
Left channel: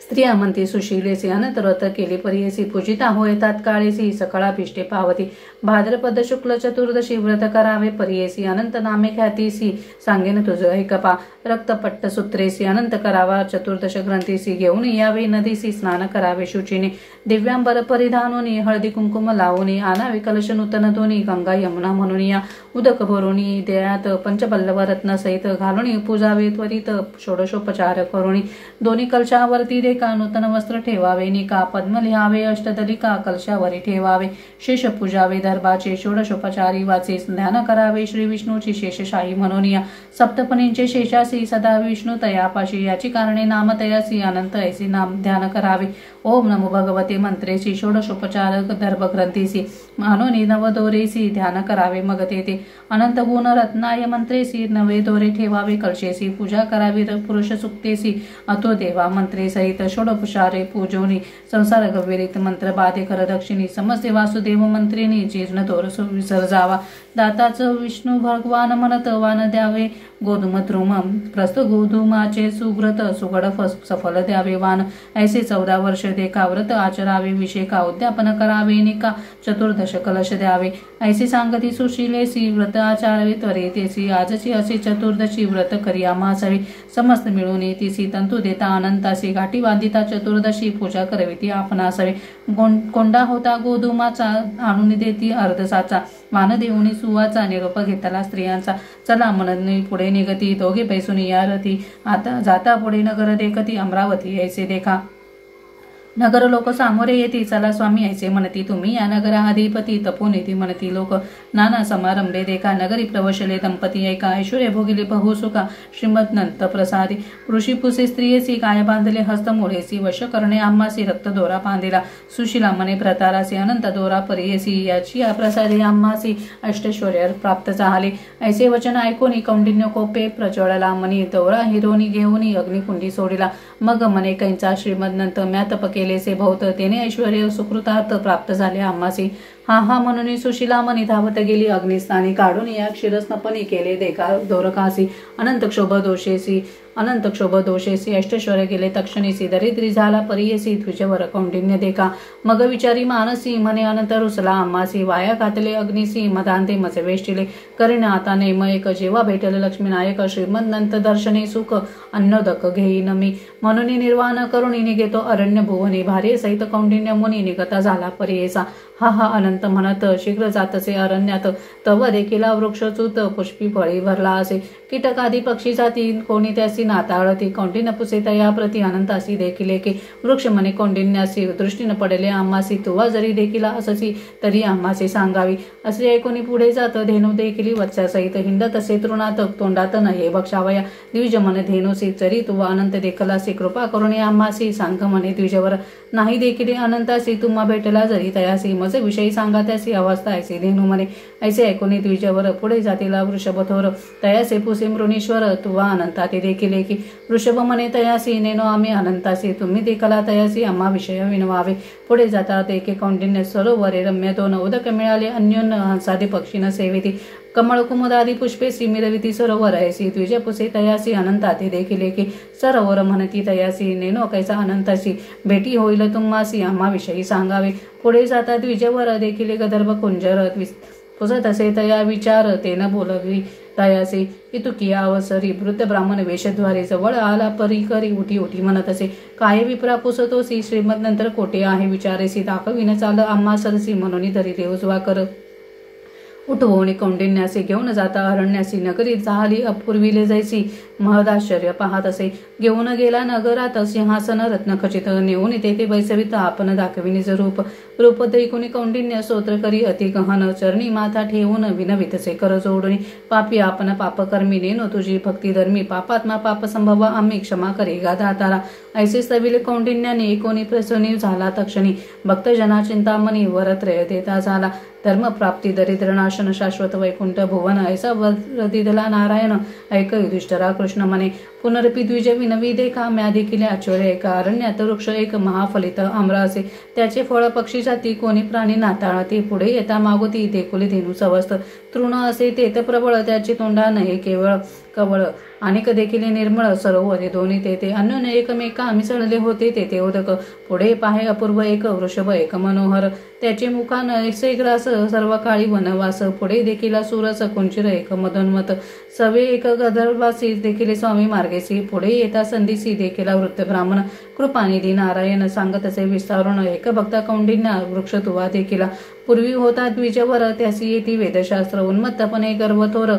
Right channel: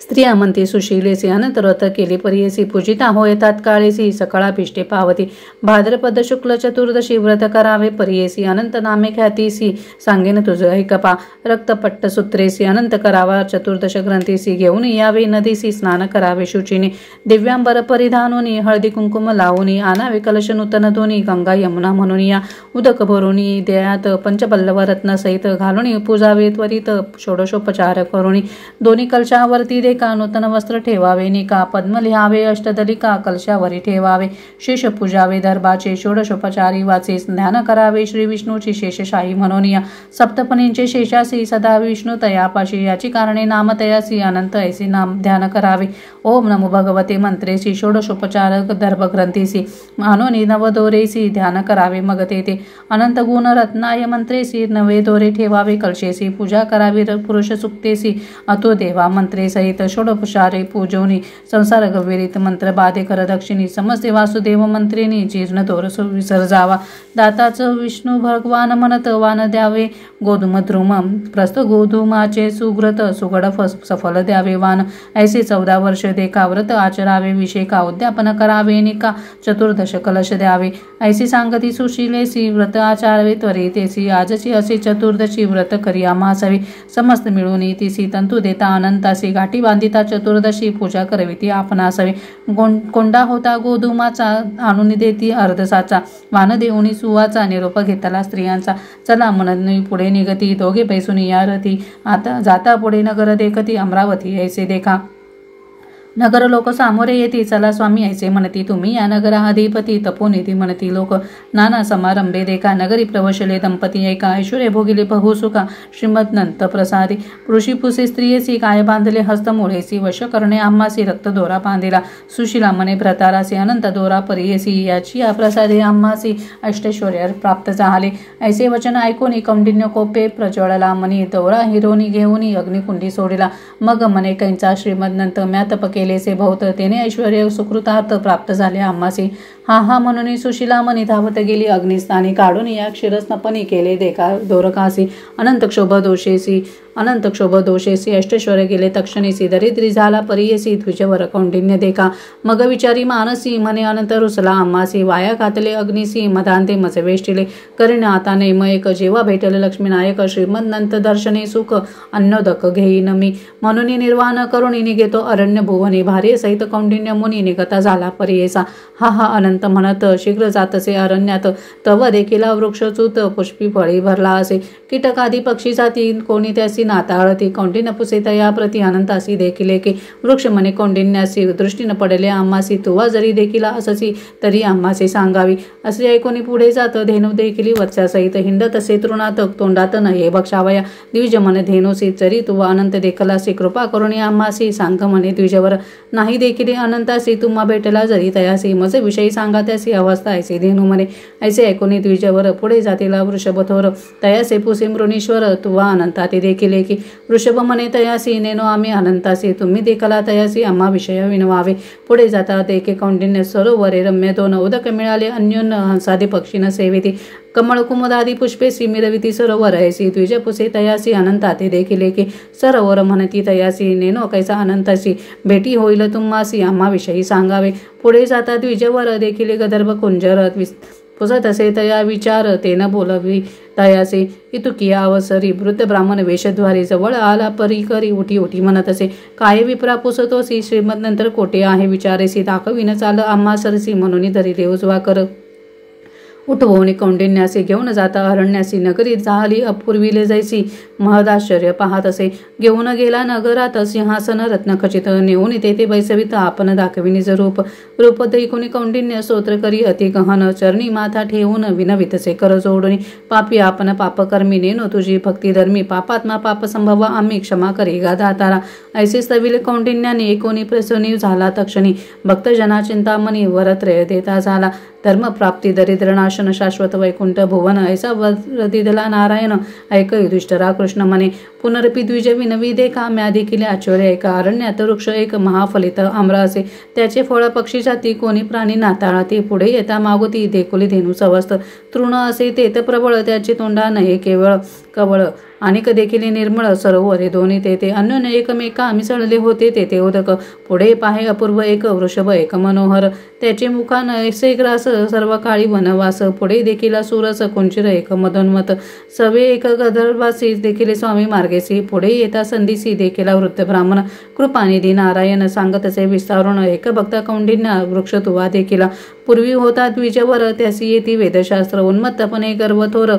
स्त्रिया म्हणती सुशीलेसी अनंत व्रत केली पर्येसी पूजिता होय तात्काळेसी सकळाभिष्टे पावती भाद्रपद शुक्ल चतुर्दशी व्रत करावे पर्येसी अनंत नामे ख्यातीसी सांगेन तुझ ऐकपा रक्तपट्ट सूत्रेसी अनंत करावा चतुर्दश ग्रंथीसी घेऊन यावे नदीसी स्नान करावे शुचिने दिव्यांबर परिधानोनी हळदी कुंकुम लावूनी आणावे कलश नूतन दोन्ही गंगा यमुना म्हणून या उदक भरूनी देयात पंचपल्लव रत्न सहित घालून पूजावे त्वरित षोडशोपचार करुणी दोन्ही कलशावरती का नूतन वस्त्र ठेवावे निका पद्म लिहावे अष्टदलिका कलशावरी ठेवावे शेष पूजावे दर्भाचे षोडशोपचारी वाचे ध्यान करावे श्री विष्णूची शेषशाही म्हणून या सप्तपणींचे शेषासी सदा विष्णू तयापाशी याची कारणे नाम तयासी अनंत ऐसी नाम ध्यान करावे ओम नमो भगवते मंत्रेसी षोडशोपचार दर्भग्रंथीसी मानोनी नवदोरेसी ध्यान करावे मग ते अनंत गुण रत्नाय मंत्रेसी नवे दोरे ठेवावे कलशेसी पूजा करावी पुरुष सुक्तेसी अतो देवा मंत्रे सहित षोडोपचारे पूजोनी संसार गवेरीत मंत्र बाधे कर दक्षिणी समस्ते वासुदेव मंत्रिनी जीर्ण दोर विसर्जावा दाताचं विष्णू भगवान म्हणत वान द्यावे गोधूम द्रुम प्रस्थ गोधूमाचे सुग्रत सुगड सफल द्यावे वान ऐसे 14 वर्ष देखा व्रत आचरावे विषेका उद्यापन करावे निका चतुर्दश कलश द्यावे ऐसी सांगती सुशीलेसी व्रत आचारावे त्वरितेसी आजची असे चतुर्दशी व्रत करी आम्हासावी समस्त मिळून तिसी तंतू देता अनंतासी गाठी बांधिता चतुर्दशी पूजा करवी ती आपणासावी कोंडा होता गोधूमाचा आणून देती अर्धसाचा वान देऊनी सुवाचा निरोप घेतला स्त्रियांचा चला म्हणून पुढे निगती दोघे पैसून या रती आता जाता पुढे नगर देखती अमरावती ऐसे देखा नगर लोक सामोरे येती चला स्वामी ऐसे म्हणती तुम्ही या नगरा अधिपती तपोनिधी म्हणती लोक नाना समारंभे देखा नगरी प्रवशले दंपती ऐका ऐश्वर्य भोगिले बहुसुखा श्रीमद नंत प्रसादी ऋषी पुसे स्त्रियेसी काय बांधले हस्त मुळेसी वश करणे आम्हासी रक्त दोरा बांधिला सुशीला मने भ्रतारासी अनंत दोरा परियेसी याची या प्रसादे आम्हासी अष्टैश्वर्य प्राप्त झाले ऐसे वचन ऐकून कौंडिन्य कोपे प्रज्वळला मनी दोरा हिरोनी घेऊन अग्निकुंडी सोडिला मग मने कैंचा श्रीमद नंत म्यातप केलेसे बहुत तेने ऐश्वर्य सुकृतार्थ प्राप्त झाले आम्हासी हा हा म्हणून सुशिला मनी धावत गेली अग्निस्थानी काढून या क्षीरस्नपणी केले देका दोरकासी अनंत क्षोभ दोषेसी अष्टश्वर गेले तक्षणीसी दरिद्री झाला परियेसी तुझ्यावर कौंडिन्य देखा मग विचारी मानसी म्हणे अनंत रुसला आम्हासी वाया घातले अग्निसी मदांते मज वेष्टिले करीन आता नेमयक जेव्हा भेटले लक्ष्मीनायक श्रीमंत दर्शने सुख अन्नोदक घेईन मी म्हणून निर्वाण करुणी निघेतो अरण्य भुवने भारे सहित कौंडिन्य मुनी निघता झाला परियेसा हा हा अनंत म्हणत शीघ्र जातसे अरण्यात तव देखीला वृक्षच्युत पुष्पी फळी भरला असे कीटकादी पक्षी जाती कोणी त्यासी नाताळती कौंडिन्य पुसे तया प्रति अनंतासी देखिले की वृक्ष म्हणे कौंडिन्यासी दृष्टीनं पडले आम्हासी तुवा जरी देखिला अससी तरी आम्हासी सांगावी असे ऐकोनी पुढे जात धेनू देखिली वत्सासहित हिंडत असे तृणात तोंडात नये बक्षावया द्विज म्हणे धेनूसी जरी तुवा अनंत देखलासी कृपा करुणी आम्हासी सांग म्हणे द्विजवर नाही देखिले अनंतासी तुम्हा भेटला जरी तयासी मज विषयी सांगा त्यासी अवस्था ऐसे धेनू म्हणे ऐसे ऐकोनी द्विजवर पुढे जातीला वृषभथोर तयासे पुसे मृणीश्वर तुवा अनंता ते देखिले की वृषभ म्हणे तयासी नेनो आम्ही अनंतासी तुम्ही देखला तयासी आम्हा विषय विनवावे पुढे जाता देखे कौंडिन्य सरोवरे रम्य दोन उदक मिळाले अन्योन्य हंसादी पक्षीन सेवेती कमळ कुमुदादी पुष्पे मिरविती सरोवर ऐसी द्विज पुसे तयासी अनंता ते देखिले की सरोवर म्हणती तयासी नेनो कैसा अनंतासी भेटी होईल तुम्हासी आम्हा विषयी सांगावे पुढे जाता द्विजवर देखिले गदर्भ कुंजर पुसत असे तया विचार तेन बोलवी तयासी इतुकिया अवसरी वृद्ध ब्राह्मण वेशद्वारे जवळ आला परी करी उठी उठी म्हणत असे काय विप्रा पुसतोसी श्रीमद नंतर कोटे आहे विचारेसी दाखविन चाल आम्हा सरसी म्हणून धरिले उजवा कर उठवणे कौंडिन्यासी घेऊन जाता अरण्यासी नगरीत झाली अपूर्वीले जैसी महदाश्चर्य पाहत असे घेऊन गेला नगरात सिंहासन रत्नखचित नेऊन तेथे बैसवित आपण दाखविनीच रूप दैकुनी कौंडिन्य स्तोत्र करी अति गहन चरणी माथा ठेवून विनवितसे कर जोडून पापी आपण पापकर्मी नेनो तुझी भक्ती धर्मी पापात्मा पाप संभव आम्ही क्षमा करी गा दातारा ऐसे स्तविले कौंडिन्याने एकोणी प्रसन्नी झाला तक्षणी भक्तजना चिंतामणी वरत्रय देता झाला धर्मप्राप्ती दरिद्रनाशन शाश्वत वैकुंठ भुवन ऐसा वरदिदला नारायण ऐक युधिष्ठरा कृष्ण म्हणे पुनरपी द्विज विनवी देखा म्या देखील आश्चर्य एका अरण्यात वृक्ष एक महाफलित आम्र असे त्याचे फळ पक्षी जाती कोणी प्राणी नाताळती पुढे येता मागोती देखोली धेनू सवस्त तृण असे तेत प्रबळ त्याचे तोंडा नये केवळ कवळ अनेक देखील निर्मळ सरोवरे दोन्ही तेथे अन्योन्य एकमेका मिसळले होते तेथे उदक पुढे पाहे अपूर्व एक वृषभ एक मनोहर त्याचे मुखान ऐसे ग्रास सर्व काळी वनवास पुढे देखील सुरस कुंचिर एक मदोन्मत सवे एक गदर्भासी देखील स्वामी मार्गेसी पुढे येता संधीसी देखील वृत्त ब्राह्मण कृपानिधी नारायण सांगत असे विस्तारून एक भक्ता कौंडिन्य वृक्ष तुवा देखील पूर्वी होता द्विजवर त्यासी येती वेदशास्त्र उन्मत्तपणे गर्वथोर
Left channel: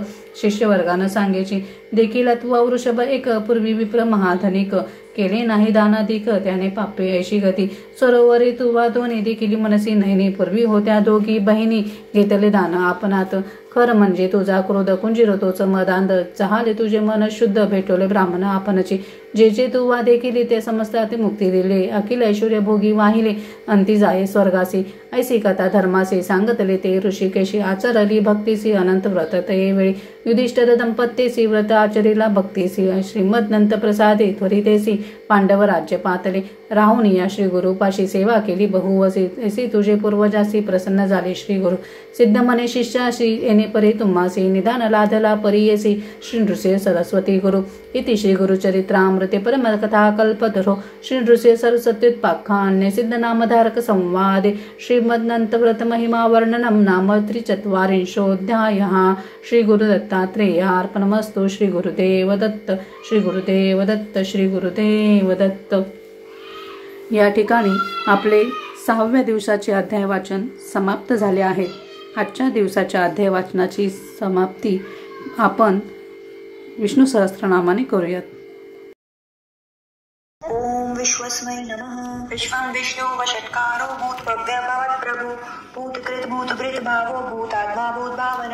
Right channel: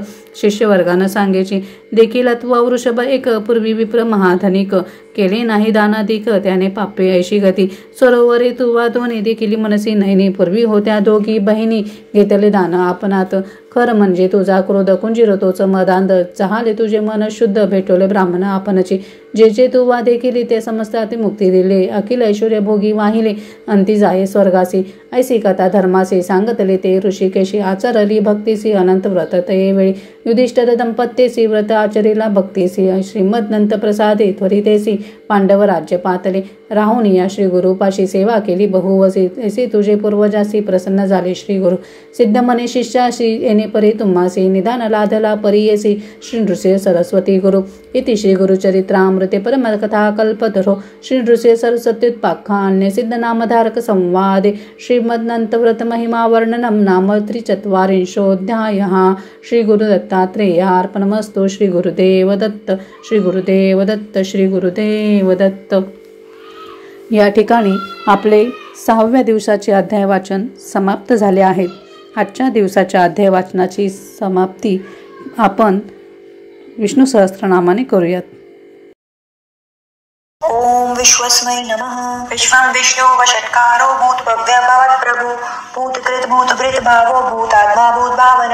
शिष्यवर्गानं सांगेची देखील तुवा वृषभ एक पूर्वी विप्र महाधनिक केले नाही दानाधिक त्याने पापे ऐशी गती सरोवरे तुवा दोन्ही देखील मनसी नैनी पूर्वी होत्या दोघी बहिणी घेतले दान आपणात खर म्हणजे तुझा क्रोध कुंजिर तोच मदांध चहाले तुझे मन शुद्ध भेटवले ब्राह्मण आपणची जे जे तुवा देखील ते समजता मुक्ती दिले अखिल ऐश्वर्य भोगी वाहिले अंती जाये स्वर्गासी ऐसी कथा धर्मासी सांगतले ते ऋषिकेशी आचारली भक्तीसी अनंत व्रत ते वेळी युधिष्ठिर दंपत्येसी व्रत आचरिला भक्तीसी श्रीमद प्रसादे त्वरितेसी पांडव राज्य पातले राहून या श्री गुरुपाशी सेवा केली बहुवसी ऐसी तुझे पूर्वजासी प्रसन्न झाले श्री गुरु सिद्ध मने शिष्याशी येणे परी तुम्हासी निदान लाधला परियेसी श्री नृसिंह सरस्वती गुरु इति श्री गुरुचरित्रामृते परमकथा कल्पतरो श्री नृसिंह सरस्वत्युत्पाख्याने सिद्ध नामधारक संवादे श्रीमद्नंतव्रत महिमा वर्णनम नाम 43 श्री गुरुदत्तात्रेयार्पणमस्तु श्री गुरुदेव दत्त श्री गुरुदेव दत्त श्री गुरुदेव दत्त। या ठिकाणी आपले 6व्या दिवसाचे अध्याय वाचन समाप्त झाले आहे। आजच्या दिवसाच्या अध्याय वाचनाची समाप्ती आपण विष्णू सहस्त्रनामाने करूयात। ओम विश्वस्मै नमः। विश्वं विष्णु वषट्कारो भूत भव्यभवत् प्रभु भूतकृत भूतभृत भावो भूतात्मा भूतभावन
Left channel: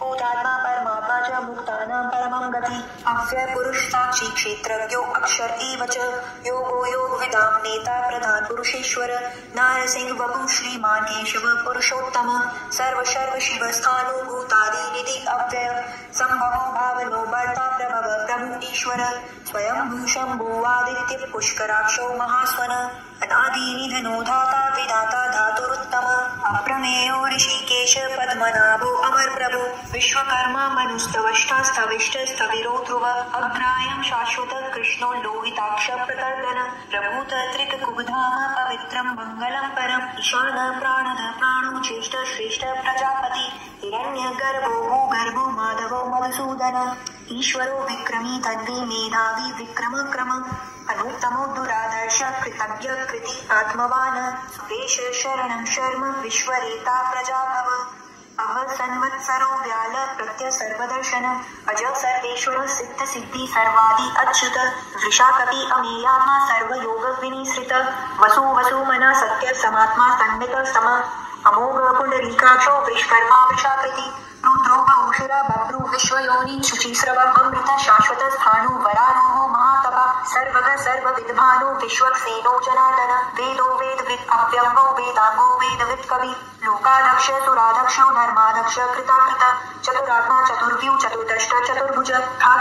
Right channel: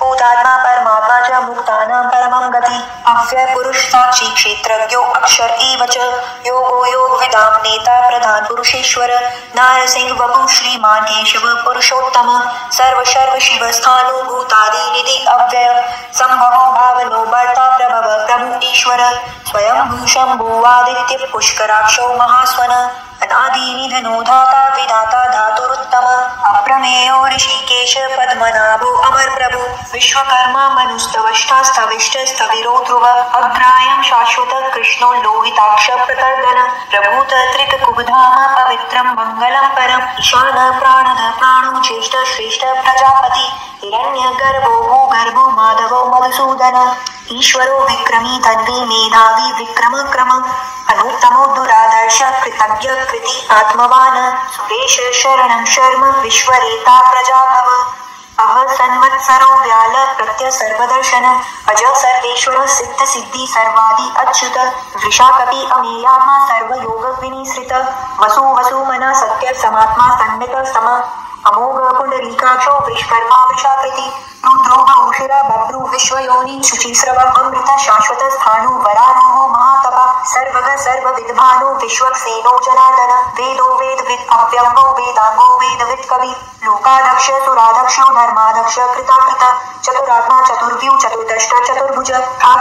भूतात्मा परमात्मा च मुक्तानां परमं गति अव्यय पुरुष साक्षी क्षेत्रज्ञो अक्षर एव च योगो योगविदां नेता प्रधान पुरुषेश्वर नारसिंह वपु श्रीमान केशव पुरुषोत्तम सर्व शिव स्थानो भूतादि निधि अव्यय संभवो भावनो भर्ता प्रभव प्रभु ईश्वर स्वयं शंभु आदित्य पुष्कराक्षो महास्वन अनादि निधनो धाता विधाता धातुरुत्तम अप्रमेयो ऋषिकेश पद्मनाभो अमर प्रभु विश्वकर्मा मनुस्तवष्टा स्थविष्ट स्थविरो ध्रुव अग्रायं शाश्वत कृष्णो लोहिताक्ष प्रतर्दन प्रभूत त्रिककुबधाम पवित्रं मंगलं परम ईशान प्राणद प्राणो ज्येष्ठ श्रेष्ठ प्रजापति हिरण्यगर्भो भूगर्भो माधवो मधुसूदन ईश्वरो विक्रमी तन्वी मेधावी विक्रम क्रम अनुत्तमो दुरादर्श कृतज्ञ कृति आत्मवान सुरेश शरणं शर्म विश्वरेता प्रजाभव अह सन्वत्सरो व्याल प्रत्य सर्वदर्शन अज सर्वेश्वर सिद्ध सिद्धि सर्वादि अच्युत वृषाकपि अमेयात्मा सर्वयोग विनिसृत वसु वसु मना सत्य समात्मा सन्नित सम अमोघ पुंडरीकाक्षो विश्वकर्मा वृषाकृति रुद्रो बहुशिरा बभ्रु विश्वयोनि शुचिस्रव अमृत शाश्वत स्थाणु वरारोहो महातपा सर्वग सर्वविद्भानो विश्वक्सेनो जनार्दन वेदो वेदविद अव्यंगो वेदांगो वेदविद कवि लोकादक्ष सुरादक्षो धर्मादक्ष कृताकृत चतुरात्मा चतुर्व्यू चतुर्दष्ट चतुर्भुज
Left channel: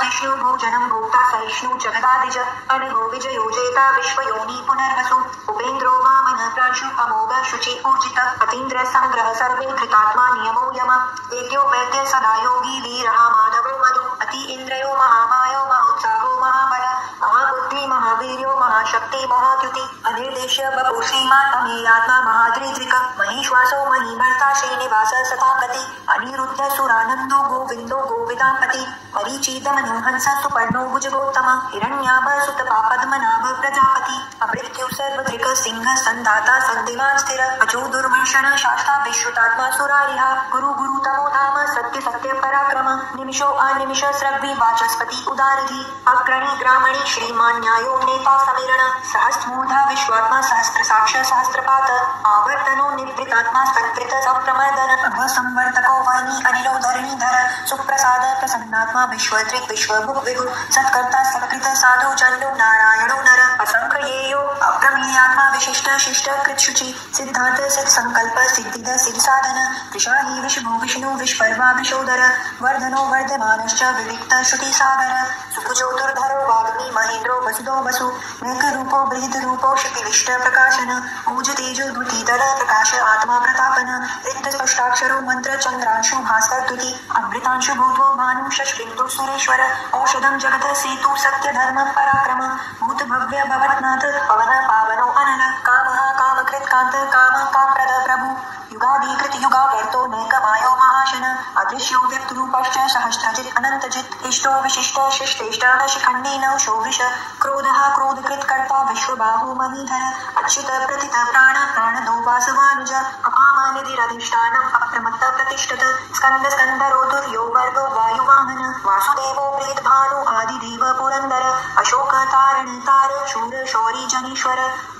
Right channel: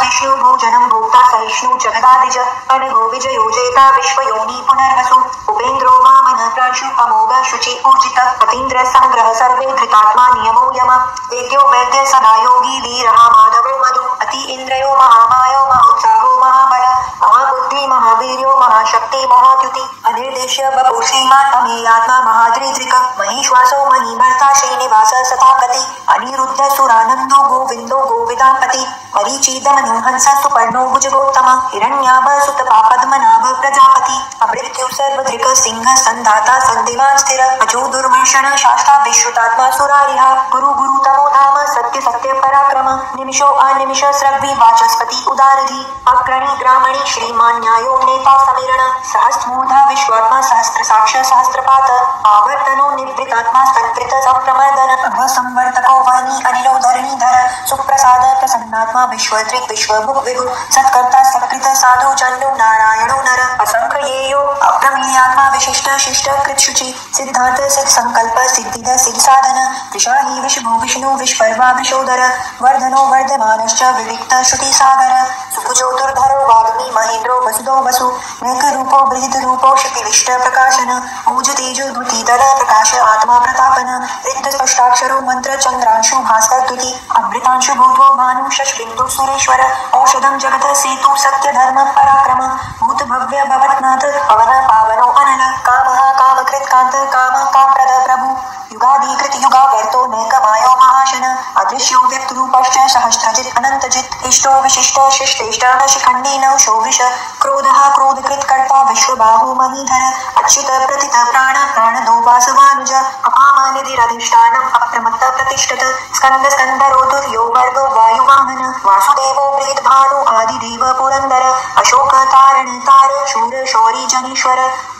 विष्णु भोजनं भोक्ता सहिष्णु जगदादिज अनघो विजयो जेता विश्वयोनि पुनर्वसु उपेन्द्रो वामन प्रांशु अमोघ शुचि ऊर्जित अतीन्द्र संग्रह सर्वे धृतात्मा नियमो यम वेद्यो वैद्य सदा योगी वीरः माधवो मधु अति इंद्रयो महामायो महोत्साहो महाबल महाबुद्धि महावीर्यो महाशक्ति महाद्युति अनिर्देश्य बभू श्रीमान् अमेयात्मा महाद्रिद्रिक महेश्वासो महीमर्ता श्रीनिवास सतापति अनिरुद्ध सुरानंदो गोविंदो गोविदापति मरीचिदमनुहंस सुपर्णो भुजगोत्तम हिरण्याभ सुत पद्मनाभ प्रजापति अमृत्यु सर्वधृक सिंह संधाता संधिमान स्थिर अजो दुर्मर्षण शास्ता विश्रुतात्मा सुरारिहा गुरु गुरुतमो धाम सत्य सत्य पराक्रम निमिषो अनिमिष स्रग्वी वाचस्पति उदारधि अग्रणी ग्रामणी श्रीमान न्यायो नेता समीरण सहस्रमूर्धा विश्वात्मा सहस्त्र साक्ष सहस्त्रपात आवर्तनो निवृतात्मा संकृत संप्रमर्दन अभसंवर्तको वाणी अनिलो धरणीधर सुप्रसाद प्रसन्नात्मा विश्वदृक् विश्वभुक् विभु सत्कर्ता सत्कृत साधु चंडो नारायणो नर असंख्येयो अप्रमेयात्मा विशिष्ट शिष्ट कृतशुचि सिद्धार्थ सिद्ध संकल्प सिद्धिद सिद्ध साधन विशाही विष्णु विष्णु विश्वकर्मा विशोदर वर्धनो वर्धमानश्च विविक्त श्रुति सागर सुभुजो दुर्धरो वाग्मी महेन्द्रो वसुदो वसु नेक रूपो बृहद रूपो क्षितिविष्ट प्रकाशन ऊज तेजो द्युतितर प्रकाश आत्मा प्रतापन रिक्त स्पष्टाक्षरो मंत्र चंद्रांशु भास्कर द्युति अमृतांशु भूतो भानु शशबिंदु सुरेश्वर औषधम जगत सेतु सत्य धर्म पराक्रम भूत भव्य भवत्नाथ पवन पावनो अनल कामः कामकृत कांत काम कामप्रद प्रभु युगाधिकृत युगावर्तो नैकमायो महाशन अदृश्यो व्यक्तरूपश्च सहस्रजित् अनन्तजित् इष्टो विशिष्ट शिष्टेष्ट शिखण्डेन शोभिष क्रोधः क्रोधकृत कर्ता विश्वबाहु महीधर अच्युत प्रतित प्राण प्राणदो वासवानुज अपामानिधिरधिष्ठानम् अप्रमत्त प्रतिष्ठत स्कंद स्कंदरो दुर्यो वर्गो वायुवाहन वासुदेवो प्रीतभानु आदिदेव पुरंदर अशोक तारण तार शूर शौरी जनीश्वर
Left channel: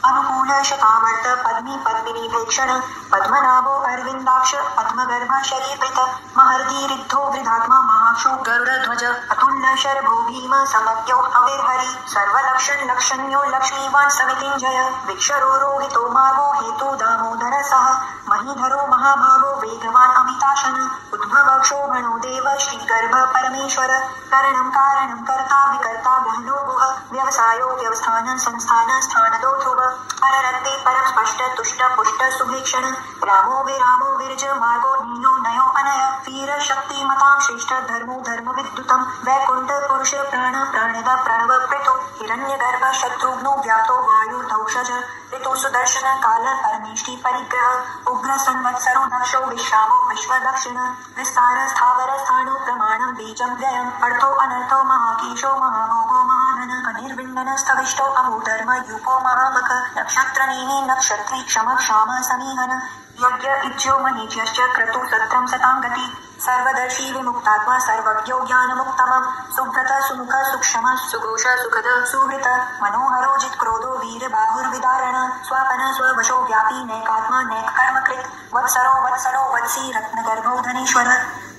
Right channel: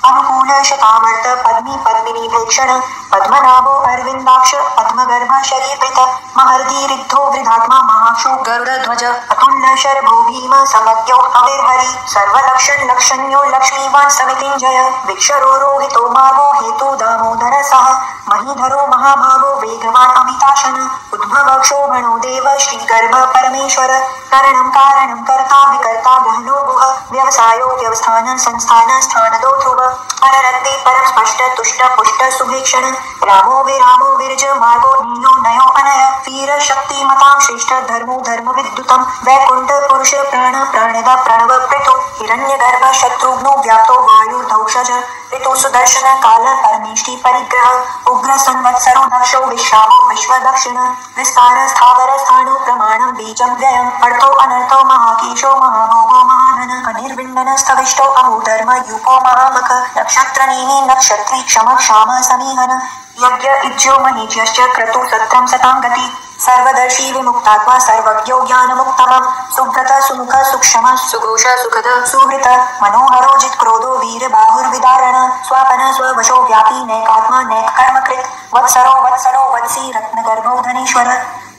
अनुकूल शतावर्त पद्मी पद्मिनी भेक्षण पद्मनाभो अरविंदाक्ष पद्मगर्भ शरीरकृत महर्दि रिद्धो वृद्धात्मा महाशो गरुड़ध्वज अतुल्य शरभो भीम समज्ञो हविर्हरि सर्वलक्षण लक्षण्यो लक्ष्मीवान् समितिञ्जय विक्षरो रोहितो मार्गो हेतु दामोदर सह महीधरो महाभागो वेगवान् अमिताशन उद्भव क्षोभणो देव श्रीगर्भ परमेश्वर करणं कारणं कर्ता विकर्ता गहनो गुह व्यवसायो व्यवस्थान संस्थान स्थानदो ध्रुव पररत्ते परम स्पष्ट तुष्ट पुष्ट सुभीक्षण रामो विरामो विरज मार्गो नीलो नयो अनय वीर शक्ति मतां श्रेष्ठ धर्मो धर्म विद्युतम वैकुंठ पुरुष प्राण प्राणद प्रणव प्रतो हिरण्यगर्भ शत्रुघ्नो व्याप्तो वायु धौषज ऋतु सुदर्शन काल परमेष्टि परिग्रह उग्र संवत्सरो दक्षो विश्रामो विश्व दक्षिण विस्तार स्थावर स्थाणु प्रमाणं बीजं व्ययम् अर्थो अनर्थो महाकेशो महाभोगो महाधन अनिर्विण्डन स्तविष्टो अहोधर्म यूपो महामख नक्षत्रनेमि नक्षत्री क्षम क्षाम समीहन यज्ञ इज्यो महीज्यश्च क्रतु सत्रं सतां गति सर्वदर्शी विमुक्तात्मा सर्वज्ञो ज्ञानमुक्तमं सुव्रत सुमुख सुक्षम सुघोष सुखद सुहृत मनोहरो जित्क्रोधो वीर बाहुर्विदारण स्वापन स्ववशो व्यापी नैकात्मा नैक कर्मकृत वत्सरो वत्सरो वत्सी रत्नगर्भो धनेश्वर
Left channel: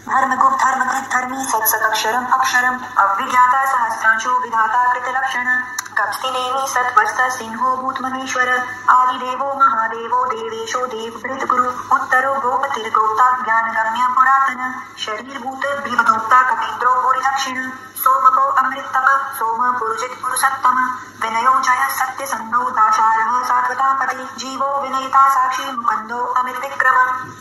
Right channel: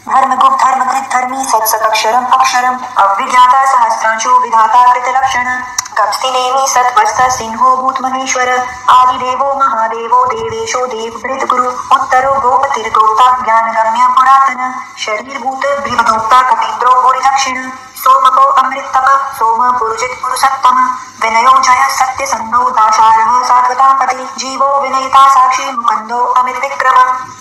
धर्मगुप्त धर्मकृत धर्मी सत्सदक्षरम अक्षरम अविज्ञाता सहस्रांशो विधाता कृतलक्षण कप्स्तिनेमि सत्वस्त सिंहो भूत महेश्वर आदिदेवो महादेवो देवेशो देवभृत गुरु उत्तरो गोपतिर्गोप्ता ज्ञानगम्य पुरातन शरीरभूत बृहदोक्ता कपीन्द्रो भूरि दक्षिण सोमको अमृततप सोम पुरुजित पुरुषोत्तम विनयो जय सत्यसन्धो दाशारः सात्वतापति जीवो विनयिता साक्षी मुकुन्दो अमित विक्रम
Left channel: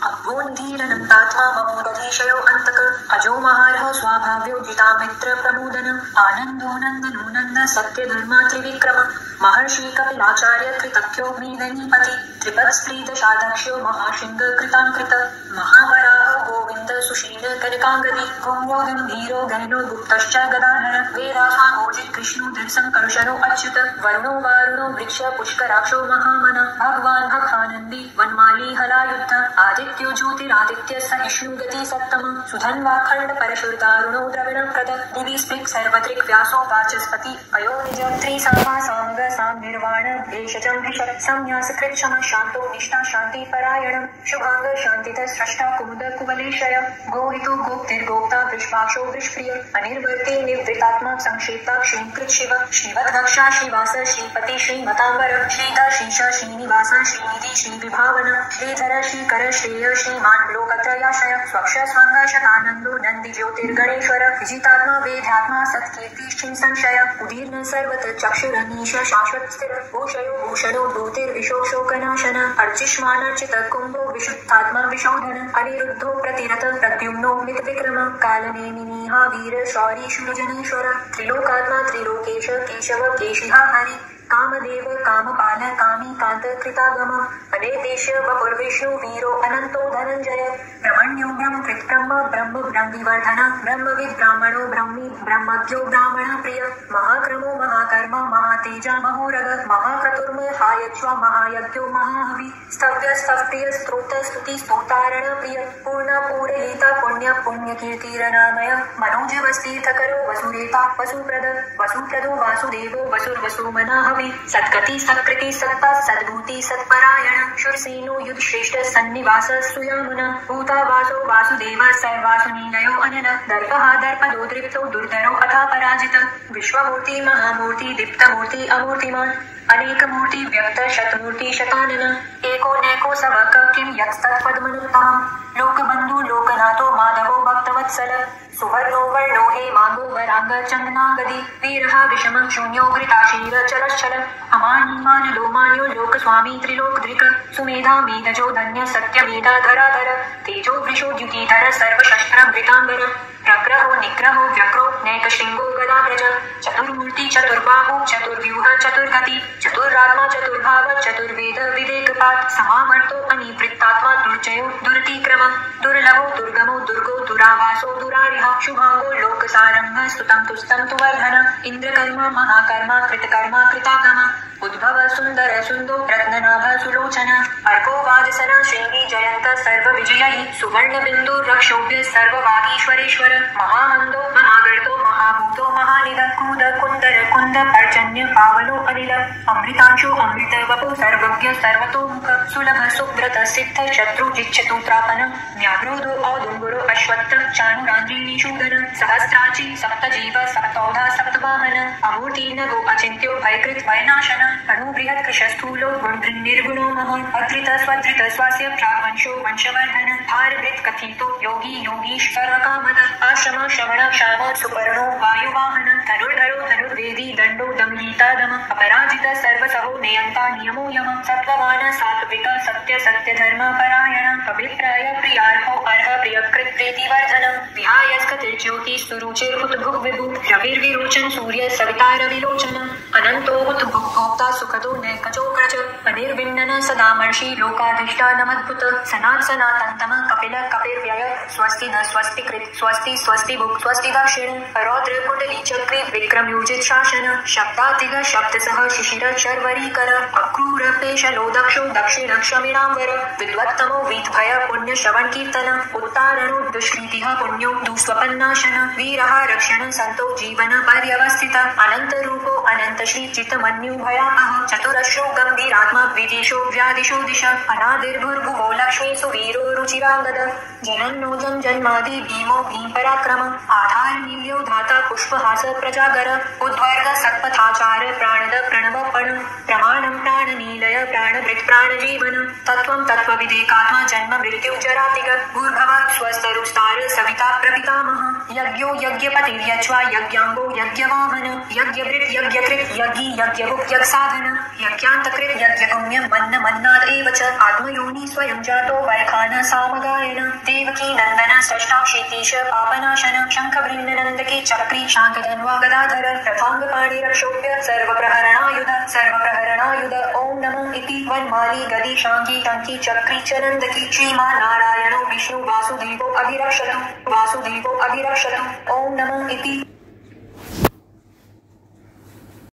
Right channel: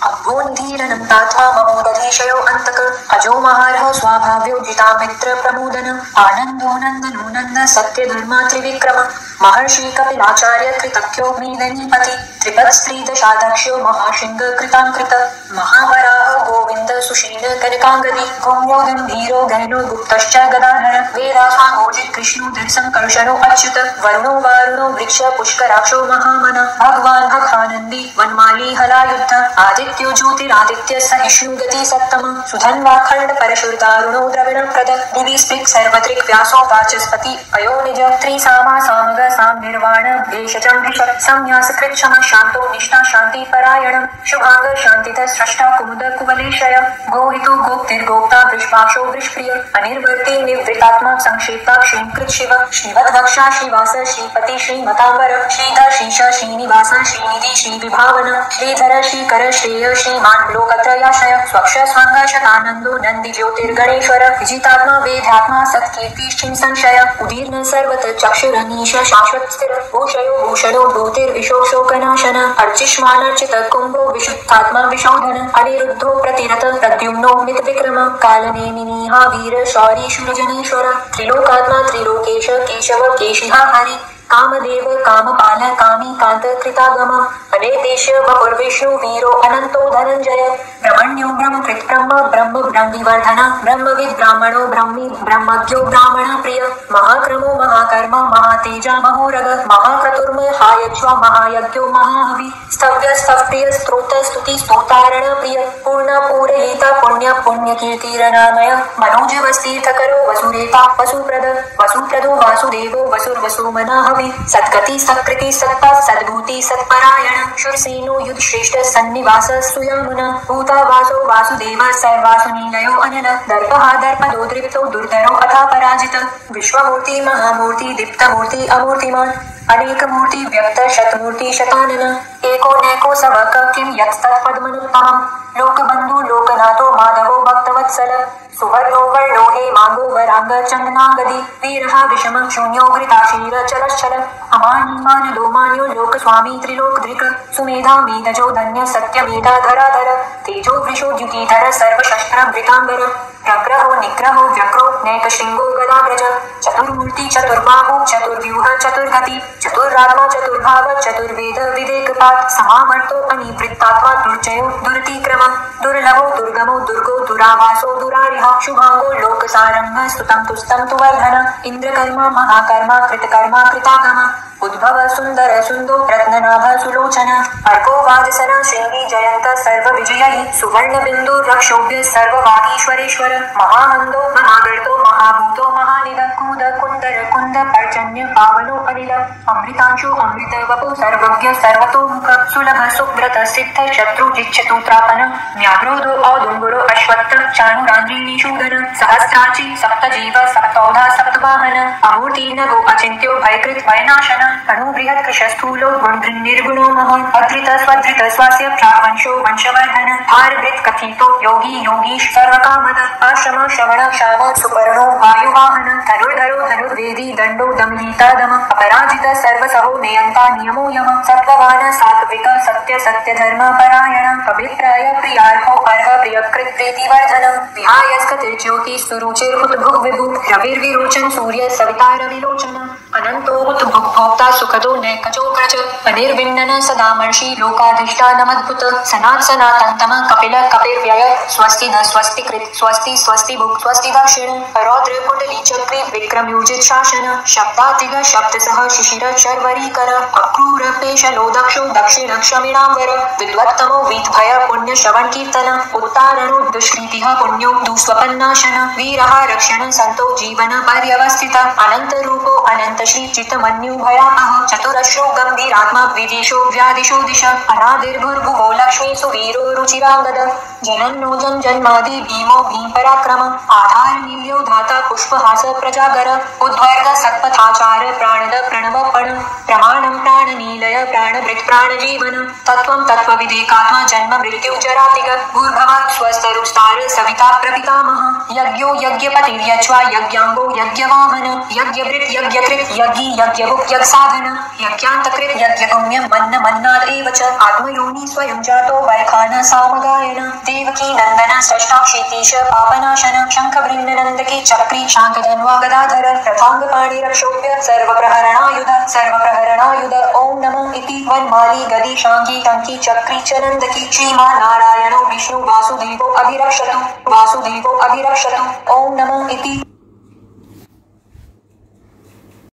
अभ्योन्धीरनन्ताथा ममोदधीशयो अन्तक अजो महारः स्वाभाव्यो जिता मित्र प्रमोदन आनन्दो नन्दनो नन्द सत्यधर्मा त्रिविक्रम महर्षि कपिलाचार्य कृतज्ञोऽग्निदनीपति त्रिपत्स्त्रीदशाध्यक्षो महाशृङ्ग कृताङ्कृत महावराह गोविन्द सुशील कनकाङ्गदी गौम्यो गम्भीरो गहनो गुप्तश्च गदाधर वेदासामोजित कृष्णोदर संकर्षणो अच्युत वरुणो वारुणो वृक्ष पुष्कराक्षो महामन भगवान् भगानन्दी वनमाली हलायुद्ध आदित्यो ज्योतिरादित्य सहिष्णु गति सत्तम सुधन्वाखण्ड परशुर्दारुणो द्रविणप्रद दिवि स्पृक् सर्वदृक् व्यासो वाचस्पति अयो निज त्रिसामा सामग साम निर्वाण भेषजं भिषक् संन्यास कृच्छम शान्तो निष्ठा शान्ति परायणं शुभांग शान्तितः स्रष्टा कुमुद कुवलेशय गोहितो गोप्तिर्गोप्ता वृषभाक्षो वृषप्रिय अनिर्वर्ति निवृत्तात्मा संक्षेपा क्षीणकृत शिव श्रीवद्वक्षा श्रीवास श्रीपति श्रीमतांबर श्रीधर श्रीश श्रीनिवास श्रीनिधि श्रीविभावन श्रीधर श्रीकर श्रेय श्रीमान लोकत्रयाशय स्वक्ष स्वांग शतानंदो नंदि ज्योतिर्गणेश्वर विजितात्मा वेदात्मा सत्कीर्ति श्री संशय उदीर्ण सर्वत चक्षुरनीश शाश्वत स्थिर भूषयो भूषणो भूतिर्विशोकनाशन अर्चिष्मानर्चित कुंभो विशुद्धात्मा विशोधन अनिरुद्धो प्रतिरत प्रद्युम्नो मित विक्रम कालनेमिनीहा वीर शौरी शूरजनेश्वर त्रिलोकात्मा त्रिलोकेश केशव केशिहा हरि कामदेव कामपाल कामी कांत कृतागम अनेदेश वपुर्विष्णु वीरो अनंतो धनंजय ब्रह्मण्यो ब्रह्मकृत ब्रह्म ब्रह्म ब्रह्मविवर्धन ब्रह्मविद ब्राह्मणो ब्रह्मी ब्रह्मज्ञो ब्राह्मण प्रिय महाक्रमो महाकर्म महातेजा महोरग महाक्रतुर्महायज्वा महायज्ञो महाहवि स्तव्य स्तवप्रिय स्तोत्र स्तुति स्तोतारण प्रिय पूर्ण पूरयिता पुण्य पुण्यकीर्तिरनामय मनोजवस्तीर्थकरो वसुरेता वसुप्रदो वासुदेवो वसुर्वसुमनः सत्कति सत्कृति सत्ता सद्भूति सत्परायण शूरसेनो युध श्रेष्ठ सन्निवास सुयामुन भूता वासो वासुदेव सर्वासु नीलयो अनिल दर्पहा दर्पदो द्रिवतो दुर्धरो अथा पराजित विश्वमूर्ति महामूर्ति दीप्तमूर्ति अमूर्तिमान अनेक मूर्ति व्यक्त शतमूर्ति शतानन एको नैको सवक किम यत्तत्पद्मनुत्तमम् लोकबंधु लोकनाथो माधवो भक्तवत्सल सुवर्णो वर्णो हे मांगो वरांग चंदनागदी वीरहा विषम शून्यो घृताशीर चलश्चल अमानिमान लोमान्यो लोक स्वामी त्रिलोकधृक सुमेधा मेधजो धन्य सत्य मेधा धराधर तेजो वृषो द्युतिधर सर्वशस्त्र वृतांबर प्रग्रहो निग्रहो व्यग्रो नैकशृंगो गदाव्रज चतुर्मूर्ति चतुर्बाहु चतुर्व्यूह चतुर्गति चतुरात्मा चतुर्भाव चतुर्वेद विवेकपात समावर्तो अनिवृत्तात्मा दुर्जयो दुरतिक्रम दुर्लभो दुर्गमो दुर्गो दुरावासो दुरारिह शुभांगो लोकसारंग स्तुतं तुस्तं तुवर्धन इंद्रकर्मा महाकर्मा कृतकर्मा कृतागम उद्भव सुंदर सुंदो रत्ननाभ सुलोचन अर्को वाजसना श्रेणी जयंत सर्व विजयी सुवर्ण बिंदु रक्षोभ्य सर्व वागीश्वरेश्वर महानंदो महागर्तो महाभूतो महानिद कूद कुंदर कुंद पर्जन्य पावनो अनिल अमृतांशो अमृत वपु सर्वज्ञ सर्वतोमुख सुलभ सुव्रत सिद्ध शत्रु जिच्छतु त्रापन न्याग्रोधो औदुंगुरो अश्वत्थ चाणुरांद्रीनिषूदन सहस्राची सप्तजीव सप्तौधा सप्तवाहन अमूर्तिर्नभो अचिन्त्यो भयकृत भयनाशन अणुबृहत् कृशस्थूलो निर्गुणो महन् अधृत स्वधृत स्वास्य प्रावंशो वंशवर्धन भारभृत् कथितो योगी योगीश सर्वकामद आश्रम श्रवण क्षाम सुपर्णो वायुवाहन धनुर्धरो धनुर्वेदी दंडो दमनीता दम अपराजित सर्वसहो नियंता नियमो यम सत्ववान सात्विक सत्य सत्य धर्म परायण अभिप्राय प्रियार्हो अर्ह प्रियकृत प्रीतिवर्धन विहायस्कतिर्ज्योति सुरुचिर्हुतभुग् विभु रविर्विरोचन सूर्य सविता रविलोचन अनंतोहुत भोक्ता सुखदो नैकजो ग्रज अनिर्विण्णन सदामर्षि लोकाधिष्ठानमद्भुत सनात् सनातन्तम कपिल कपिर्व्यय स्वस्ति न स्वस्ति कृत स्वस्ति स्वस्ति भुक् स्वस्ति दक्षिण रौद्र कुंडली चक्री विक्रमयोजित शासन शब्दातिग शब्द सह शिशिर शर्वरीकर अक्रूर पेशलो दक्षो दक्षिण क्षमिणांबर विद्वत्तमो वीतभय पुण्य श्रवण कीर्तन उत्तारणो दुष्कृतिः पुण्यो दुस्वपन्नाशन वीरः रक्षण संतो जीवन पर्यवस्थित अनंत रूपो अनंत श्री चित्तमन्यु भयापः चतुरश्रो गंभीरात्मा द्विजेशो व्यादिशो दिश अनादिर्भुर्भुवो लक्ष्मी सुवीरो रुचिरांगद जनन्नो जन्मादि भीमो भीम पराक्रम आधार नील्यो धाता पुष्पहास प्रजागर उद्वर्ग सत्पथाचार प्राणद प्रणवपण प्रमाणं प्राणनीलय प्राणभृत् प्राणजीवन तत्त्वं तत्त्वविदेकात्मा जन्म मृत्यु जरातिग भूर्भुवः स्वस्तरुस्तार सविता प्रपितामह यज्ञो यज्ञपतिर्यज्वा यज्ञांगो यज्ञवाहन यज्ञभृत् यज्ञकृत् यज्ञी यज्ञभुक् यज्ञसाधन यज्ञान्तकृत् यज्ञगम्यं मन्न मन्नादेव च आत्मयोनि स्वयं जातो वैखान सामगायन देवकी नंदन षष्ठाक्षितीश पापनाशन शंखभृन्ननन्दकी चक्री शांतधन्वा गदाधर रथांगपाणि रक्षोभ्य सर्वप्रहरणायुध ओम नमः इति वनमाली गदी शांगी टंकी चक्री च नंदकी श्रीमान नारायणो विष्णु वासुदेवो अभिरक्षतु ओम नमः इति।